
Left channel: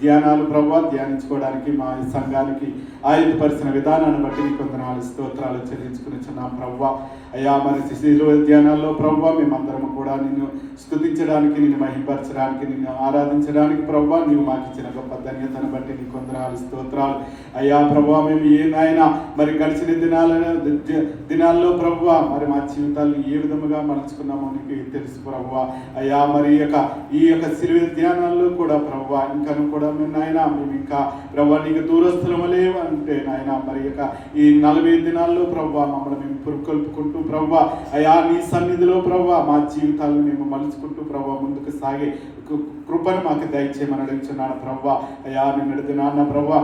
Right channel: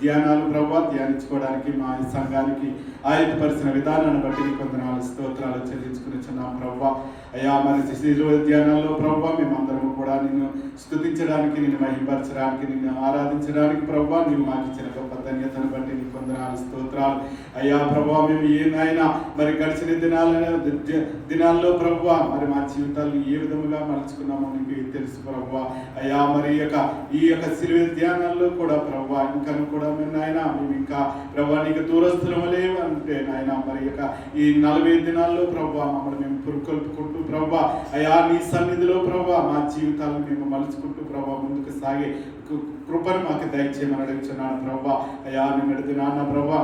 ధ్యానాలు ప్రభువా ధ్యానించుకోవడానికి మా సంఘానికి ఆయుధపరిచిన విధానాన్ని బట్టి నీ కొందనాలు స్తోత్రాలు చెల్లించుకునిచున్నాం ప్రభువా. అయ్యా, మరి శిలువ ధ్యానాల్లో ప్రభువా మేమందరము కూడా నిన్ను స్తుతించడానికి, నిన్ను మహింపరచడానికి, నిన్ను ఆరాధించడానికి ప్రభువా నీవు మాకు ఇచ్చిన గొప్ప ధన్యతను బట్టి నీ కొందనాలు స్తోత్రాలు. అయ్యా ప్రభువా, మేము ఏనాయన మరి గడిచిన దినాల్లో ప్రభువా మరి మా జీవితాలను ఏ విధముగా మలుచుకున్నామో నీకు తెలుసు ప్రభువా. అయ్యా, మరి ఈ యొక్క శిలువ ధ్యానాల్లో కూడా ప్రభువా ఇంకను కూడా నాయన మేము ఇంకా ప్రభువా నీకు దూరస్తులము లేవంటే నాయన మరి ఈ 40 దినాల్లో ప్రభువా మమ్మల్ని మేము పురుకొల్పుకుంటూ ప్రభువా అయ్యా నీ సన్నిధిలో ప్రభువా మా జీవితాలను మేము మలుచుకుంటూ ప్రభువా ముందుకు సాగే కృపను మాకు దయచేయమని అడుగుతున్నాను ప్రభువా. అయ్యా నిన్నటి దినాన్న ప్రభువా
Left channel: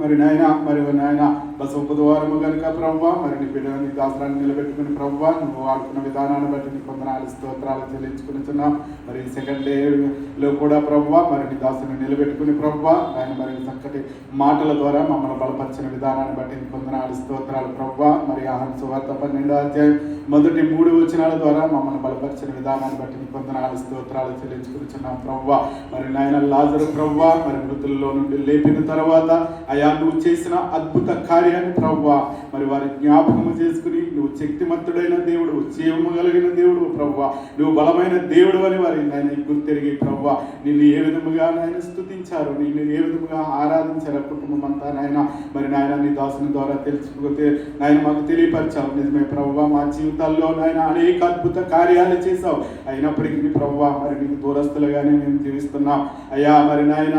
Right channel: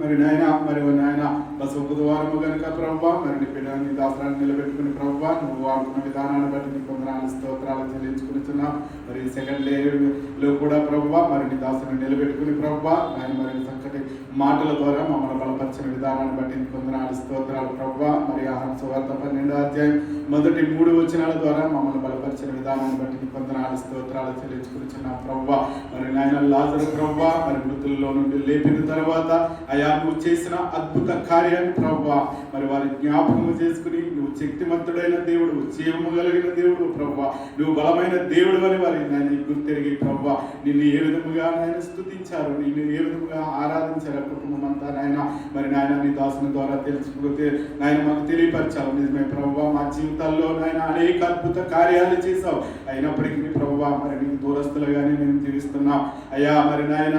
మరి నాయన బుధవారము కనుక ప్రభు మరి నీ బిడ్డని దాసరాన్ని నిలబెట్టుకుని ప్రభు నువ్వు వాడుకున్న విధానాన్ని బట్టి నీకు వందనాలు స్తోత్రాలు చెల్లించుకునిచున్నాం. మరి సెకండ్ డేలో కూడా ప్రభు మరి నీ దాసుని నిలబెట్టుకుని ప్రభు ఆయన మరి చక్కటి మాటల ద్వారా మమ్మల్ని బలపరిచిన విధానాన్ని బట్టి నీకు వందనాలు స్తోత్రాలు ప్రభు. మరి యోహాను సువార్త 12వ అధ్యాయం మొదటి 3 వచనాల ద్వారా మమ్మల్ని బలపరిచిన విధానాన్ని బట్టి నీకు వందనాలు స్తోత్రాలు చెల్లించుకునిచున్నాం ప్రభు. మరి నాయన లాజరు ప్రభు మరి మృతుల్లో నుండి లేపిన తర్వాత అయా నువ్వు చేసిన అద్భుత కార్యాన్ని ప్రభు మరి వారి జ్ఞాపకము చేసుకుని నువ్వు శక్తిమంతుడైన దేవుడు, జీవము కలిగిన దేవుడు ప్రభు, నువ్వు బలమైన దేవుడు అని వారి నాయన గుర్తెరిగి ప్రభు నిన్ను ఏ విధముగా నాయన స్తుతించారు, నిన్ను ఏ విధముగా ఆరాధించారు కుటుంబం అంతా నాయన మరి నాయన నీ దాసుని ద్వారా తెలుసుకుంటే నాయన మాకు తెలియపరిచావు. నిజమే ప్రభు మా జీవితాల్లో నాయన అనేక అద్భుత కార్యాలు చేసావు. అయినప్పటికీ ప్రభు మరి నీకు దూరస్తులుగానే మేము జీవిస్తున్నాం అయ్యా. మరి నాయన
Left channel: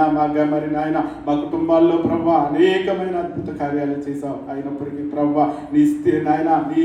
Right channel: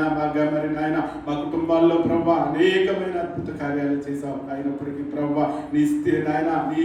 మరి నాయన మా కుటుంబాల్లో ప్రభు అనేకమైన అద్భుత కార్యాలు చేసావు. అయినప్పటికీ ప్రభు నీ నాయన నీ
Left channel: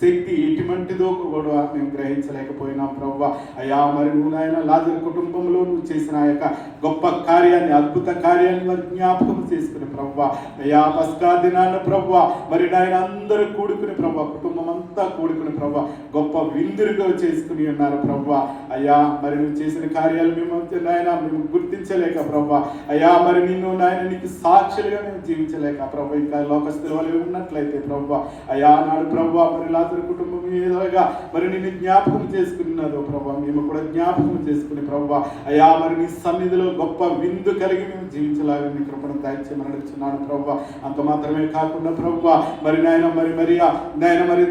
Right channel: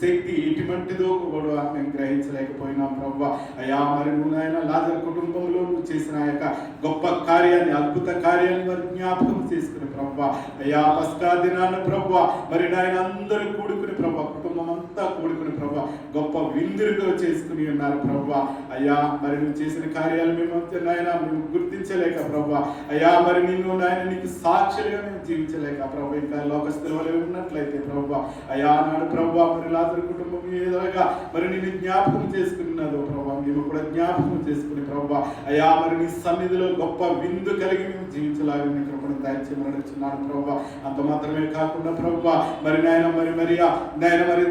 శక్తి ఎటువంటిదో కూడా మేము గ్రహించలేకపోయినాం ప్రభు అయ్యా. మరి నువ్వు నాయన లాజరు కుటుంబంలో నువ్వు చేసిన ఆ యొక్క గొప్ప కార్యాన్ని, అద్భుత కార్యాన్ని వారి జ్ఞాపకం చేసుకుని ప్రభు అయ్యా. పస్కా దినాన్ని ప్రభు మరి నాయన అందరూ కూడుకుని ప్రభు కుటుంబం అంతా కూడుకుని ప్రభు గొప్ప విందులుగా చేసుకుని ఉన్నారు ప్రభు అయ్యా. మరి నువ్వు చేసిన కార్యాలు మేము నాయన మేము గుర్తించలేక ప్రభు అయ్యా. మరి నిన్ను నాయన నీకు సాక్షులుగా మేము జీవించలేక ప్రభు ఇంకా లోకస్తుల వల్ల ఉన్నట్లయితే ప్రభు అయ్యా నాడు ప్రభు మరి లాజరు కుటుంబం ఏదోగా మరి నిన్ను జ్ఞాపకం చేసుకున్నదో ప్రభు మేము కూడా జ్ఞాపకం చేసుకుని ప్రభు అయ్యా. మరి నీ సన్నిధిలో గొప్ప విందు కలిగి మేము జీవించలాగా నీ కృపను దయచేయమని అడుగుతున్నాను ప్రభు. అంత మాత్రమే కాకుండా ప్రభు మరి నాయన మరి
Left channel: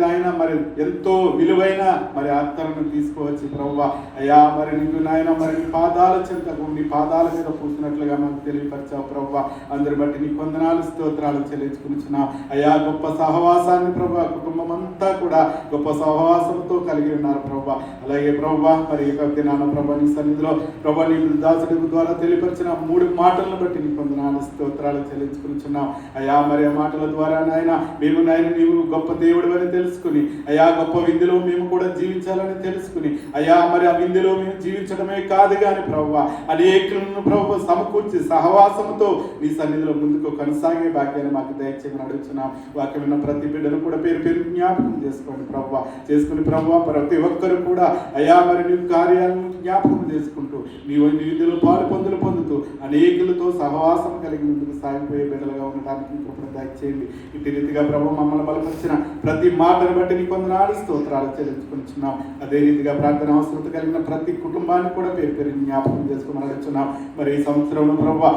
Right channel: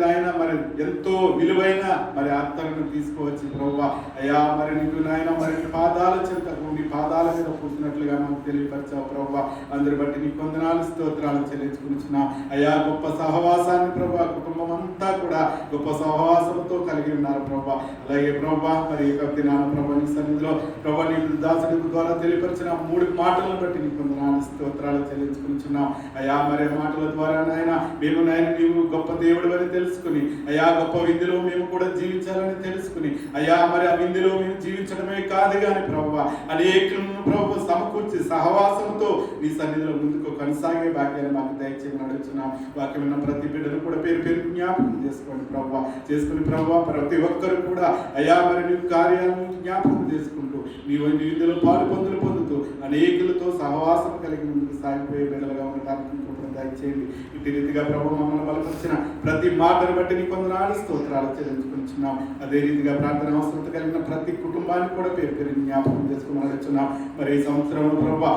నాయన మరి ఎంతో విలువైన మరి అత్తరును తీసుకువచ్చి ప్రభు అయ్యా. మరి నీకు నాయన మరి నీ పాదాల చెంతకు నీ పాదాల మీద పూసినట్లుగా మాకు తెలియపరిచావు ప్రభు. అందరి బట్టి నీ వందనాలు స్తోత్రాలు చెల్లించుకునిచున్నాం అయ్యా. గొప్ప సహవాసాన్ని ప్రభు కుటుంబం అంతా కూడా గొప్ప సహవాసంతో కలిగి ఉన్నారు ప్రభు. అలాగే ప్రభు మరి దినాను ప్రభు నీ సన్నిధిలో ప్రభు నీ దాసుడి ద్వారా తెలియపరిచిన 3 మాటలను బట్టి నీ వందనాలు స్తోత్రాలు చెల్లించుకునిచున్నాం అయ్యా. మరి ఆ మాటల ద్వారా నాయన మేము నాయన నీవు గొప్ప దేవుడు అని తెలుసుకుని అయ్యా గొప్ప విందులో మేము కూడా జీవించాలని తెలుసుకుని అయ్యా. మరి ఆ విందులో మేము జీవించడమే కాదు కానీ ప్రభు అనేకులను ప్రభు సమకూర్చి సహవాసంతో నీ సన్నిధిలో ముందుకు కొనసాగే భాగ్యాన్ని మాకు దయచేయమని అడుగుతున్నాం. వాక్యం ఉన్న ప్రతి బిడ్డను కూడా పేరు పేరు జ్ఞాపకం చేసుకోండి ప్రభు. చేసుకుని ప్రభు ప్రతి ఒక్కరు కూడా అయ్యా మరి నీ కార్యాలను జ్ఞాపకం చేసుకుంటూ నీ విందులో పాలు పొందుతూ అనేకులతో సహవాసం కలిగి ముందుకు సాగిపోయే బిడ్డలుగా ఉండటానికి కృపను దయచేయండి. ఇటు రీతిగా ప్రభు మమ్మల్ని బలపరిచిన ప్రతి మాటను బట్టి నీ వందనాలు స్తోత్రాలు చెల్లించుకుంటున్నాం. అదే రీతిగా ప్రార్థన అవసరం కలిగిన ప్రతి కుటుంబాన్ని కూడా పేరు పేరు జ్ఞాపకం చేసుకోమని అడుగుతున్నాం. మరి ఈ సంవత్సరంలో ప్రభు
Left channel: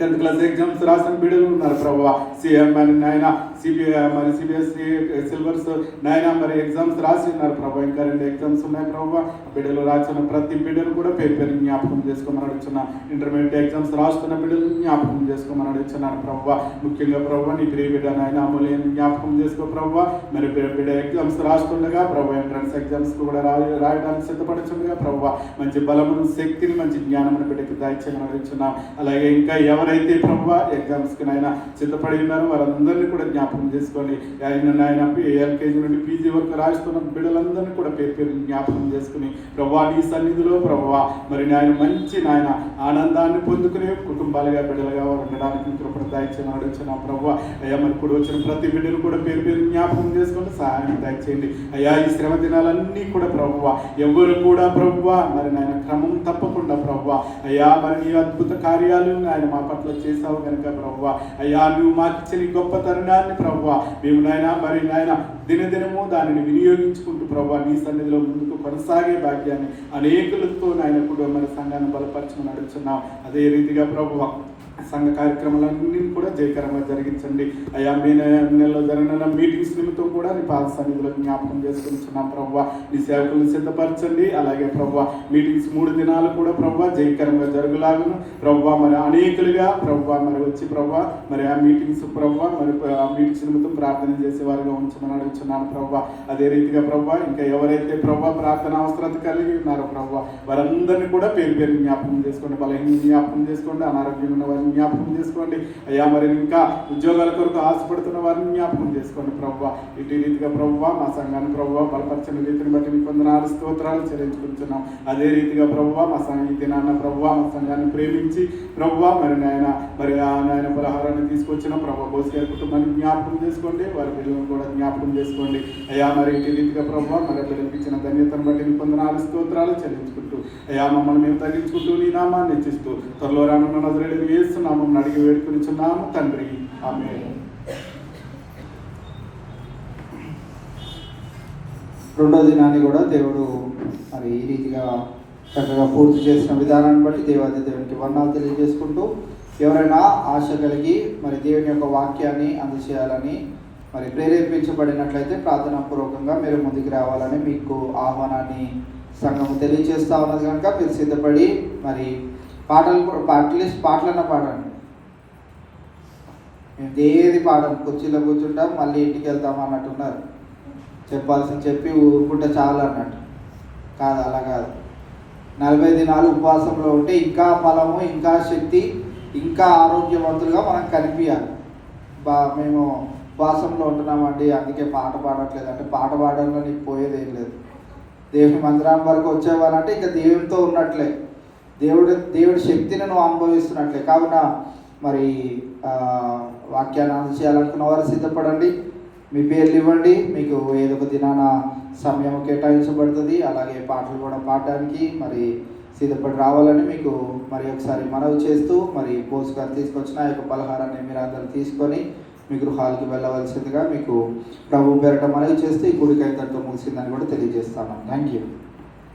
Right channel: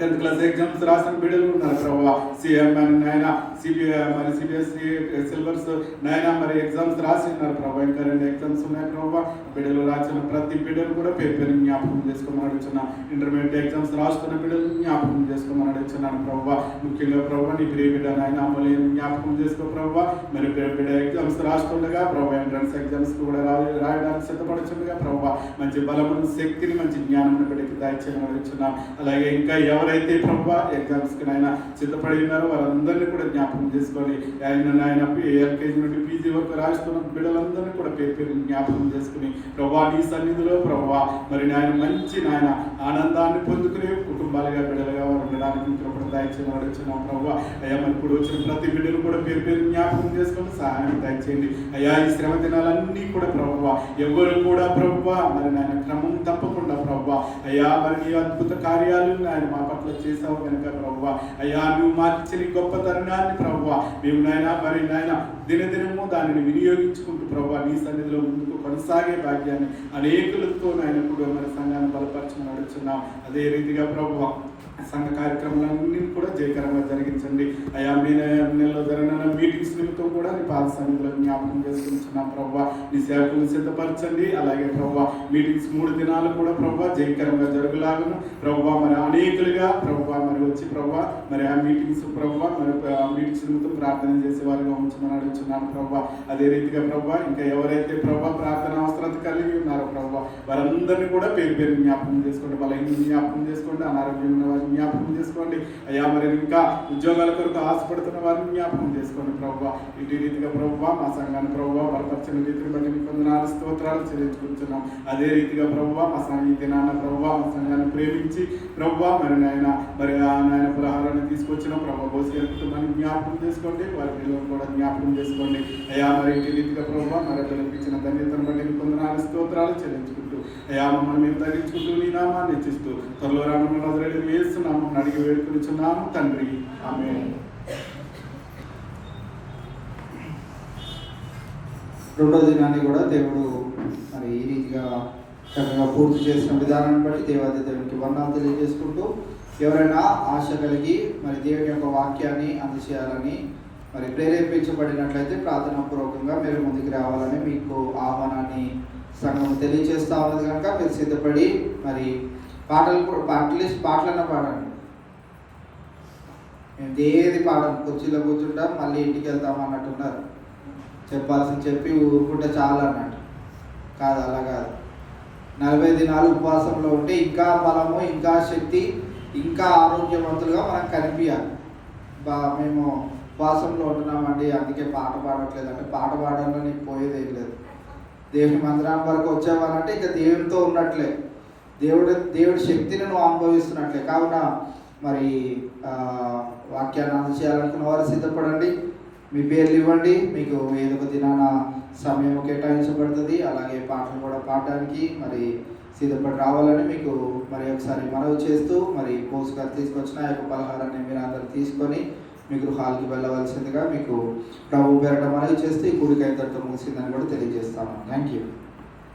10th క్లాస్ ఎగ్జామ్స్ రాసిన బిడ్డలు ఉన్నారు ప్రభు. నాయన సిబిఎస్ఈ సిలబస్ నాయన మరి ఎగ్జామ్స్ రాసి ఉన్నారు ప్రభు. ఇంకా 2 ఎగ్జామ్స్ ఉన్నాయి ప్రభు. బిడ్డలు రాసిన ప్రతి బిడ్డలు కూడా పేరు పేరు జ్ఞాపకం చేసుకోమని అడుగుతున్నాం. ఇంటర్మీడియట్ ఎగ్జామ్స్ రాస్తున్న బిడ్డలు జ్ఞాపకం చేసుకోమని అడుగుతున్నాను ప్రభు. ముఖ్యంగా ప్రభు నీ ప్రియ బిడ్డ నాయన అమూల్యం జ్ఞాపకం చేసుకో ప్రభు. మరి బిడ్డ ఎగ్జామ్స్ రాస్తుండగా ప్రభు ఎంట్రన్స్ ఎగ్జామ్స్ కూడా రాయడానికి సిద్ధపడుతుండగా ప్రభు మంచి బలమును శక్తిని మంచి జ్ఞానమును బిడ్డకి దయచేయమని అడుగుతున్నాం. అలాగే ఇంకా ఎవరైతే ప్రభు ఎగ్జామ్స్ కి నాయన సిద్ధపడి ఉన్నారో వారందరినీ కూడా జ్ఞాపకం చేసుకొని నాయన ఎల్కేజీ నుండి పీజీ వరకు రాస్తున్న బిడ్డలందరినీ కూడా పేరు పేరు జ్ఞాపకం చేసుకుని ప్రభు నీ సన్నిధిలో ప్రభు మరి నాయన మంచి నాయన ఆనందాన్ని పొందుకునే కుటుంబాలుగా బిడ్డలుగా ఉండడానికి కృపను దయచేయమని అడుగుతున్నాం ప్రభు. అయ్యా మరి ఇప్పుడు వచ్చిన ప్రతి బిడ్డలు కూడా పేరు పేరు జ్ఞాపకం చేసుకొని సహాయం దయచేయండి అయ్యా. ఈ శ్రమ దినాలన్నీ కూడా ప్రభు ఎవరు కూడా ప్రభు మరి నాయన క్రమం తప్పకుండా ప్రభు అయ్యా మరి నీ అద్భుత కార్యాలు ఆయన మా పట్ల చేసావు కనుక ప్రభు అయ్యా నువ్వు మాకు ఇచ్చిన గొప్ప తరుణాన్ని ప్రభు మేము నాయన మరి నాయన దినదినము దానిని వినియోగించుకుంటూ ప్రభు నీ సన్నిధిలో ముందుకు కొనసాగే భాగ్యాన్ని అనేకులతో నాయన కూడా మరి సంఘాన్ని బలపరచమని అడుగుతున్నాం. అదే రీతిగా ప్రభు సంఘ కార్యక్రమాలన్నీ కూడా జయకరంగా జరిగించండి అయ్యా. మీ నెలలో జరిగిన మీటింగ్స్ నిమిత్తం కూడా నీ పాద సన్నిధిలో జ్ఞాపకం చేసుకుంటున్నాం ప్రభు. నీ సేవకులను సిద్ధపరచండి. అలాగే ప్రభు మీటింగ్స్ 3 దినాలు కూడా ప్రభు జయకరంగా జరుగులాగును ప్రభు. మరి అనేకులుగా ప్రభు మరి వచ్చి ప్రభు మరి ఆ మీటింగ్స్ ప్రభు మరి ఆ మీటింగ్స్ నిమిత్తం ప్రార్థన చేసే వారిగా ఉంచమని అడుగుతున్నాను ప్రభు. అదే రీతిగా ప్రభు ఇంకా ఎవరైతే ప్రభు ప్రార్థన అవసరత కలిగి ఉన్నారో ప్రభు వారందరినీ కూడా పేరు పేరు జ్ఞాపకం చేసుకోండి బలహీన జ్ఞాపకం చేసుకోండి, అనారోగ్యం ఉన్న వారిని జ్ఞాపకం చేసుకోండి అయ్యా. మరి ఇంకా ఉద్యోగాల కొరకు ఆశపడుతున్న వారిని జ్ఞాపకం చేసుకోండి ప్రభువా. ఇటు రీతిగా ప్రభువా మా సంఘాన్ని ప్రభువా బలపరచని రీతిని బట్టి మీకు వందనాలు స్తోత్రాలు చెల్లించుకుంటున్నాం. అదే రీతిగా ప్రభువా మా సంఘ నాన్న ప్రభువా మా సంఘాన్ని ప్రేమించి ప్రభువా మరి నాయన పలహారాన్ని తీసుకొచ్చిన ప్రభు బోస్ గారి కుటుంబాన్ని జ్ఞాపకం చేసుకోండి, వారి పిల్లలను కూడా జ్ఞాపకం చేసుకోండి అయ్యా. మరి ఇటు రీతిగా ప్రభువా మరి పిల్లలకి ఇచ్చిన ధన్యతను బట్టి మీకు వందనాలు స్తోత్రాలు చెల్లించుకుంటూ అయ్యా మమ్మల్ని మేము తగ్గించుకుంటూ నీ నామాన్ని హెచ్చిస్తూ త్వరలో రానున్న నజరేయుడు యేసు నామమున అడిగి వేడుకొనిచున్నాము తండ్రి, ఆమేన్. రెండో దినాన్ని కూడా దేవుడు మరి ఈ రీతిగా చక్కగా పూర్తి చేసిన విధానాన్ని బట్టి దేవునికి వర్ణాలు తెలియజేసుకుంటూ ఎవరైనా ఆశ కలిగి మరి దేవుని యొక్క వాక్యాన్ని అందజేయాలని మరి ప్రేరేపించబడినట్లయితే ప్రార్థనాపూర్వకంగా మీరు ముందుకు రావాలని మీకు ఆహ్వానాన్ని సంఘం తెలియజేస్తూ ఉన్నది కనుక మీరు సిద్ధపడి మరి అట్లీస్ట్ పాటలన్నా పాడండి. మేము ఏది పాడం, కుర్చీలో కూర్చుంటాం మళ్ళీ ఇంటికి వెళ్తాం అన్నట్టున్నారు. చెప్పాల్సింది చెప్పి ఊరుకుంటే చాలు అన్నట్టు కాదు, అలా కాదు. 40 దినాలు ఉపవాసంలో ఉంటే ఇంకా బలము, ఇంకా శక్తి, ఇంకా ఆరోగ్యవంతులుగా మనం కనిపించాలి. మేము ఉపవాసంలో ఉంటున్నామండి అందుకే పాట పాడట్లేదు అంటే పాట పాడడంలో నీకు పోయేది ఏం లేదు. దేవుని మందిరం వరకు వచ్చేవాళ్ళంటే ఇంకా దేవునితో ఉన్నట్లే, దేవుడి శక్తిని నువ్వు అనుభవిస్తున్నట్లే. కావున మరి వాక్యాన్ని అందజేయాలనుకున్న వారు సిద్ధపడండి, మీ పేర్లు ఇవ్వండి, మీకు ఏదో ఒక దినాన సమయం కేటాయించబడుతుంది. అలాగే పాటలు కూడా పాడడానికి మరి సిద్ధపడి రావాలని మీకు మరి ఒకసారి మనవి చేస్తూ మరి పోస్ట్ గారు తీసుకొచ్చిన యొక్క పలహారాన్ని మీరు అందరూ తీసుకొని మీ గృహాలకి వెళ్ళవలసిందిగా మీకు ప్రభు పేరట మనవి చేస్తూ ఈ కూడిక ఇంతటితో ముగిసిందని కూడా తెలియజేస్తాను. Thank you.